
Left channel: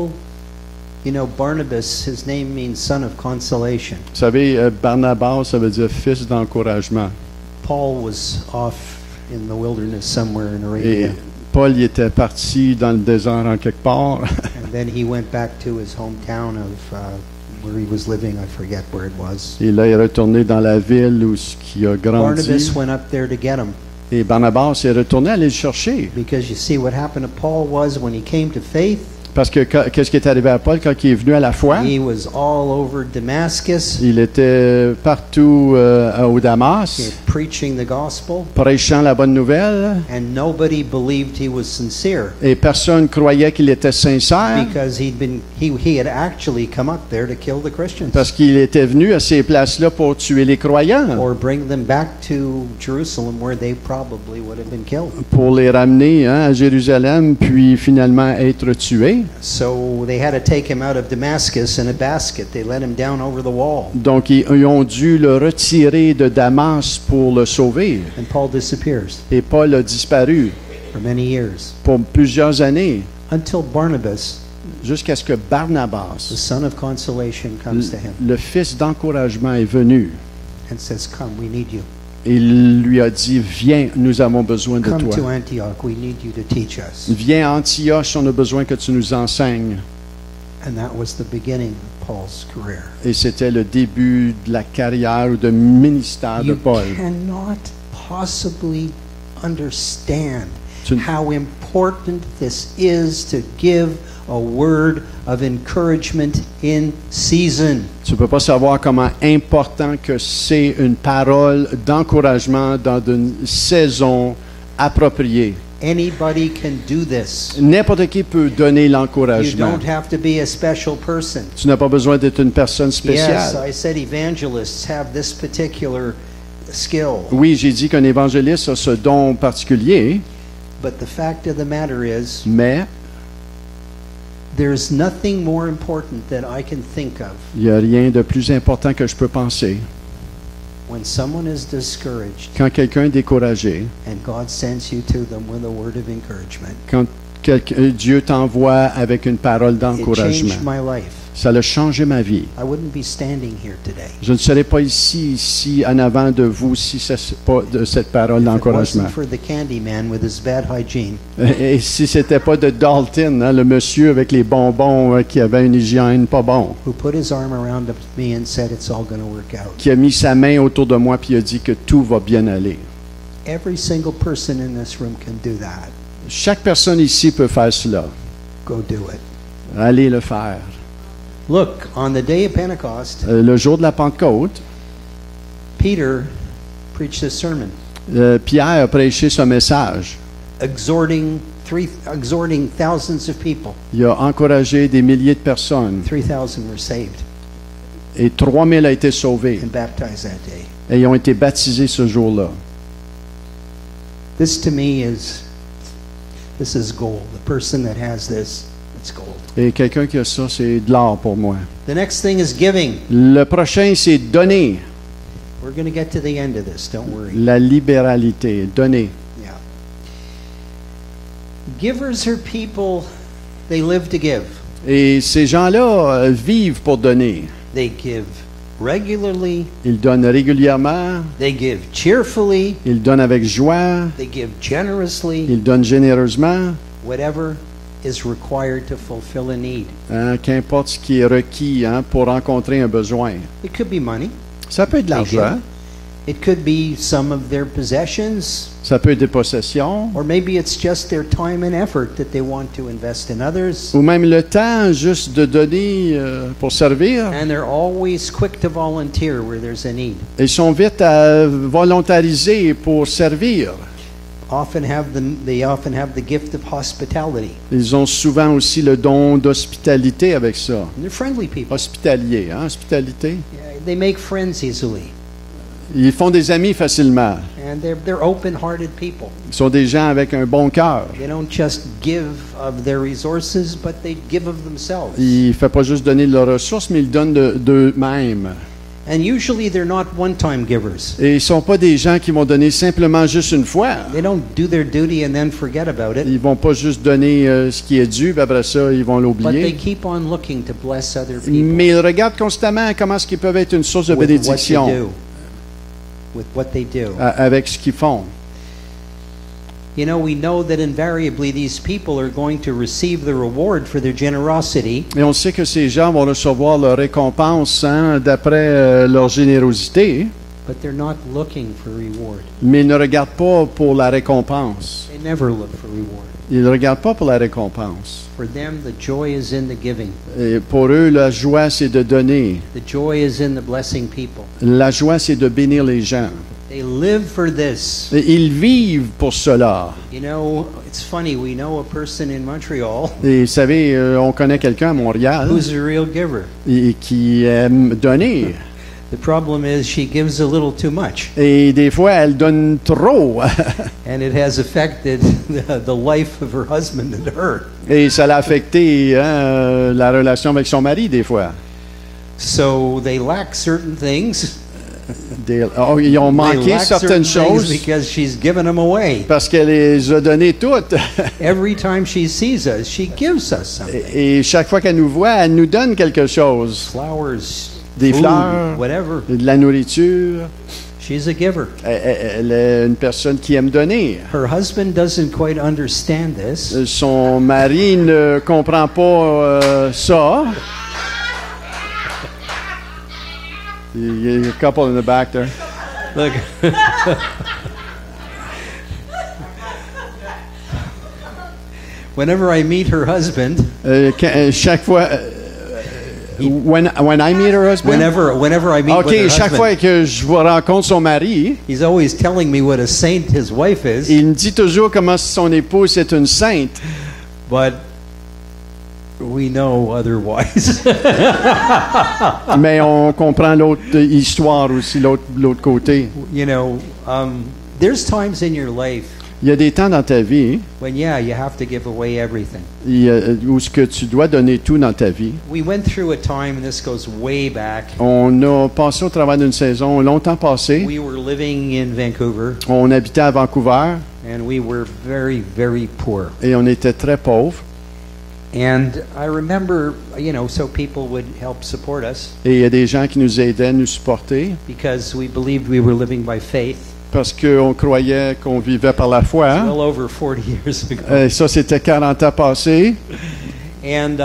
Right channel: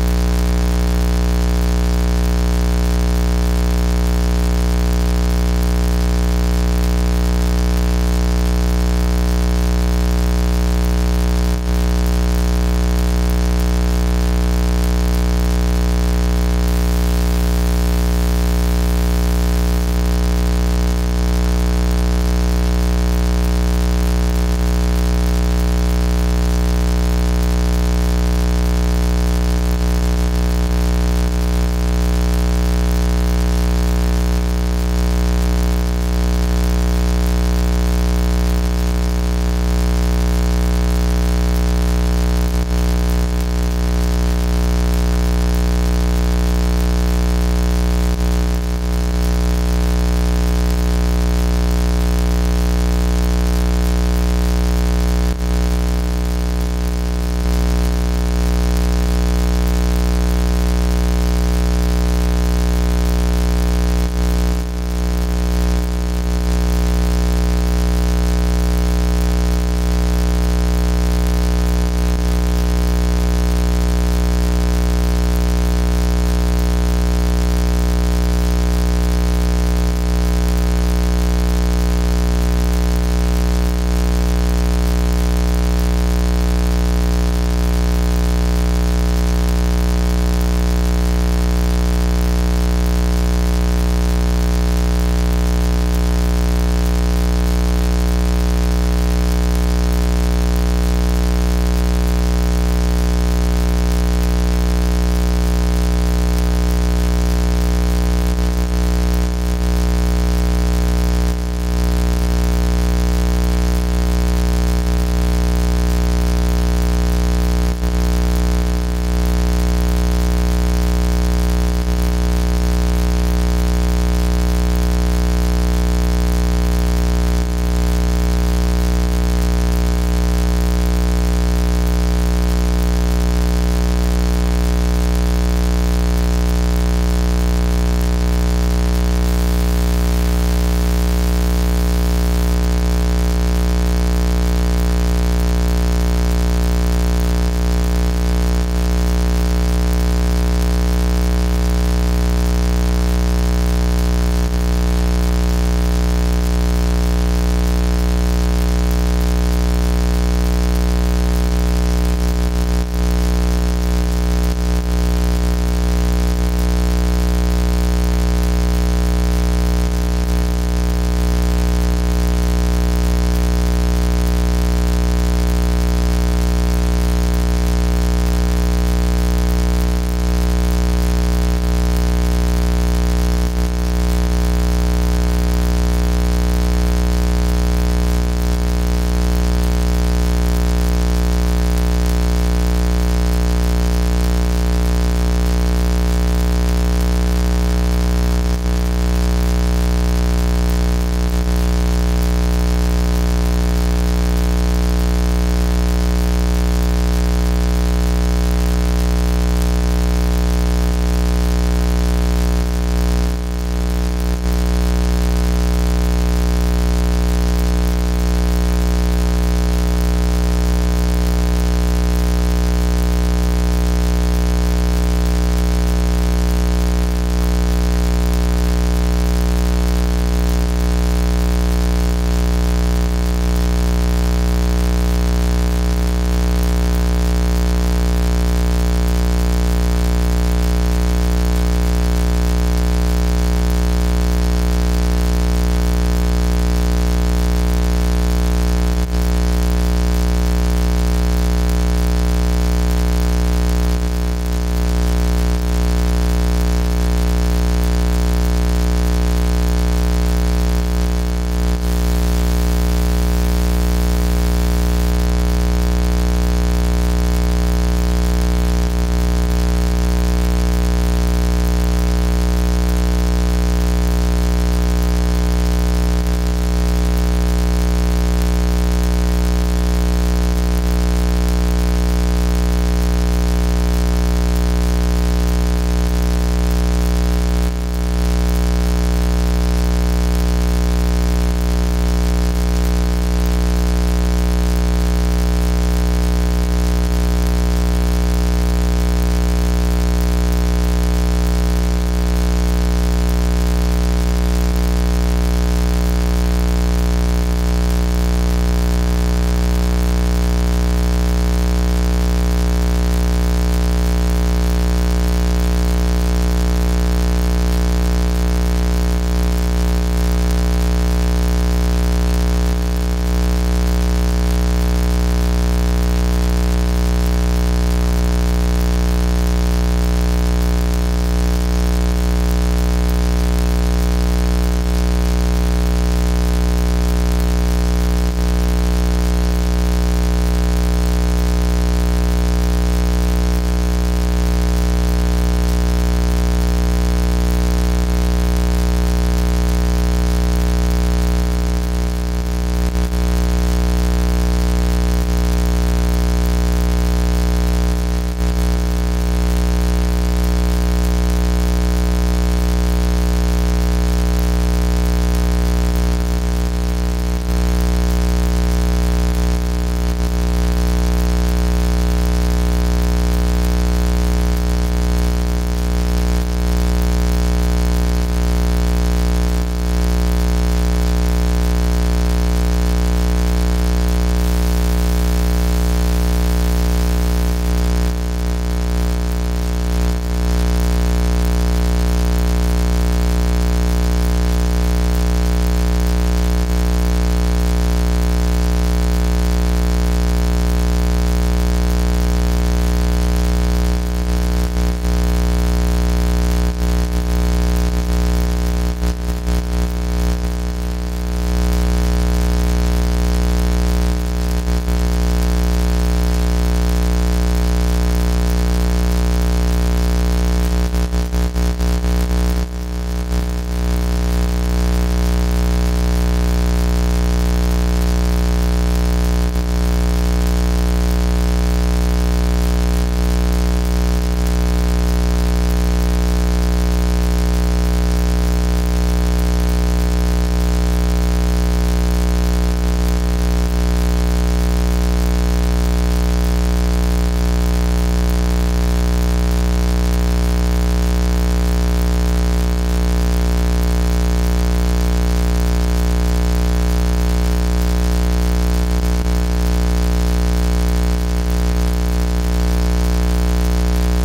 you know, Barnabas, his name means son of consolation. Vous savez, Barnabas, ça veut dire fils d'encouragement. Paul was off in the wilderness somewhere in Et Arabia. Paul il était parti dans le désert en quelque part. And then he went back to his hometown of where he was living, I forget where it was. Et là, il est retourné dans la ville où il a grandi. Barnabas went up there to get him. Et Barnabas est retourné aller le chercher. Because you see, what happened to Paul was when he came to faith, Parce que qu'est-ce qui est arrivé à Paul quand il est venu à la foi? he was all over Damascus, Il était partout au Damas, preaching the gospel, prêchant la bonne nouvelle. and nobody believed he was sincere Et personne croyait qu'il était sincère because he had actually come up there to kill the Christians parce qu'il était venu à ces places-là pour tuer les croyants, or bring them back to Jerusalem where they probably would have been killed. pour les ramener à Jérusalem, puis finalement être tués. So they had to take him out of Damascus in a basket. They let him down over the wall, Donc, ils ont dû le retirer de Damas pour le sauver. and Paul disappears Et Paul a disparu for many years pour plusieurs années, until Barnabas, jusqu'à ce que the Barnabas, son of consolation, comes to him le fils d'encouragement, est venu. and says, "Come, we need you. Et il lui a dit, viens, nous avons besoin de Come to toi. Antioch. We need you to teach us." Viens à Antioche, on a besoin que tu nous enseignes. And that was the beginning of Paul's career. Et c'était le début de la carrière ou de ministère de You Paul. cannot possibly understand Tu- how important this is to give a word of encouragement in season. Tu ne peux pas savoir comment important que c'est une parole d'encouragement dans une saison appropriée. Anybody can do this. N'importe qui peut donner You l'encouragement. don't have to be a special person. Tu n'as pas besoin d'être une personne Yes, spéciale. I said evangelists have this particular skill. Oui, j'ai dit qu'un évangéliste a ce don particulier, But the fact of the matter is, mais there's nothing more important that I can think of il n'y a rien de plus important que je peux penser. when someone is discouraged Quand quelqu'un est découragé, and God sends you to them with a word of encouragement. quand Dieu t'envoie avec une parole It d'encouragement, changed my life. ça a changé ma vie. I wouldn't be standing here today. Je ne serais pas ici en avant de vous si ce n'est pas de cette parole If it wasn't d'encouragement. for the candy man with his bad hygiene. Et si c'était pas de Dalton, hein, le monsieur avec les bonbons qui avait une hygiène pas bon, Who put his arm around me and said it's all going to work out. qui a mis sa main autour de moi puis a dit que tout va bien aller. Every single person in this room can do that. Chaque personne ici peut faire cela. Go do it. Allez le faire. Look, on the day of Pentecost, Le jour de la Pentecôte, Peter preached a sermon Pierre a prêché ce message. exhorting thousands of people. Il a encouragé des milliers de personnes 3,000 were saved et 3000 ont été sauvés and baptized that day. et ils ont été baptisés ce jour-là. This to me this is gold. The person that has this is gold. Et quelqu'un qui a ça, c'est de l'or pour moi. The next thing is giving. Le prochain, c'est donner. We're going to get to the end of this, don't worry. La libéralité, donner. Givers are people, they live to give. Et ces gens-là vivent pour donner. They give regularly, Ils donnent régulièrement, they give cheerfully, ils donnent avec joie, they give generously, ils donnent généreusement, whatever is required to fulfill a need. hein, qu'importe ce qui est requis hein, pour rencontrer un besoin. It could be money. Ça peut être de l'argent, It could be some of their possessions, ça peut être des possessions, or maybe it's just their time and effort that they want to invest in others. ou même le temps juste de donner pour servir. And they're always quick to volunteer where there's a need. Ils sont vite à volontariser pour servir. They often have the gift of hospitality. Ils ont souvent aussi le don d'hospitalité avec ça. They're friendly people. Hospitalier, hein, hospitalité. They make friends easily. Ils font des amis facilement. And they're open-hearted people. Ils sont des gens avec un bon cœur. They don't just give of their resources, but they give of themselves. Ils ne font pas juste donner de leurs ressources, mais ils donnent d'eux-mêmes. And usually they're not one-time givers. Et ils ne sont pas des gens qui vont donner simplement juste une fois. They don't do their duty and then forget about it. Ils ne vont pas juste donner ce qui est dû, puis après ça, ils vont But they l'oublier. keep on looking to bless other people Mais ils regardent constamment comment est-ce qu'ils peuvent être une source de with what they bénédiction do. With what they do. avec ce qu'ils font. You know, we know that invariably these people are going to receive the reward for their generosity, Et on sait que ces gens vont recevoir leur récompense hein, d'après leur générosité, but they're not looking for reward. mais ils ne regardent pas pour la récompense. They never look for reward. Ils ne regardent pas pour la récompense. For them, the joy is in the giving. Et pour eux, la joie, c'est de donner. The joy is in the blessing people. La joie, c'est de bénir les gens. They live for this. Et ils vivent pour cela. You know, it's funny, we know a person in Montreal Et vous savez, on connaît quelqu'un à Montréal who's a real giver. qui aime donner. The problem is she gives a little too much, Et des fois, elle donne trop. and it has affected the life of her husband and her. Et ça l'a affecté hein, la relation avec son mari, des fois. So they lack certain things. Ils ont They manqué lack certaines certain things choses because she's given them away. parce qu'elle les a données toutes. Every time she sees us, she gives us something. Et chaque fois qu'elle nous voit, elle nous donne quelque chose. Flowers, Des food, fleurs, whatever. de la nourriture. She's a giver. Elle est une personne qui aime donner. Her husband doesn't quite understand this. Son mari ne comprend pas ça. Il y a a couple in the back there. Look. whenever I meet her husband, Chaque fois, when I meet her husband, whenever I meet with her OK, chaque fois husband, que je rencontre son mari, he's always telling me what a saint his wife is, il me dit toujours comment son épouse est une sainte. but we know otherwise. Mais on comprend l'autre histoire aussi, l'autre côté. You know, there's times in your life Il y a des temps dans ta vie when, yeah, you have to give away everything. où ce que tu dois donner tout dans ta vie. We went through a time, this goes way back. On a passé au travers d'une saison longtemps passée. We were living in Vancouver, On habitait à Vancouver and we were very, very poor. et on était très pauvres. And I remember, you know, so people would help support us Et il y a des gens qui nous aidaient, nous supporter, because we believed we were living by faith parce qu'on croyait qu'on vivait par la foi. well over 40 years ago. Ça, c'était 40 ans passés. And,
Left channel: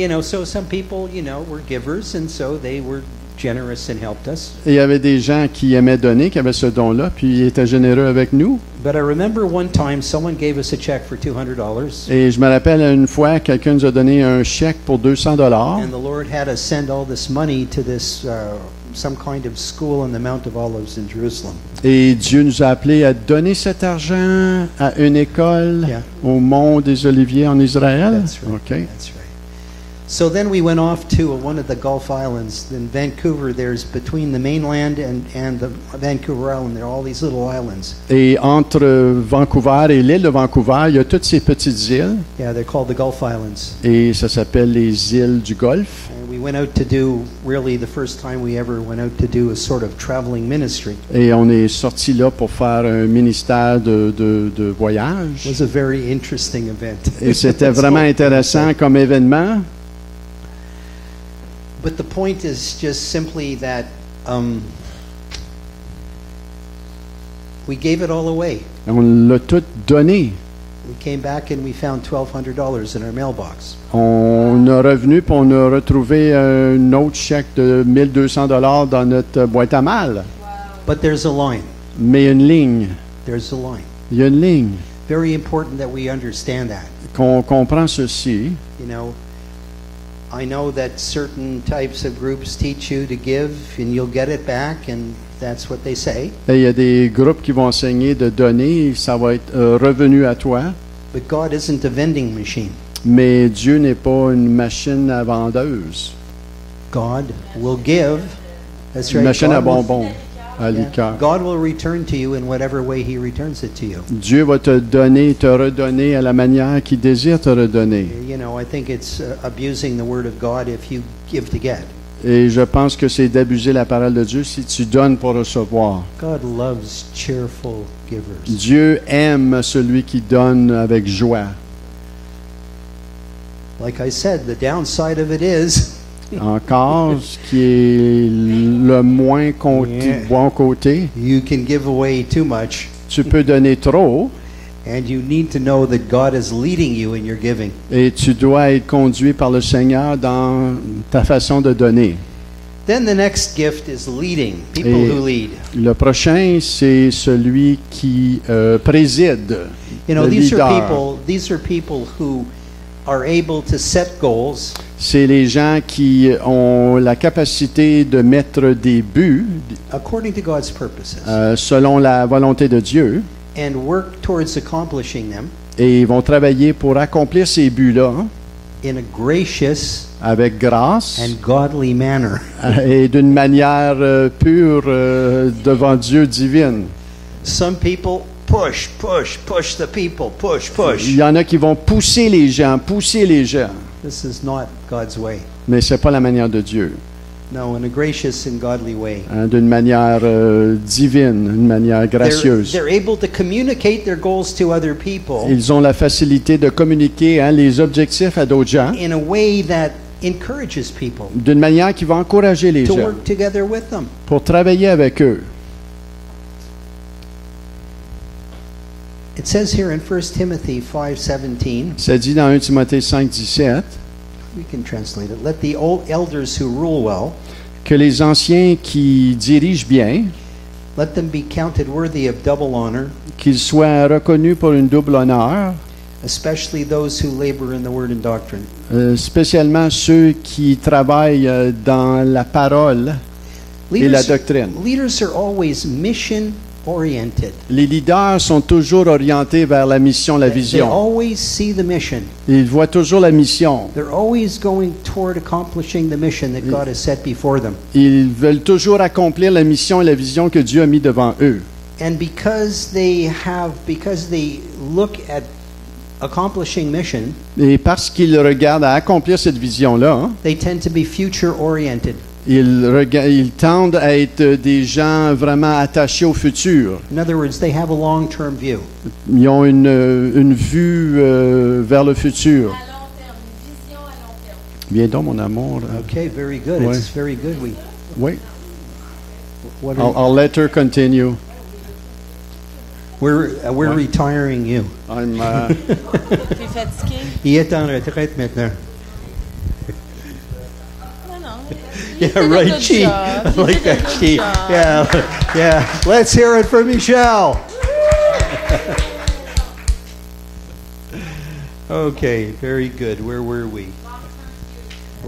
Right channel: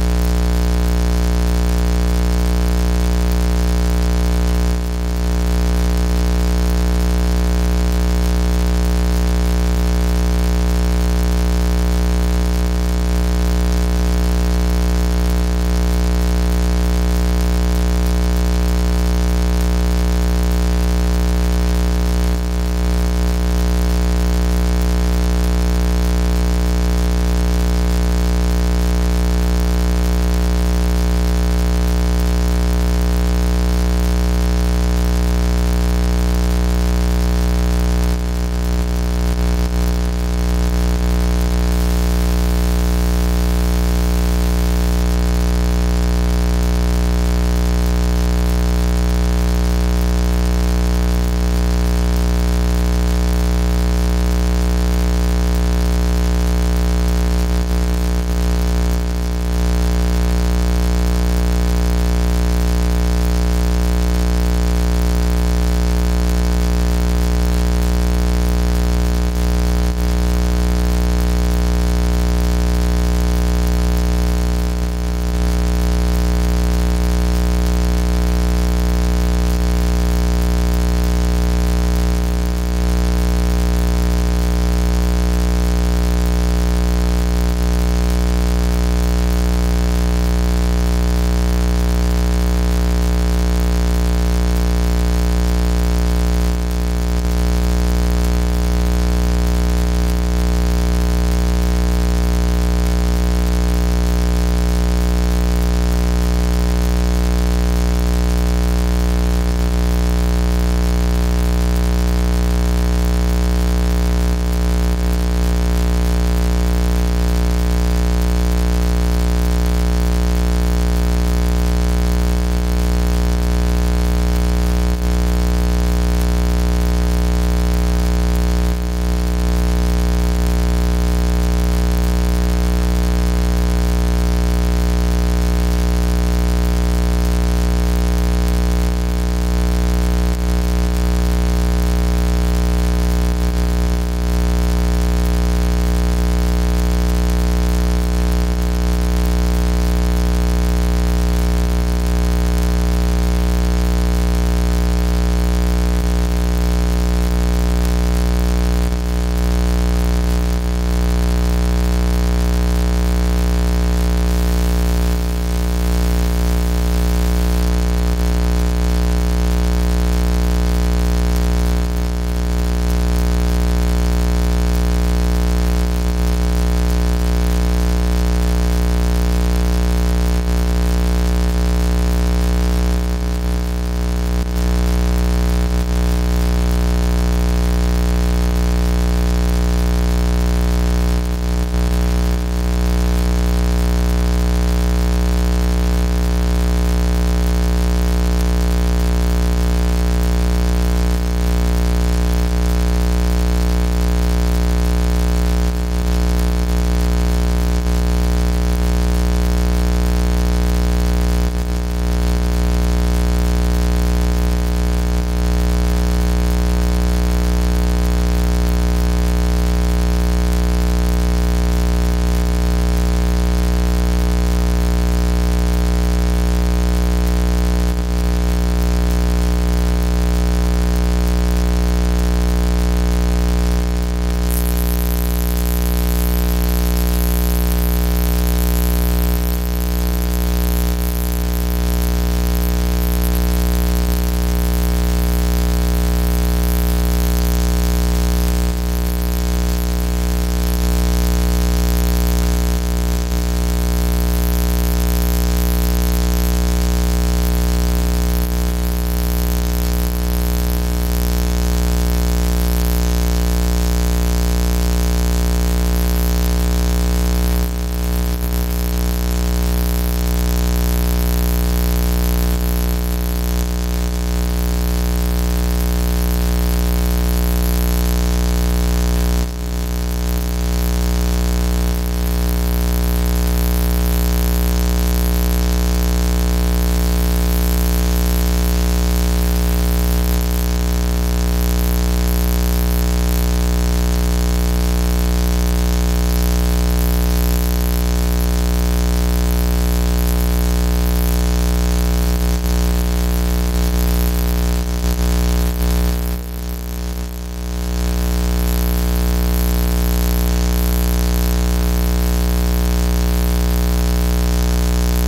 you know, so some people, you know, were givers, and so they were generous and helped us. Et il y avait des gens qui aimaient donner, qui avaient ce don-là, puis ils étaient généreux avec nous. But I remember one time someone gave us a check for $200, Et je me rappelle une fois, quelqu'un nous a donné un chèque pour $200. and the Lord had us send all this money to this, some kind of school in the Mount of Olives in Jerusalem. Et Dieu nous a appelés à donner cet argent à une école au Mont des Oliviers en Israël. OK. So then we went off to one of the Gulf Islands. In Vancouver, there's between the mainland and the Vancouver Island, and all these little islands. Et entre Vancouver et l'île de Vancouver, il y a toutes ces petites îles. Yeah, they're called the Gulf Islands. Et ça s'appelle les îles du Golfe. We went out to do, really the first time we ever went out to do a sort of traveling ministry. Et on est sorti là pour faire un ministère de voyage. It was a very interesting event. Et c'était vraiment intéressant comme événement. But the point is just simply that we gave it all away. On l'a tout donné. We came back and we found $1,200 in our mailbox. On a revenu puis on a retrouvé un autre chèque de $1,200 dans notre boîte à mal. But there's a line. Mais il y a une ligne. There's a line. Il y a une ligne. Very important that we understand that. On comprend ceci. You know, I know that certain types of groups teach you to give and you'll get it back, and that's what they say. Et il y a des groupes qui vont enseigner de donner, ça va être revenu à toi. But God isn't a vending machine. Mais Dieu n'est pas une machine à vendeuse. God will give. That's Une right. machine à God will- bonbons, à liqueur. God will return to you in whatever way He returns it to you. Dieu va te donner, te redonner à la manière qu'il désire te redonner. You know, I think it's abusing the Word of God if you give to get. Et je pense que c'est d'abuser la parole de Dieu si tu donnes pour recevoir. God loves cheerful givers. Dieu aime celui qui donne avec joie. Like I said, the downside of it is Encore, ce qui est le moins bon côté, you can give away too much, tu peux donner trop and you need to know that God is leading you in your giving. et tu dois être conduit par le Seigneur dans ta façon de donner. Then the next gift is leading, people Et who lead. le prochain, c'est celui qui préside, You know, le these leader. are people who are able to set goals C'est les gens qui ont la capacité de mettre des buts according to God's purposes selon la volonté de Dieu and work towards accomplishing them et ils vont travailler pour accomplir ces buts-là in a gracious avec grâce and godly manner. et d'une manière pure devant Dieu divine. Some people push the people, push. Il y en a qui vont pousser les gens. This is not God's way. Mais c'est pas la manière de Dieu. No, in a gracious and godly way. D'une manière divine, d'une manière gracieuse. They're able to communicate their goals to other people Ils ont la facilité de communiquer les objectifs à d'autres gens in a way that encourages people d'une manière qui va encourager les to gens work together with them. pour travailler avec eux. It says here in 1 Timothy 5:17, Ça dit dans 1 Timothée 5, 17, you can translate it, let the old elders who rule well, que les anciens qui dirigent bien, let them be counted worthy of double honor, qu'ils soient reconnus pour une double honneur, especially those who labor in the word and doctrine. Spécialement ceux qui travaillent dans la parole et la doctrine. Leaders are always mission-oriented. Les leaders sont toujours orientés vers la mission, la They vision. always see the mission. Ils voient toujours la mission. They're always going toward accomplishing the mission that God has set before them. Ils veulent toujours accomplir la mission et la vision que Dieu a mis devant eux. And because they look at accomplishing mission, Et parce qu'ils regardent à accomplir cette vision-là, they tend to be future-oriented. ils tendent à être des gens vraiment attachés au futur. In other words, they have a long-term view. Ils ont une vue vers le futur. Viens donc, mon amour. Okay, very good. Ouais. It's very good. Oui. What I'll let her continue. we're retiring him. Il est en retraite maintenant. Yeah, right, Chi. I like that, Chi. Yeah. Let's hear it for Michelle. Okay, very good. Where were we?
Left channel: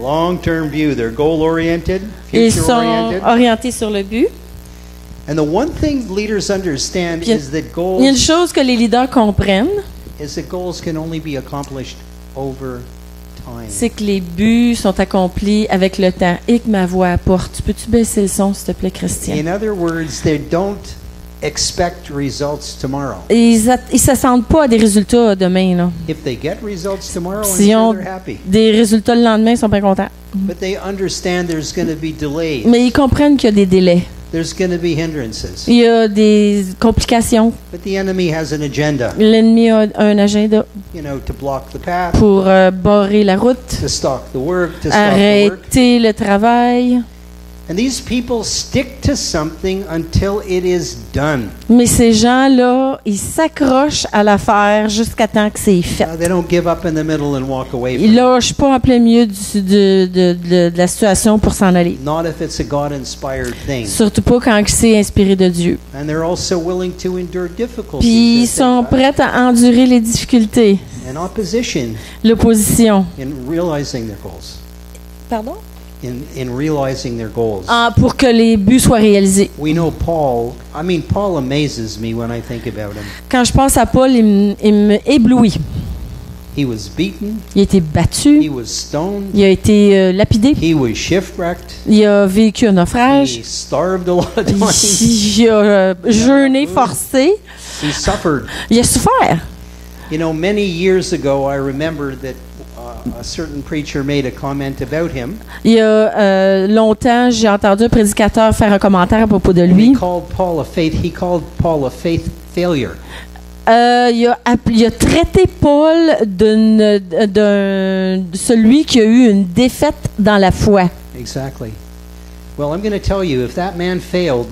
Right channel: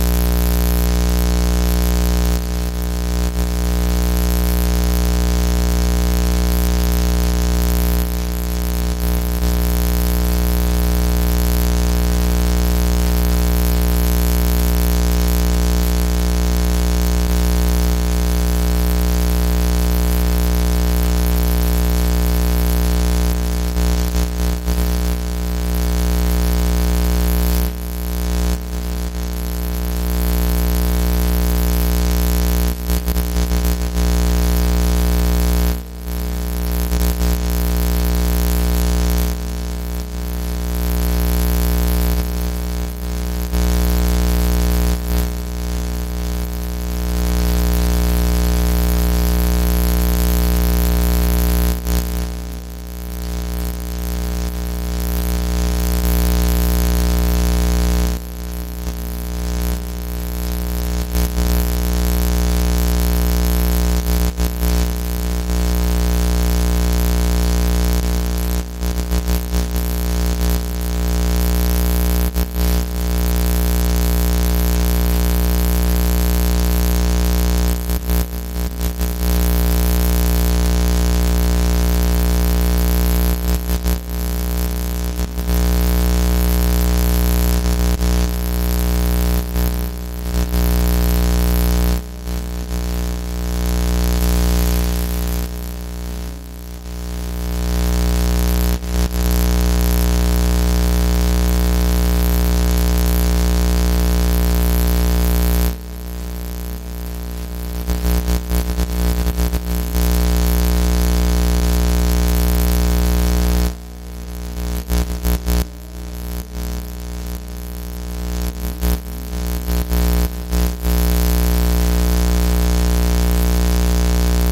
Long-term view. They're goal-oriented, Ils sont future-oriented. orientés sur le but. And the one thing leaders understand Il y a- is that Il y a une goals chose que les leaders comprennent, can only be accomplished over time. c'est que les buts sont accomplis avec le temps et que ma voix apporte. Peux-tu baisser le son, s'il te plaît, Christian? In other words, they don't expect results tomorrow. Ils s'attendent pas à des résultats demain, là. If they get results tomorrow, I'm Si sure on- they're happy. Des résultats le lendemain, ils sont bien contents. But they understand there's going to be delay. Mais ils comprennent qu'il y a des délais. There's going to be hindrances. Il y a des complications. But the enemy has an agenda, L'ennemi a un agenda to block the path, pour barrer la route, to stop the work, to stop the work. arrêter le travail. And these people stick to something until it is done. Mais ces gens-là, ils s'accrochent à l'affaire jusqu'à temps que c'est fait. They don't give up in the middle and walk away. Ils lâchent pas en plein milieu de la situation pour s'en aller. Not if it's a God-inspired thing. Surtout pas quand c'est inspiré de Dieu. And they're also willing to endure difficulties. Puis ils sont prêts à endurer les difficultés, And opposition l'opposition. in realizing their goals. Pardon? In realizing their goals. Ah, pour que les buts soient réalisés. We know Paul amazes me when I think about him. Quand je pense à Paul, il me éblouit. He was beaten, Il a été he battu, was stoned, il a été lapidé, he was shipwrecked, il a vécu un naufrage, he starved a lot of times, il a jeûné forcé, he suffered. il a souffert. You know, many years ago, I remember that a certain preacher made a comment about him. Il y a longtemps, j'ai entendu un prédicateur faire un commentaire à propos de lui. He called Paul a faith failure. Il a traité Paul de celui qui a eu une défaite dans la foi. Exactly. Well, I'm going to tell you, if that man failed,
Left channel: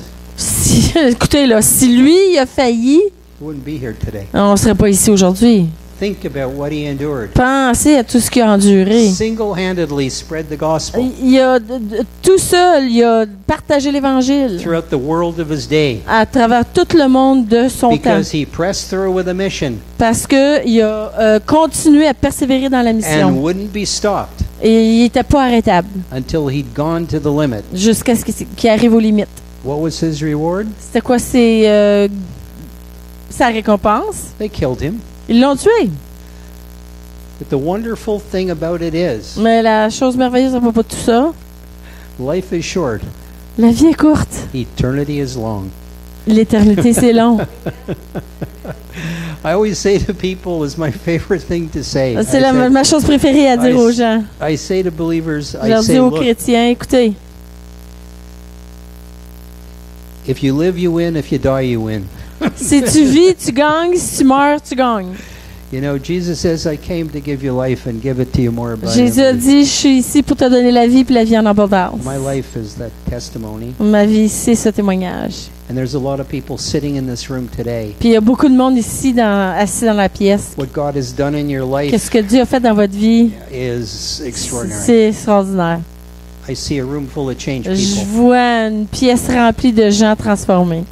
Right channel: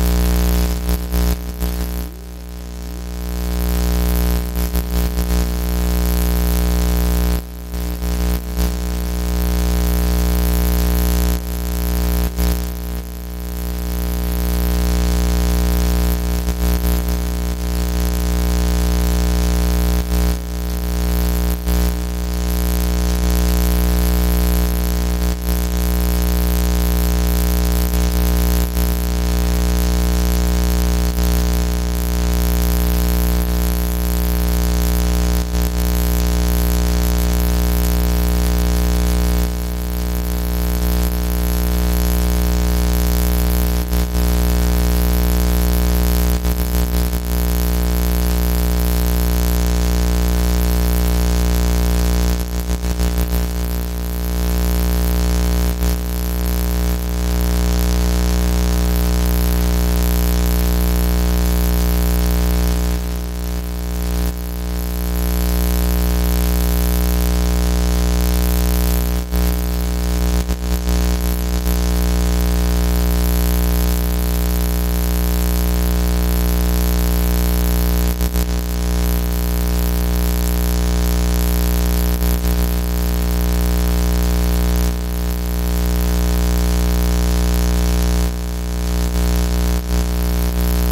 Écoutez, là, si lui il a failli, he wouldn't be here today. on ne serait pas ici aujourd'hui. Think about what he endured. Pensez à tout ce qu'il a enduré. Single-handedly spread the gospel Il a tout seul, il a partagé l'Évangile throughout the world of his day à travers tout le monde de son temps. because he pressed through with a mission Parce qu'il a continué à persévérer dans la mission. and wouldn't be stopped Et il n'était pas arrêtable until he'd gone to the limit. jusqu'à ce qu'il arrive aux limites. What was his reward? C'était quoi sa récompense? They killed him. Ils l'ont tué. But the wonderful thing about it is, Mais la chose merveilleuse à propos de tout ça, life is short, la vie est courte. eternity is long. L'éternité, c'est long. I always say to people, it's my favorite thing to say. C'est ma chose préférée à dire aux gens. I say to believers, Je I leur say, dis aux look, chrétiens, écoutez, if you live, you win. If you die, you win. si tu vis, tu gagnes. Si tu meurs, tu gagnes. You know, Jesus says, I came to give you life and give it to you more abundantly. Jésus a dit, je suis ici pour te donner la vie, puis la vie en abondance. My life is that testimony. Ma vie, c'est ce témoignage. And there's a lot of people sitting in this room today. Puis il y a beaucoup de monde ici, assis dans la pièce. What God has done in your life Qu'est-ce que Dieu a fait dans votre vie? is extraordinary. C'est extraordinaire. I see a room full of changed Je people. vois une pièce remplie de gens transformés.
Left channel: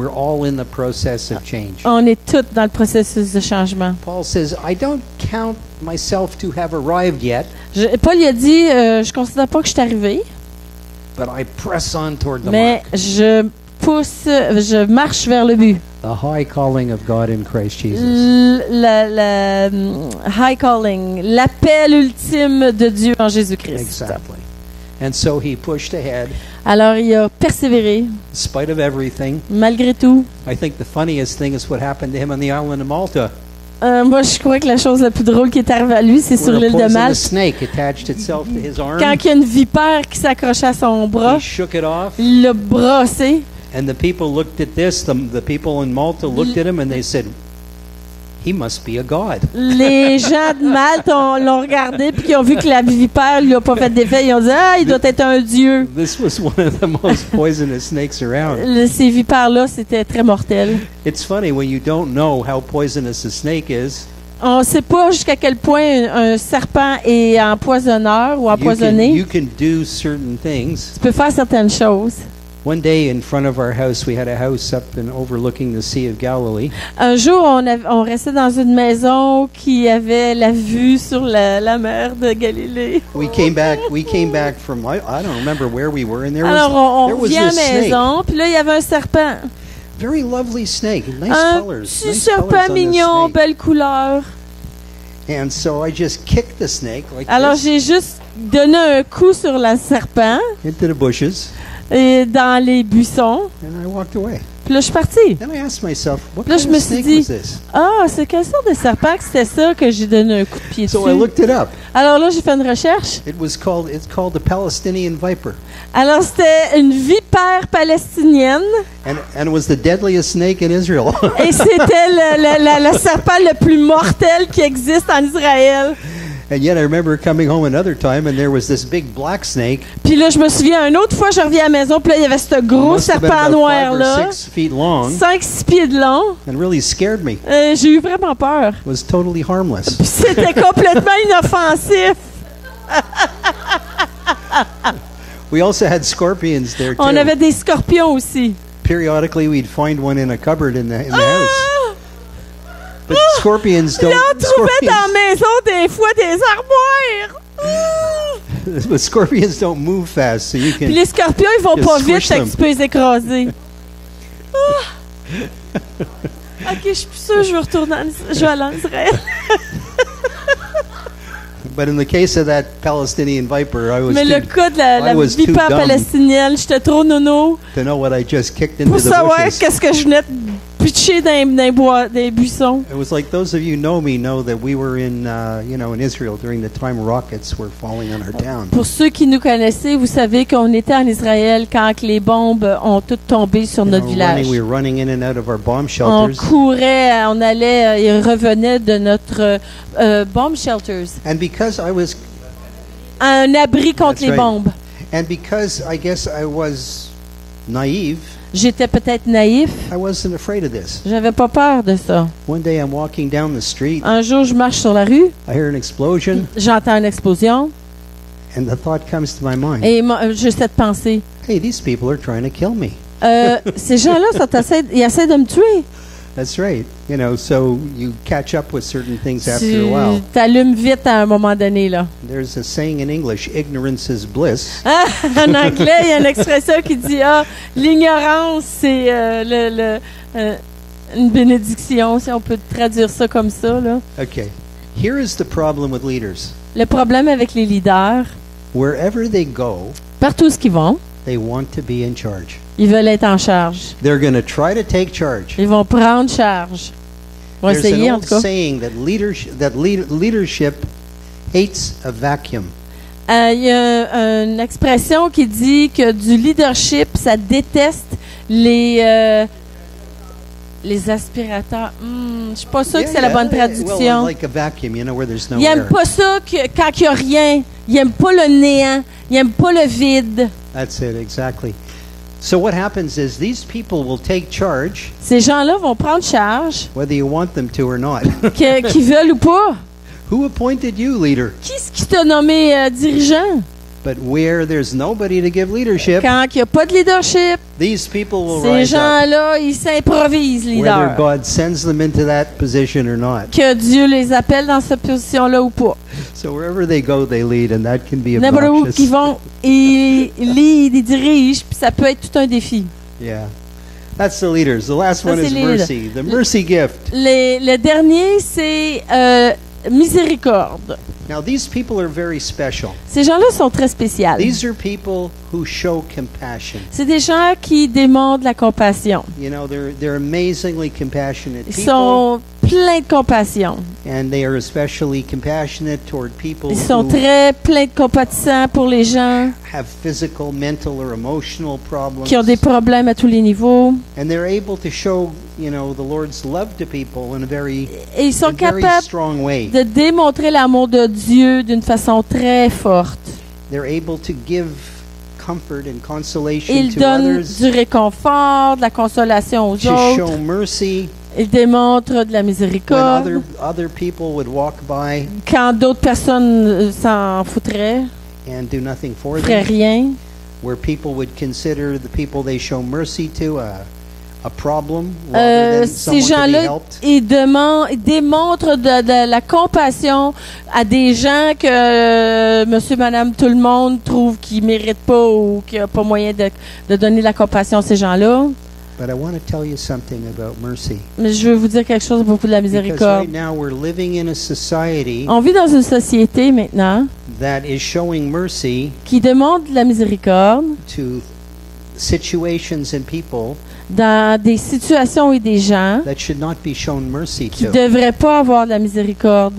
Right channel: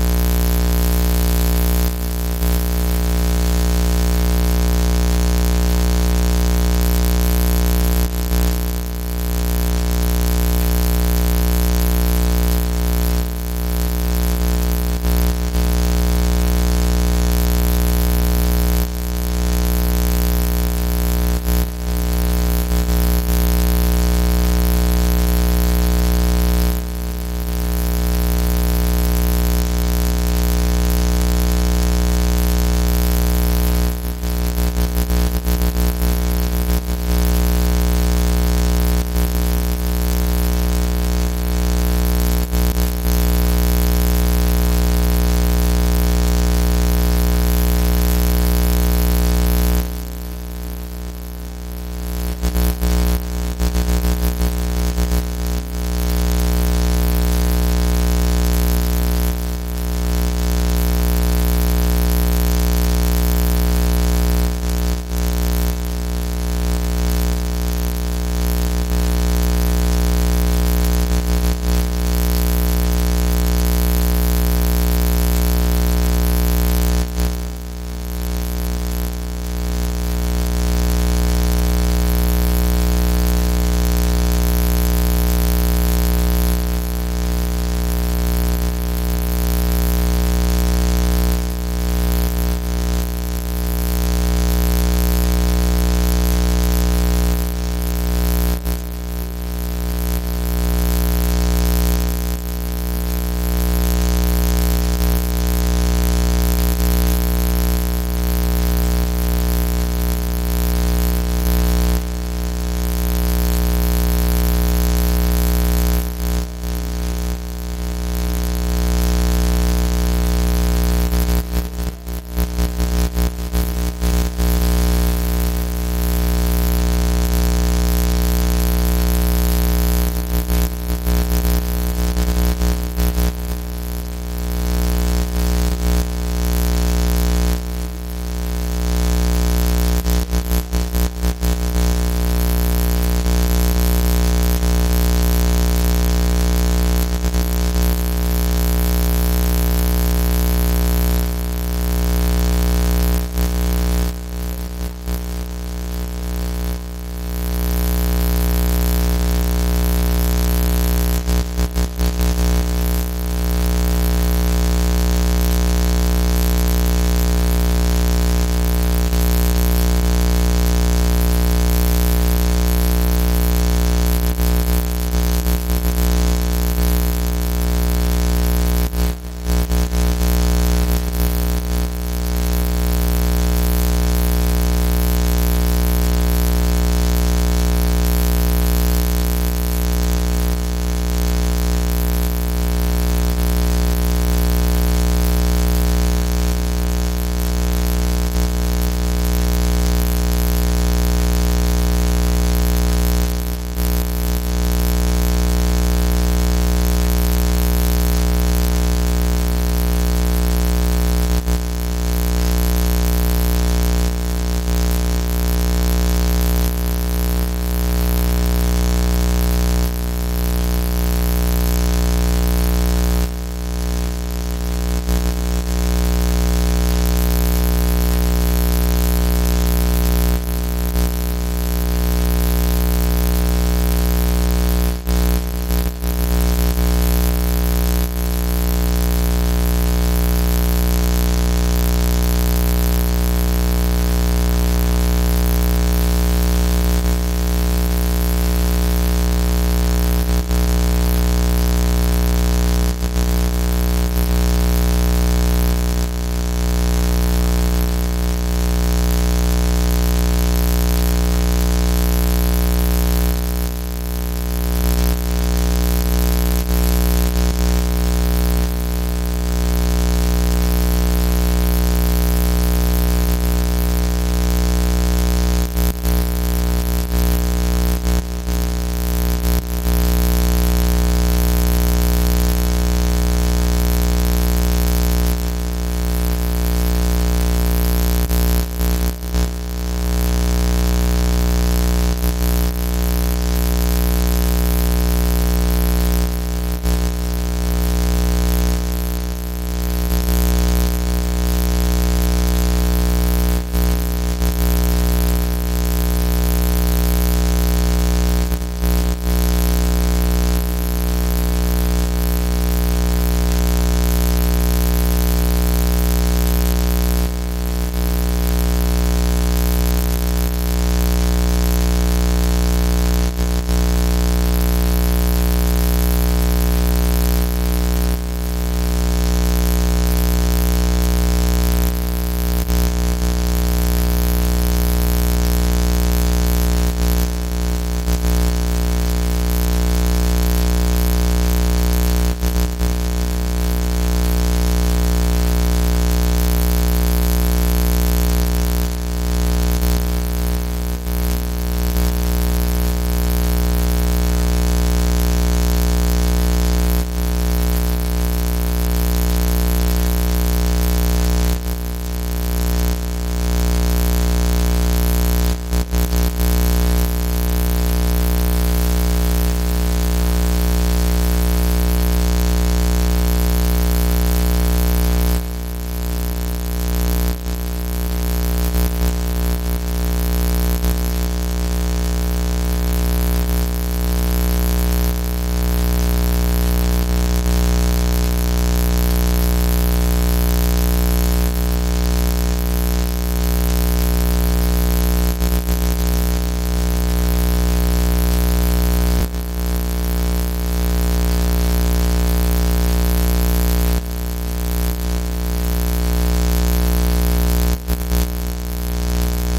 We're all in the process of change. On est tous dans le processus de changement. Paul says, I don't count myself to have arrived yet, Paul il a dit, je considère pas que je suis arrivé, but I press on toward the mais mark, je marche vers le but. the high calling of God in Christ Jesus. Le high calling, l'appel ultime de Dieu en Jésus-Christ. Exactly. And so he pushed ahead, Alors il a persévéré, in spite of everything. malgré tout. I think the funniest thing is what happened to him on the island of Malta. Moi, je crois que la chose la plus drôle qui est arrivée à lui, c'est sur When a l'île de poisonous Malte. snake attached itself to his arm, Quand il y a une vipère qui s'accrochait à son bras, he shook it off, il l'a brassé. and the people looked at this. The people in Malta looked at him and they said, he must be a god. Les gens de Malte l'ont regardé puis ils ont vu que la vipère lui a pas fait d'effet. Ils ont dit « Ah, il doit être un dieu This was one of the most poisonous snakes around. ». Ces vipères-là, c'était très mortel. It's funny when you don't know how poisonous a snake is. On ne sait pas jusqu'à quel point un serpent est empoisonneur ou empoisonné. You can do certain things. Tu peux faire certaines choses. One day in front of our house, we had a house up and overlooking the Sea of Galilee. Un jour, on restait dans une maison qui avait la vue sur la mer de Galilée. We came back from I don't remember where we were, and Alors, on there was revient à la this snake, maison, puis là, il y avait un serpent. very lovely snake, nice Un colors. petit nice serpent colors on the mignon, snake. belle couleur. And so I just kicked the snake like Alors, this j'ai juste donné un coup sur le serpent into the bushes, et dans les buissons. and I walked away. Puis là, je suis partie. Then I asked myself, what Là, kind je me of suis snake dit, was this? Ah, c'est quelle sorte de serpent que c'était ça que j'ai donné un coup de pied So I dessus? looked it up. Alors là, j'ai fait une recherche. It's called the Palestinian viper, Alors, c'était une vipère palestinienne and it was the deadliest snake in Israel. et c'était le serpent le plus mortel qui existe en Israël. And yet I remember coming home another time, and there was this big black snake. Puis là, je me souviens, une autre fois, je reviens à la maison, puis là, il y avait ce gros Must have been serpent about noir-là, 5 or 6 feet long, 5-6 pieds de long. and really scared me. J'ai eu vraiment peur. It was totally harmless. Puis c'était complètement inoffensif. We also had scorpions there too. On avait des scorpions aussi. Periodically, we'd find one in a cupboard in the house. Ah! But scorpions don't. Là, on trouvait dans la Scorpions, maison des fois des armoires. the scorpions don't move fast, so you Puis can. les scorpions, ils vont Just pas vite, squish fait que them. tu peux les écraser. Ah! Ok, je suis sûre que je vais aller en Israël. But in the case of that Palestinian viper, I was Mais le too, cas de la I was too vipère dumb. palestinienne, j'étais trop nono to know what I just kicked into pour the savoir bushes. qu'est-ce que je venais de pitcher dans les buissons. It was like those of you who know me know that we were in Israel during the time rockets were falling on the town. Pour ceux qui nous connaissaient, vous savez qu'on était en Israël quand les bombes ont toutes tombé sur notre village. We were running in and out of our bomb On shelters. courait, on allait et revenait de notre bomb shelters, And because I was, à un abri contre That's les right. bombes. and because I guess I was naive, J'étais peut-être naïf, I wasn't afraid of this. j'avais pas peur de ça. One day I'm walking down the street, Un jour, je marche sur la rue, I hear an explosion, j'entends une explosion and the thought comes to my mind, et j'ai cette pensée. hey, these people are trying to kill me. Ces gens-là, ils essaient de me tuer. That's right. You know, so you catch up with certain things after a while. Tu t'allumes vite à un moment donné, là. There's a saying in English, ignorance is bliss. Ah, en anglais, il y a une expression qui dit l'ignorance, c'est une bénédiction, si on peut traduire ça comme ça. Là. Okay. Here is the problem with leaders. Le problème avec les leaders, Wherever they go, partout où ils vont, they want to be in charge. ils veulent être en charge. They're going to try to take charge. Ils vont prendre charge. Ils vont There's essayer, an en old tout cas. saying that leadership hates a vacuum. Il y a une expression qui dit que du leadership, ça déteste les aspirateurs. Je suis pas sûre que c'est la bonne traduction. Well, like a vacuum, you know, where there's no Il n'aime air. pas ça quand il n'y a rien. Il n'aime pas le néant. Il n'aime pas le vide. That's it, exactly. So what happens is these people will take charge, Ces gens-là vont prendre charge, whether you want them to or not. qu'ils veulent ou pas. Who appointed you leader? Qui est-ce qui t'a nommé dirigeant? But where there's nobody to give leadership, Quand il n'y a pas de leadership, these people will ces rise up, gens-là, ils s'improvisent whether leaders. God sends them into that position or not. Que Dieu les appelle dans cette position-là ou pas. So wherever they go, they lead, and that can be N'importe où obnoxious. qu'ils vont, ils lead, ils dirigent, puis ça peut être tout un défi. Yeah. That's the leaders. The last Ça, one c'est is les leaders. mercy. The mercy gift. Le dernier, c'est miséricorde. Now these people are very special. Ces gens-là sont très spéciaux. These are people who show compassion. C'est des gens qui démontrent la compassion. You know, they're amazingly compassionate Ils people, sont pleins de compassion. and they are especially compassionate toward people Ils sont who très pleins de compassion pour les gens have physical, mental, or emotional problems. qui ont des problèmes à tous les niveaux. And they're able to show, you know, the Lord's love to people in a very, Et ils sont very capables strong way. de démontrer l'amour de Dieu d'une façon très forte. They're able to give comfort and consolation Ils to donnent others. du réconfort, de la consolation aux To autres. show mercy Ils démontrent de la when miséricorde. other people would walk by Quand d'autres personnes s'en foutraient, and do nothing for feraient them. rien. Where people would consider the people they show mercy to a problem rather than Ces someone to be gens-là, helped. ils démontrent de la compassion à des gens que monsieur, madame, tout le monde trouve qu'ils ne méritent pas ou qu'il n'y a pas moyen de donner la compassion à ces gens-là. But I want to tell you something about mercy. Mais je veux vous dire quelque chose à propos de la Because miséricorde. right now we're living in a society On vit dans une société maintenant that is showing mercy qui démontre de la miséricorde to situations and people dans des situations et des gens that should not be shown mercy qui to. ne devraient pas avoir de la miséricorde.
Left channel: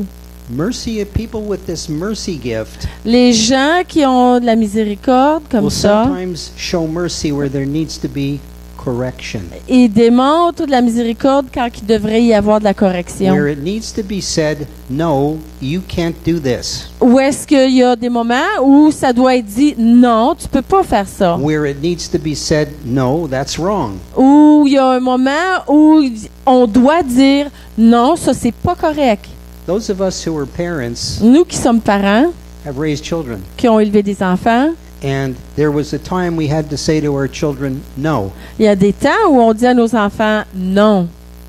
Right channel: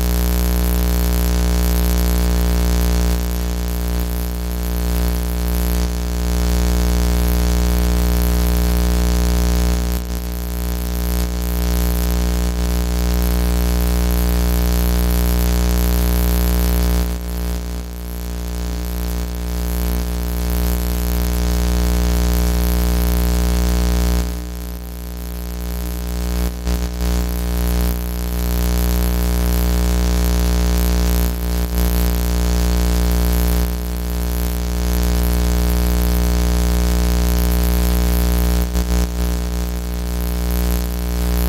Mercy of people with this mercy gift Les gens qui ont de la miséricorde comme will ça, sometimes show mercy where there needs to be correction. ils démontrent de la miséricorde quand il devrait y avoir de la correction. Where it needs to be said, no, you can't do this. Ou est-ce qu'il y a des moments où ça doit être dit non, tu peux pas faire ça. Where it needs to be said, no, that's wrong. Ou il y a un moment où on doit dire non, ça c'est pas correct. Those of us who are parents Nous qui sommes parents, have raised children. qui ont élevé des enfants, And there was a time we had to say to our children, no. il y a des temps où on dit à nos enfants non.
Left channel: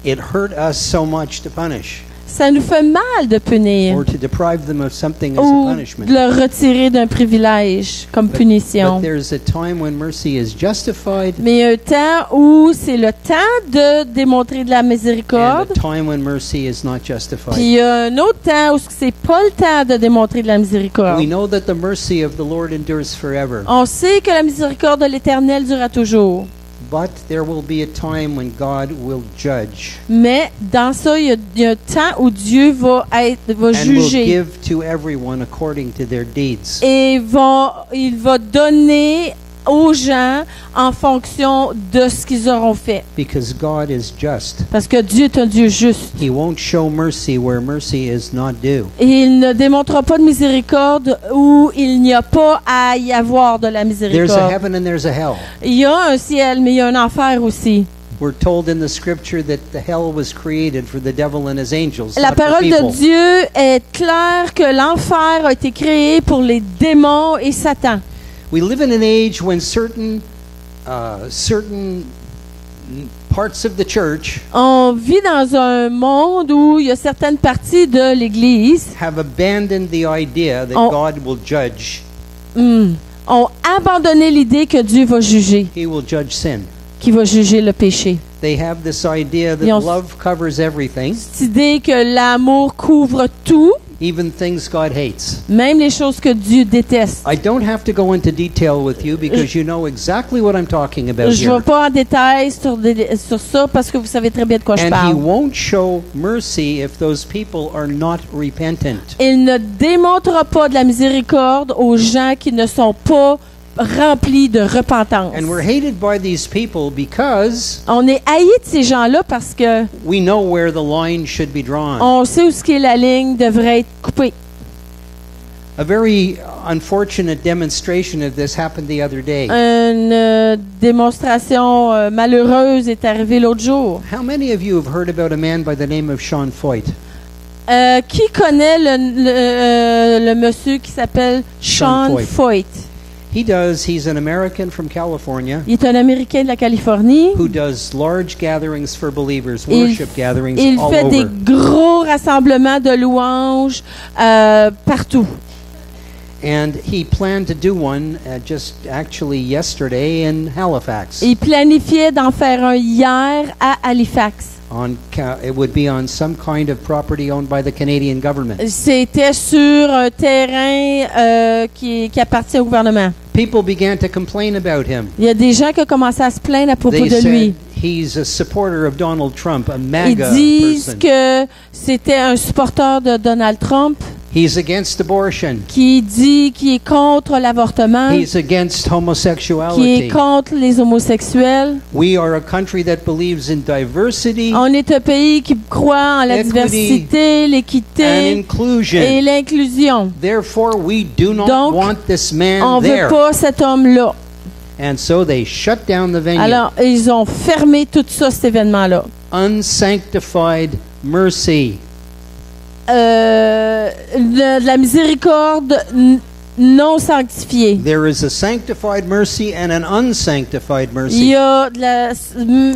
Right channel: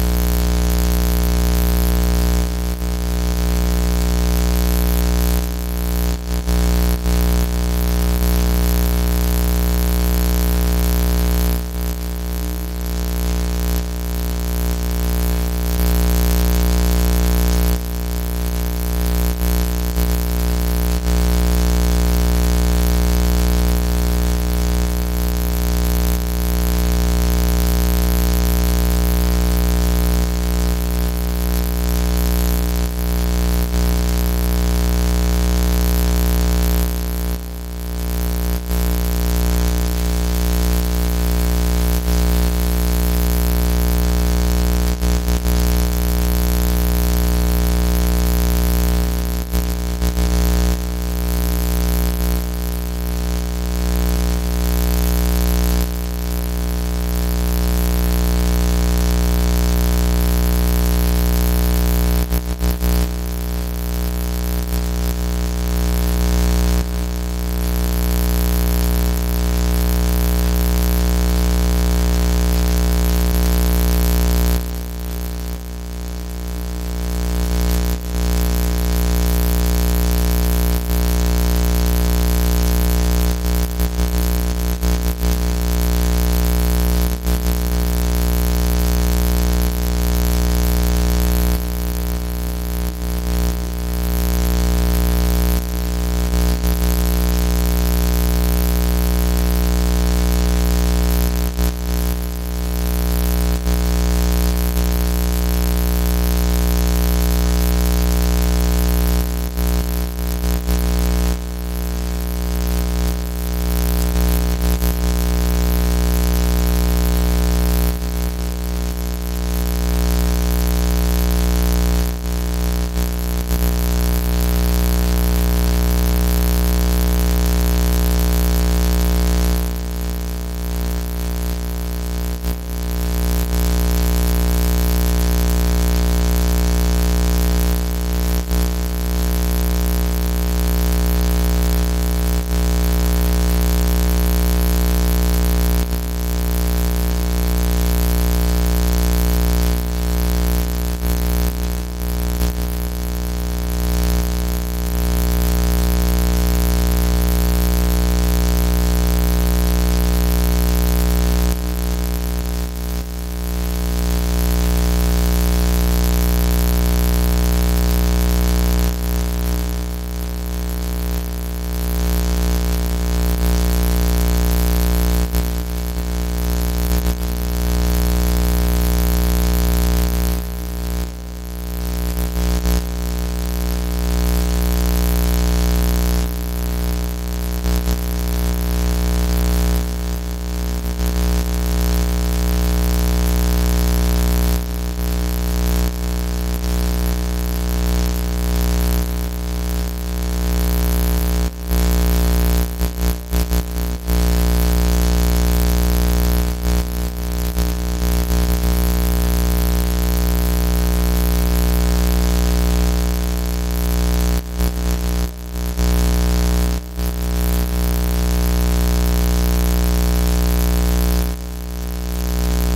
It hurt us so much to punish Ça nous fait mal de punir or to deprive them of something as a ou punishment. de leur retirer d'un privilège comme punition. But there's a time when mercy is justified Mais il y a un temps où c'est le temps de démontrer de la and miséricorde. a time when mercy is not Puis justified. il y a un autre temps où c'est pas le temps de démontrer de la miséricorde. We know that the mercy of the Lord endures forever, On sait que la miséricorde de l'Éternel durera toujours. but there will be a time when God will judge Mais dans ça, il y a un temps où Dieu va and will juger give to everyone according to their deeds. et il va donner aux gens en fonction de ce qu'ils auront fait. Because God is just. Parce que Dieu est un Dieu juste. He won't show mercy where mercy is not due. Et il ne démontrera pas de miséricorde où il n'y a pas à y avoir de la There's a miséricorde. heaven and there's a hell. Il y a un ciel, mais il y a un enfer aussi. We're told in the scripture that the hell was created for the devil and his angels. La not for parole de people. Dieu est claire que l'enfer a été créé pour les démons et Satan. We live in an age when certain parts of the church On vit dans un monde où il y a certaines parties de l'Église have abandoned the idea that Oh. God will judge. ont abandonné l'idée que Dieu va juger, He will judge sin. qu'il va juger le péché. They have this idea that Ils ont- love covers everything, Cette idée que l'amour couvre tout, even things God hates. même les choses que Dieu déteste. I don't have to go into detail with you because you know exactly what I'm talking about Je ne here. vais pas en détail sur ça parce que vous savez très bien de quoi je And parle. he won't show mercy if those people are not repentant. Il ne démontrera pas de la miséricorde aux gens qui ne sont pas remplis de repentance. And we're hated by these people because On est haïs de ces gens-là parce que we know where the line should be drawn. on sait où ce qui est la ligne devrait être coupée. A very unfortunate demonstration of this happened the other day. Une démonstration malheureuse est arrivée l'autre jour. How many of you have heard about a man by the name of Sean Foyt? Qui connaît le monsieur qui s'appelle Sean Sean Foyt? He's an American from California Il est un Américain de la Californie. who does large gatherings for believers, Il- worship gatherings Il all fait over. des gros rassemblements de louanges partout. And he planned to do one just actually yesterday in Halifax. Il planifiait d'en faire un hier à Halifax. It would be on some kind of property owned by the Canadian government. C'était sur un terrain qui appartient au gouvernement. People began to complain about him. Il y a des gens qui ont commencé à se plaindre à propos They de said lui. he's a supporter of Donald Trump, a Ils MAGA disent person. que c'était un supporter de Donald Trump He's against abortion. qui dit qu'il est contre l'avortement, He's against qui est homosexuality. contre les homosexuels. We are a country that believes in diversity On est un pays qui croit en la Equity diversité, and l'équité inclusion. et l'inclusion. Therefore, we do not Donc, want this man On ne there. veut pas cet homme-là. And so they shut down the venue. Alors, ils ont fermé tout ça, cet événement-là. Unsanctified mercy. De la miséricorde non sanctifiée. There is a sanctified mercy and an unsanctified Il mercy. y a de la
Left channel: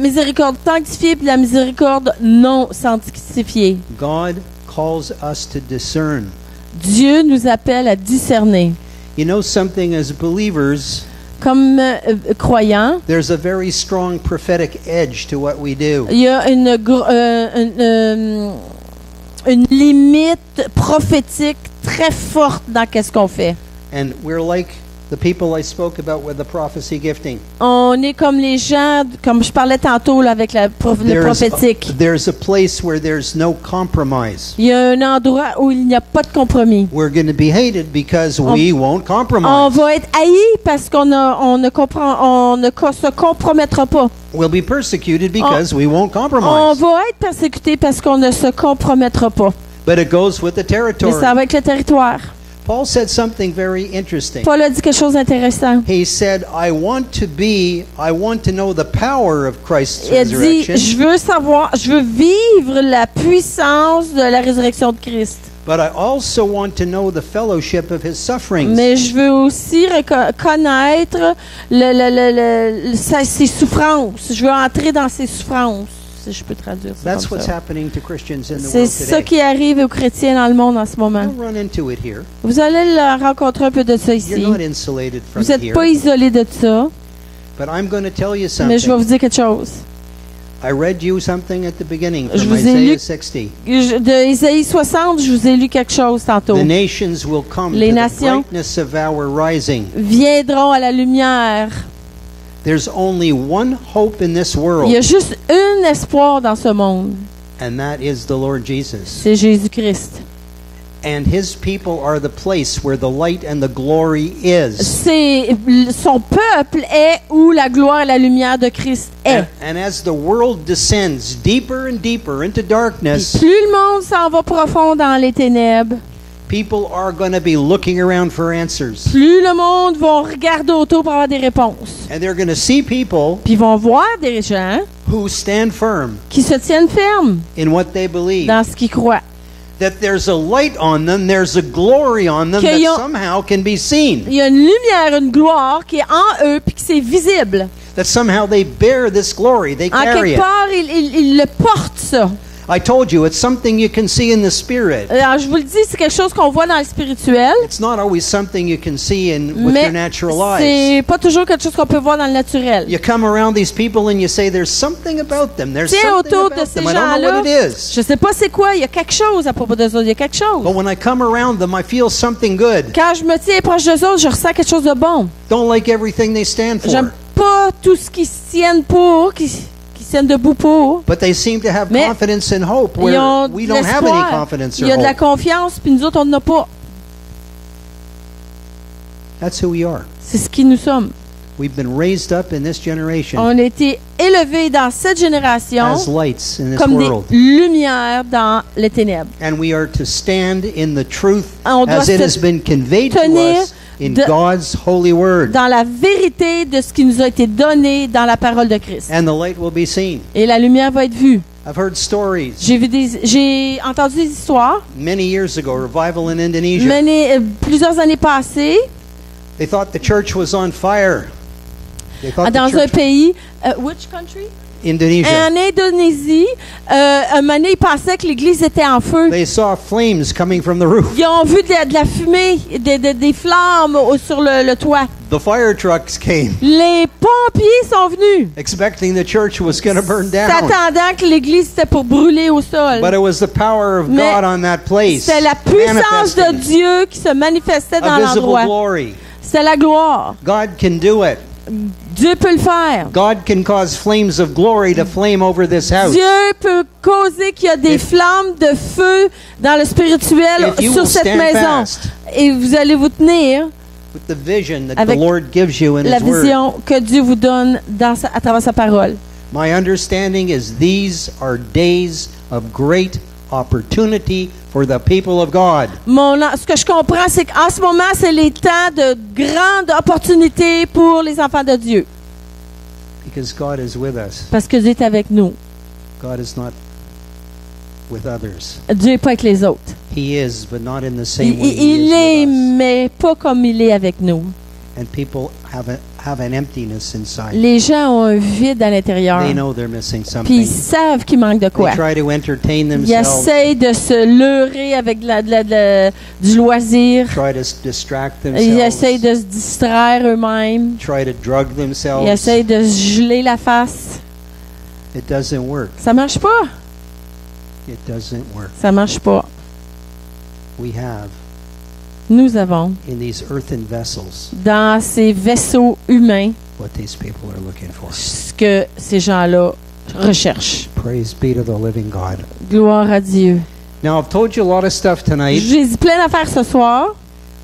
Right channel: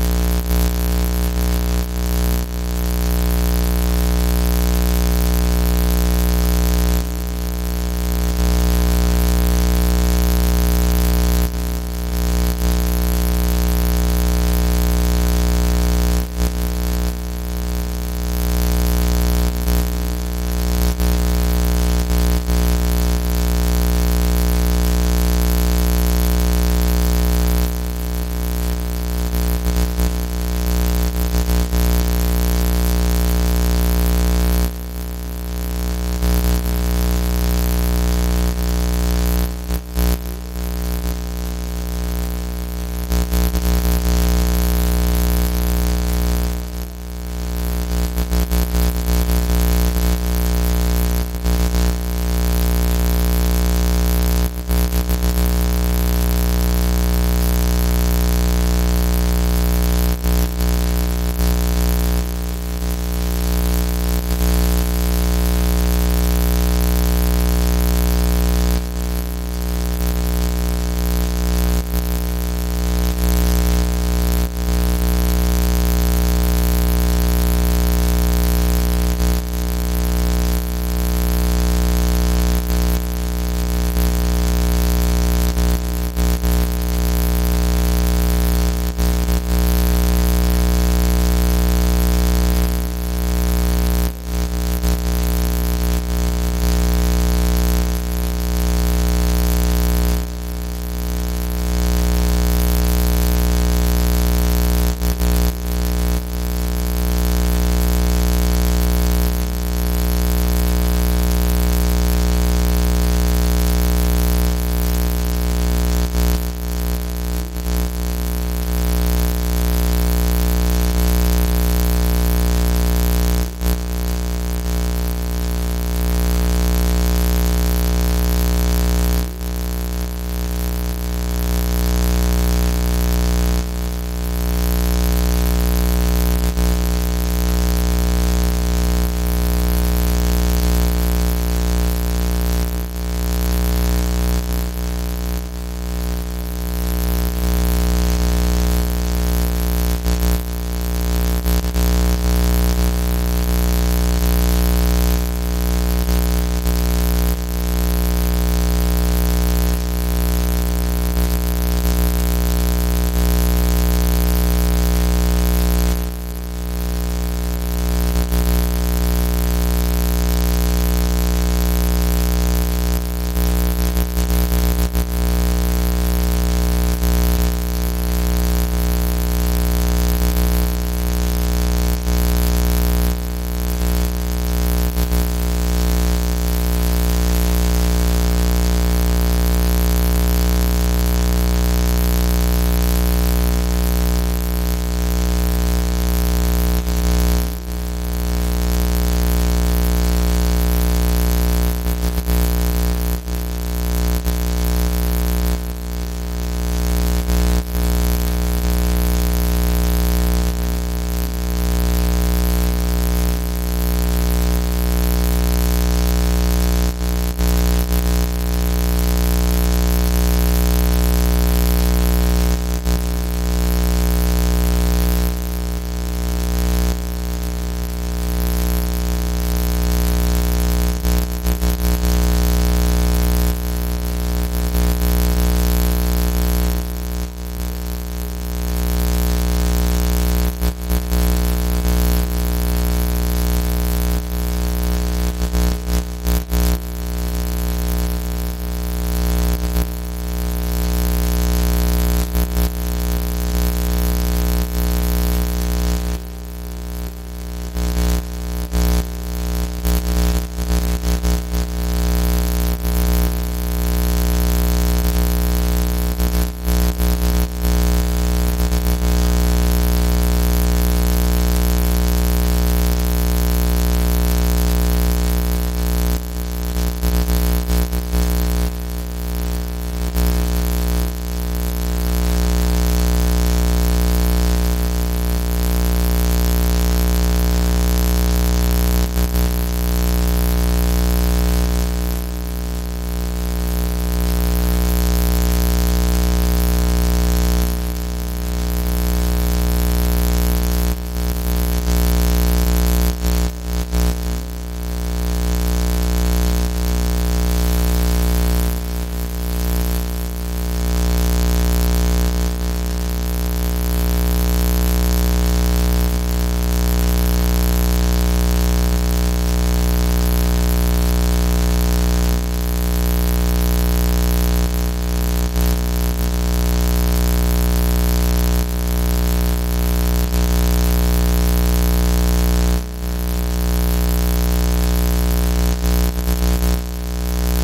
miséricorde sanctifiée et de la miséricorde non sanctifiée. God calls us to discern. Dieu nous appelle à discerner. You know something, as believers, Comme croyants, there's a very strong prophetic edge to what we do. il y a une limite prophétique très forte dans qu'est-ce qu'on fait. And we're like the people I spoke about with the prophecy gifting. On est comme les gens, comme je parlais tantôt là, avec le prophétique. There's a place where there's no compromise. Il y a un endroit où il n'y a pas de compromis. We're going to be hated because we won't On compromise. va être haïs parce qu'on ne se compromettra pas. We'll be persecuted because we won't On compromise. va être persécuté parce qu'on ne se compromettra pas. But it goes with the Et territory. ça va avec le territoire. Paul said something very interesting. Paul a dit quelque chose d'intéressant. He said, I want to know the power of Christ's Il a dit, resurrection, je veux vivre la puissance de la résurrection de Christ. but I also want to know the fellowship of his sufferings. Mais je veux aussi connaître ses souffrances. Je veux entrer dans ses souffrances. Si je peux traduire ça. That's what's happening to Christians in the C'est world ça today. qui arrive aux chrétiens dans le monde en ce moment. Don't run into it here. Vous allez le rencontrer un peu de ça ici. You're not insulated Vous from n'êtes pas here. isolés de ça, But I'm going to tell you mais je vais something. vous dire quelque chose. I read you something at the beginning Je from vous ai lu- Isaiah 60. De Isaïe 60, je vous ai lu quelque chose tantôt. The nations will come Les to the nations brightness of our rising. Viendront à la lumière. There's only one hope in this Il world, y a juste un espoir dans ce monde. and that is the Lord Jesus. C'est Jésus-Christ. And his people are the place where the light and the glory is. Son peuple est où la gloire et la lumière de Christ est. And as the world descends deeper and deeper into darkness, Plus le monde s'en va profond dans les ténèbres, people are going to be looking around for answers. plus le monde va regarder autour pour avoir des réponses. And they're going to see people Puis ils vont voir des gens who stand firm qui se tiennent fermes in what they believe. dans ce qu'ils croient. That there's a light on them, there's a glory on them that Qu'ils ont- somehow can be seen. Il y a une lumière, une gloire qui est en eux puis que c'est visible. That somehow they bear this glory, they En carry quelque it. part, ils le portent, ça. I told you, it's something you can see in the spirit. Alors, je vous le dis, c'est quelque chose qu'on voit dans le spirituel, It's not always something you can see with mais your natural eyes. c'est pas toujours quelque chose qu'on peut voir dans le naturel. You come around these people and you say, there's something about them. There's Tu sais, something autour de about ces them. I don't know gens-là, what it is. je sais pas c'est quoi, il y a quelque chose à propos d'eux autres, il y a quelque chose. But when I come around them, I feel something good. Quand je me tiens proche d'eux autres, je ressens quelque chose de bon. Don't like everything they stand for. J'aime pas tout ce qui se tiennent pour, qui se tiennent debout pour. But they seem to have Mais confidence and hope where Ils ont we de don't have any l'espoir, confidence il y or a de la hope. confiance, puis nous autres, on n'en a pas. That's who we are. C'est ce qui nous sommes. We've been raised up in this generation On a été élevés dans cette génération as lights in this comme world. des lumières dans les ténèbres. And we are to stand in the truth On doit as it has se been conveyed to tenir us in de- God's holy word. dans la vérité de ce qui nous a été donné dans la parole de Christ. And the light will be seen. Et la lumière va être vue. I've heard stories. J'ai entendu des histoires. Many years ago, revival in Indonesia. Plusieurs années passées, They thought the church was on fire. They thought dans the un church, pays, which country? Indonesia. En Indonésie, un moment donné, ils pensaient que l'église était en feu. They saw flames coming from the roof. Ils ont vu de la fumée, des flammes sur le toit. The fire trucks came, Les pompiers sont venus, expecting the church was going to burn down. s'attendant que l'église était pour brûler au sol. But it was the power of Mais God on that place. C'est la puissance manifesting de Dieu qui se manifestait dans a visible l'endroit. glory. C'est la gloire. God can do it. Dieu peut le faire. God can cause flames of glory to flame over this house. Dieu peut causer qu'il y a des flammes de feu dans le spirituel If you sur will cette stand maison. fast Et vous allez vous tenir with the vision that avec the Lord gives you in la His Word. vision que Dieu vous donne à travers sa parole. My understanding is these are days of great opportunity for the people of God. Ce que je comprends, c'est qu'en ce moment, c'est les temps de grandes opportunités pour les enfants de Dieu. Because God is with us. Parce que Dieu est avec nous. God is not with others. Dieu n'est pas avec les autres. He is, but not in the same way. Il est, mais pas comme il est avec nous. And people have an emptiness inside. Les gens ont un vide à l'intérieur. They know they're missing Puis ils something. savent qu'il manque de quoi. They try to entertain Ils themselves, essayent de se leurrer avec du loisir. try to distract Ils themselves, essayent de se distraire eux-mêmes. try to drug Ils themselves. essayent de se geler la face. It doesn't work. Ça marche pas. It doesn't work. Ça marche pas. We have Nous avons, in these earthen vessels dans ces vaisseaux humains, what these people are looking for. ce que ces gens-là recherchent. Praise be to the living God. Gloire à Dieu. Now, I've told you a lot of stuff tonight. J'ai dit plein d'affaires ce soir.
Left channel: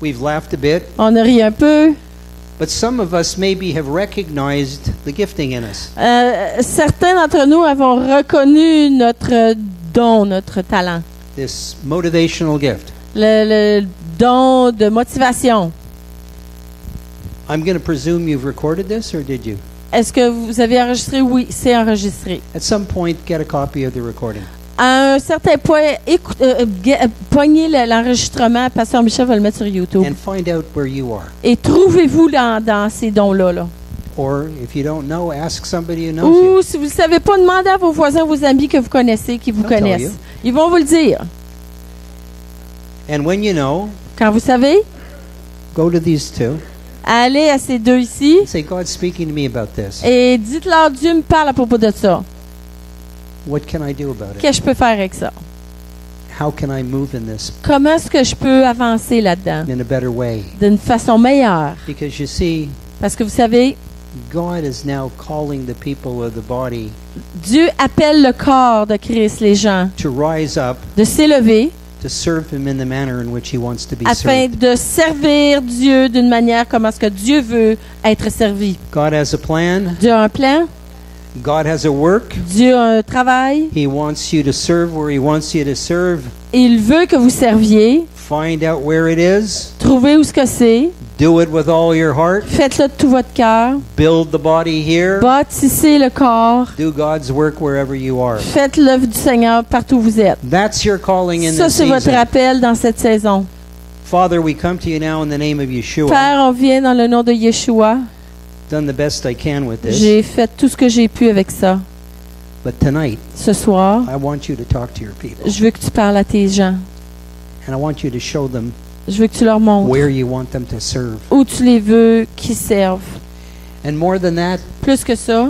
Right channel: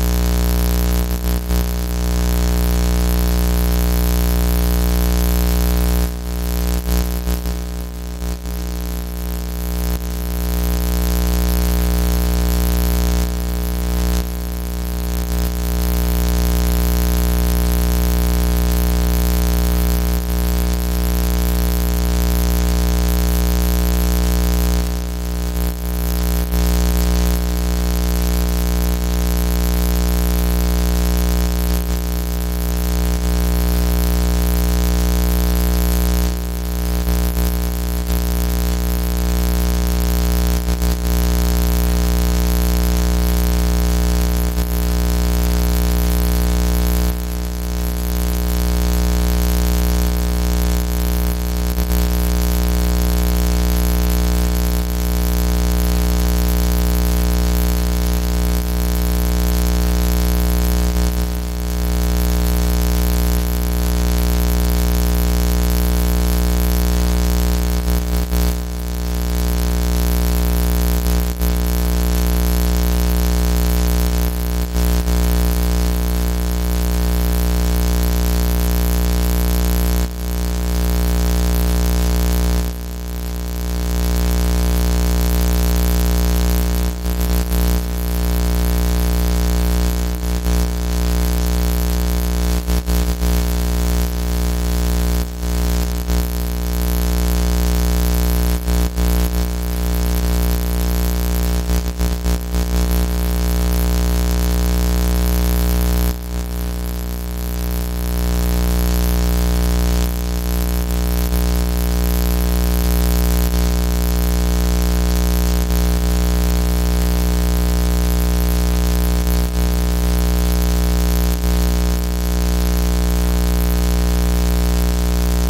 We've laughed a bit, On a ri un peu. but some of us maybe have recognized the gifting in us. Certains d'entre nous avons reconnu notre don, notre talent. This motivational gift. Le don de motivation. I'm going to presume you've recorded this, or did you? Est-ce que vous avez enregistré? Oui, c'est enregistré. At some point, get a copy of the recording. À un certain point, poignez l'enregistrement. Pasteur Michel va le mettre sur YouTube. And find out where you are. Et trouvez-vous dans ces dons-là. Là. Or if you don't know, ask somebody you know. Ou si vous ne savez pas, demandez à vos voisins, vos amis que vous connaissez, qui vous I'll tell connaissent. you. Ils vont vous le dire. And when you know, Quand vous savez, go to these two. allez à ces deux ici Say, God's speaking to me about this. et dites-leur, Dieu me parle à propos de ça. What can I do about it? Qu'est-ce que je peux faire avec ça? How can I move in this Comment est-ce que je peux avancer là-dedans in a better way? d'une façon meilleure? Because you see, Parce que vous savez, God is now calling the people of the body Dieu appelle le corps de Christ, les gens, to rise up, de s'élever to serve Him in the manner in which He wants to be afin served. de servir Dieu d'une manière comme est-ce que Dieu veut être servi. God has a plan. Dieu a un plan, God has a work. Dieu a un travail, He wants you to serve where He wants you to serve. et il veut que vous serviez. Find out where it is. Trouvez où ce que c'est, Do it with all your heart. faites-le de tout votre cœur, Build the body here. bâtissez le corps, Do God's work wherever you are. faites l'œuvre du Seigneur partout où vous êtes. That's your calling in Ça, this c'est votre season. appel dans cette saison. Father, we come to you now in the name of Yeshua. Père, on vient dans le nom de Yeshua. Done the best I can with this. J'ai fait tout ce que j'ai pu avec ça. But tonight, Ce soir, I want you to talk to your people. je veux que tu parles à tes gens. And I want you to show them Je veux que tu leur montres where you want them to serve. où tu les veux qu'ils servent. And more than that, Plus que ça,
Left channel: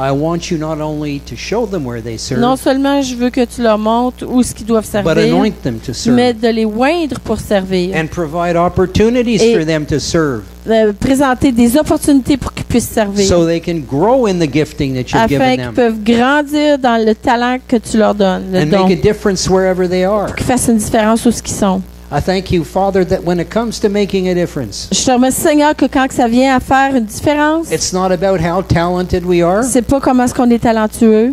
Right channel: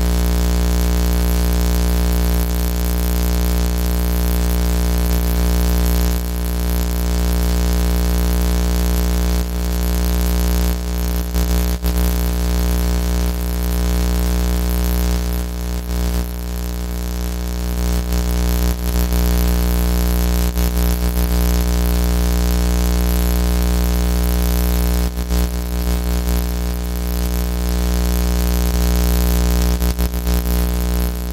I want you not only to show them where they serve, non seulement je veux que tu leur montres où ce qu'ils doivent but servir, anoint them to serve. mais de les oindre pour servir. And provide opportunities Et- for them to serve De présenter des opportunités pour qu'ils puissent servir. so they can grow in the gifting that you've Afin given qu'ils them peuvent grandir dans le talent que tu leur donnes, le and don, make a difference wherever they are. qu'ils fassent une différence où ce qu'ils sont. I thank you, Father, that when it comes to making a difference, Je te remercie, Seigneur, que quand ça vient à faire une différence, it's not about how talented we are, c'est pas comment est-ce qu'on est talentueux,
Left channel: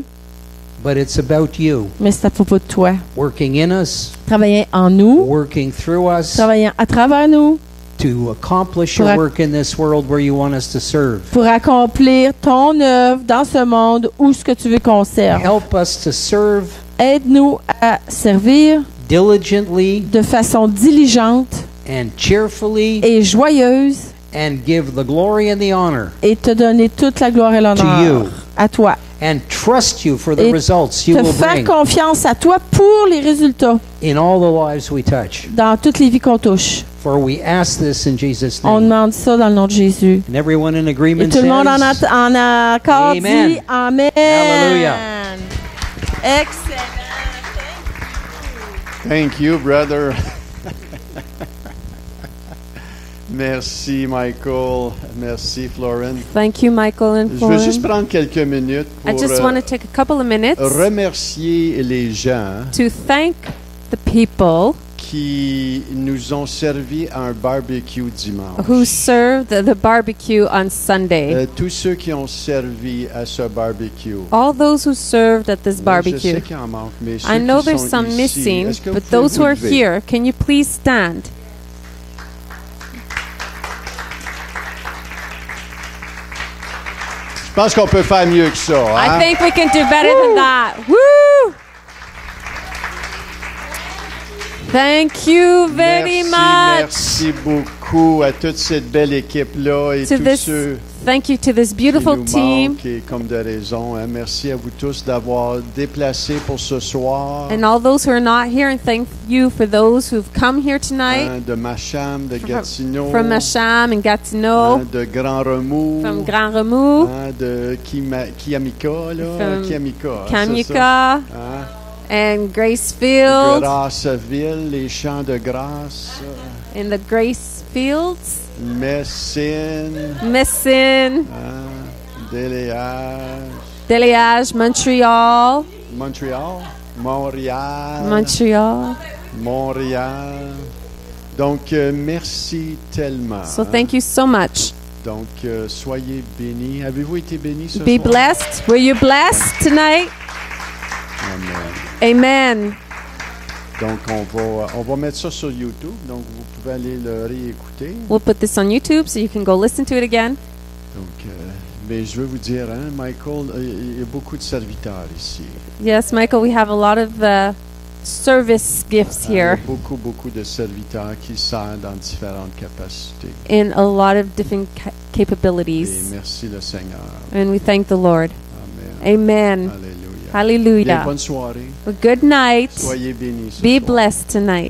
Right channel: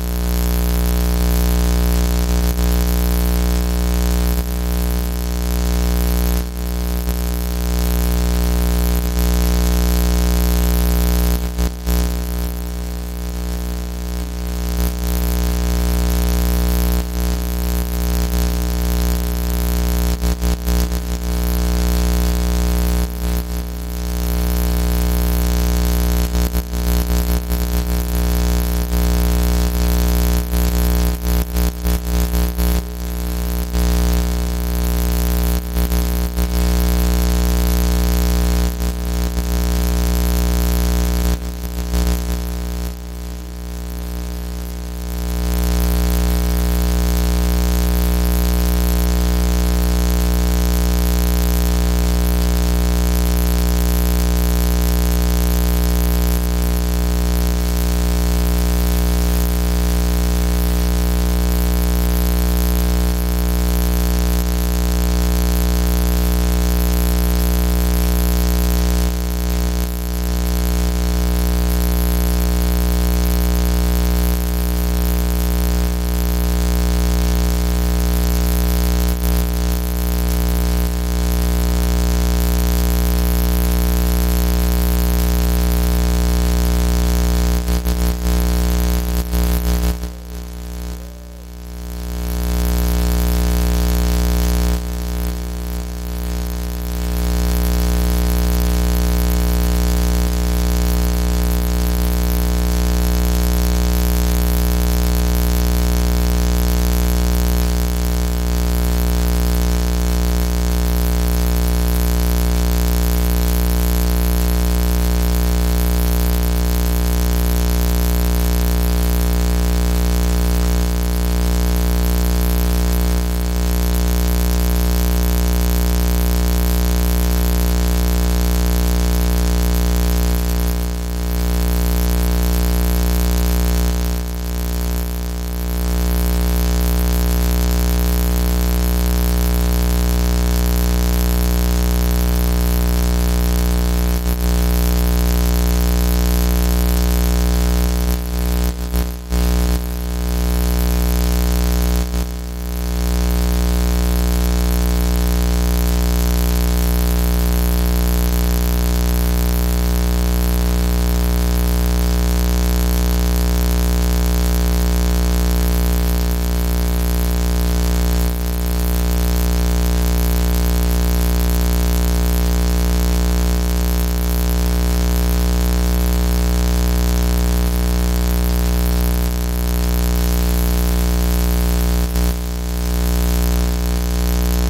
but it's about you mais c'est à propos de toi. working in us, Travaillant en nous, working through us, travaillant à travers nous, to accomplish your Pour ac- work in this world where you want us to serve. pour accomplir ton œuvre dans ce monde où ce que tu veux qu'on serve. Help us to serve Aide-nous à servir diligently de façon diligente and cheerfully et joyeuse and give the glory and the honor et te donner toute la gloire et to l'honneur you à toi. and trust you for the Et results you Te will faire bring confiance à toi pour les résultats in all the lives we touch. dans toutes les vies qu'on touche. For we ask this in Jesus' On name. demande ça dans le nom de Jésus. And everyone in Et agreement tout le monde says, en accord Amen. dit Amen. Hallelujah. Excellent. Thank you, brother. Merci, Michael. Merci, Florence. Thank you, Michael and Je veux juste Florence. prendre quelques minutes I pour just want to take a couple of minutes remercier les gens to thank the people qui nous ont servi à un barbecue dimanche. who served the barbecue on Sunday. Tous ceux qui ont servi à ce barbecue. All those who served at this Je sais barbecue. qu'il en manque, mais ceux I qui know there's sont some ici, missing, est-ce que vous but pouvez those who are vous lever? here, can you please stand? Je pense qu'on peut faire mieux que ça. I Hein? think we can do better than that. Woo! Thank you very much. Merci beaucoup à toute cette belle équipe-là et To tous this ceux Thank you to this qui beautiful nous team manquent et comme de raison. Hein. Merci à vous tous d'avoir déplacé pour ce soir. and all those who are not here, and thank you for those who've come here tonight De Macham, de Gatineau, from Masham and Gatineau, de Grand Remous, from Grand Remous, de Kiamika, là, From Kiamika, hein, Kamika, c'est ça, and hein. Gracefield, Grasseville, les Champs de Grâce, in the Grace Fields, Messine, Messin, Déléage, Déliage, Montreal, Montréal. Montreal. Donc, merci tellement. So thank you so much. Donc, soyez bénis. Avez-vous été bénis ce Be soir? blessed. Were you blessed tonight? Amen. Donc, on va mettre ça sur YouTube. Donc, vous allez le réécouter. We'll put this on YouTube so you can go listen to it again. Mais je veux vous dire, hein, Michael, il y a beaucoup de serviteurs ici. Yes, Michael, we have a lot of service gifts here Beaucoup de serviteurs qui servent dans différentes capacités. in a lot of different capabilities. Merci le Seigneur. And we thank the Lord. Amen. Bien, Hallelujah. bonne soirée. Good night. Soyez bénis. Be blessed tonight.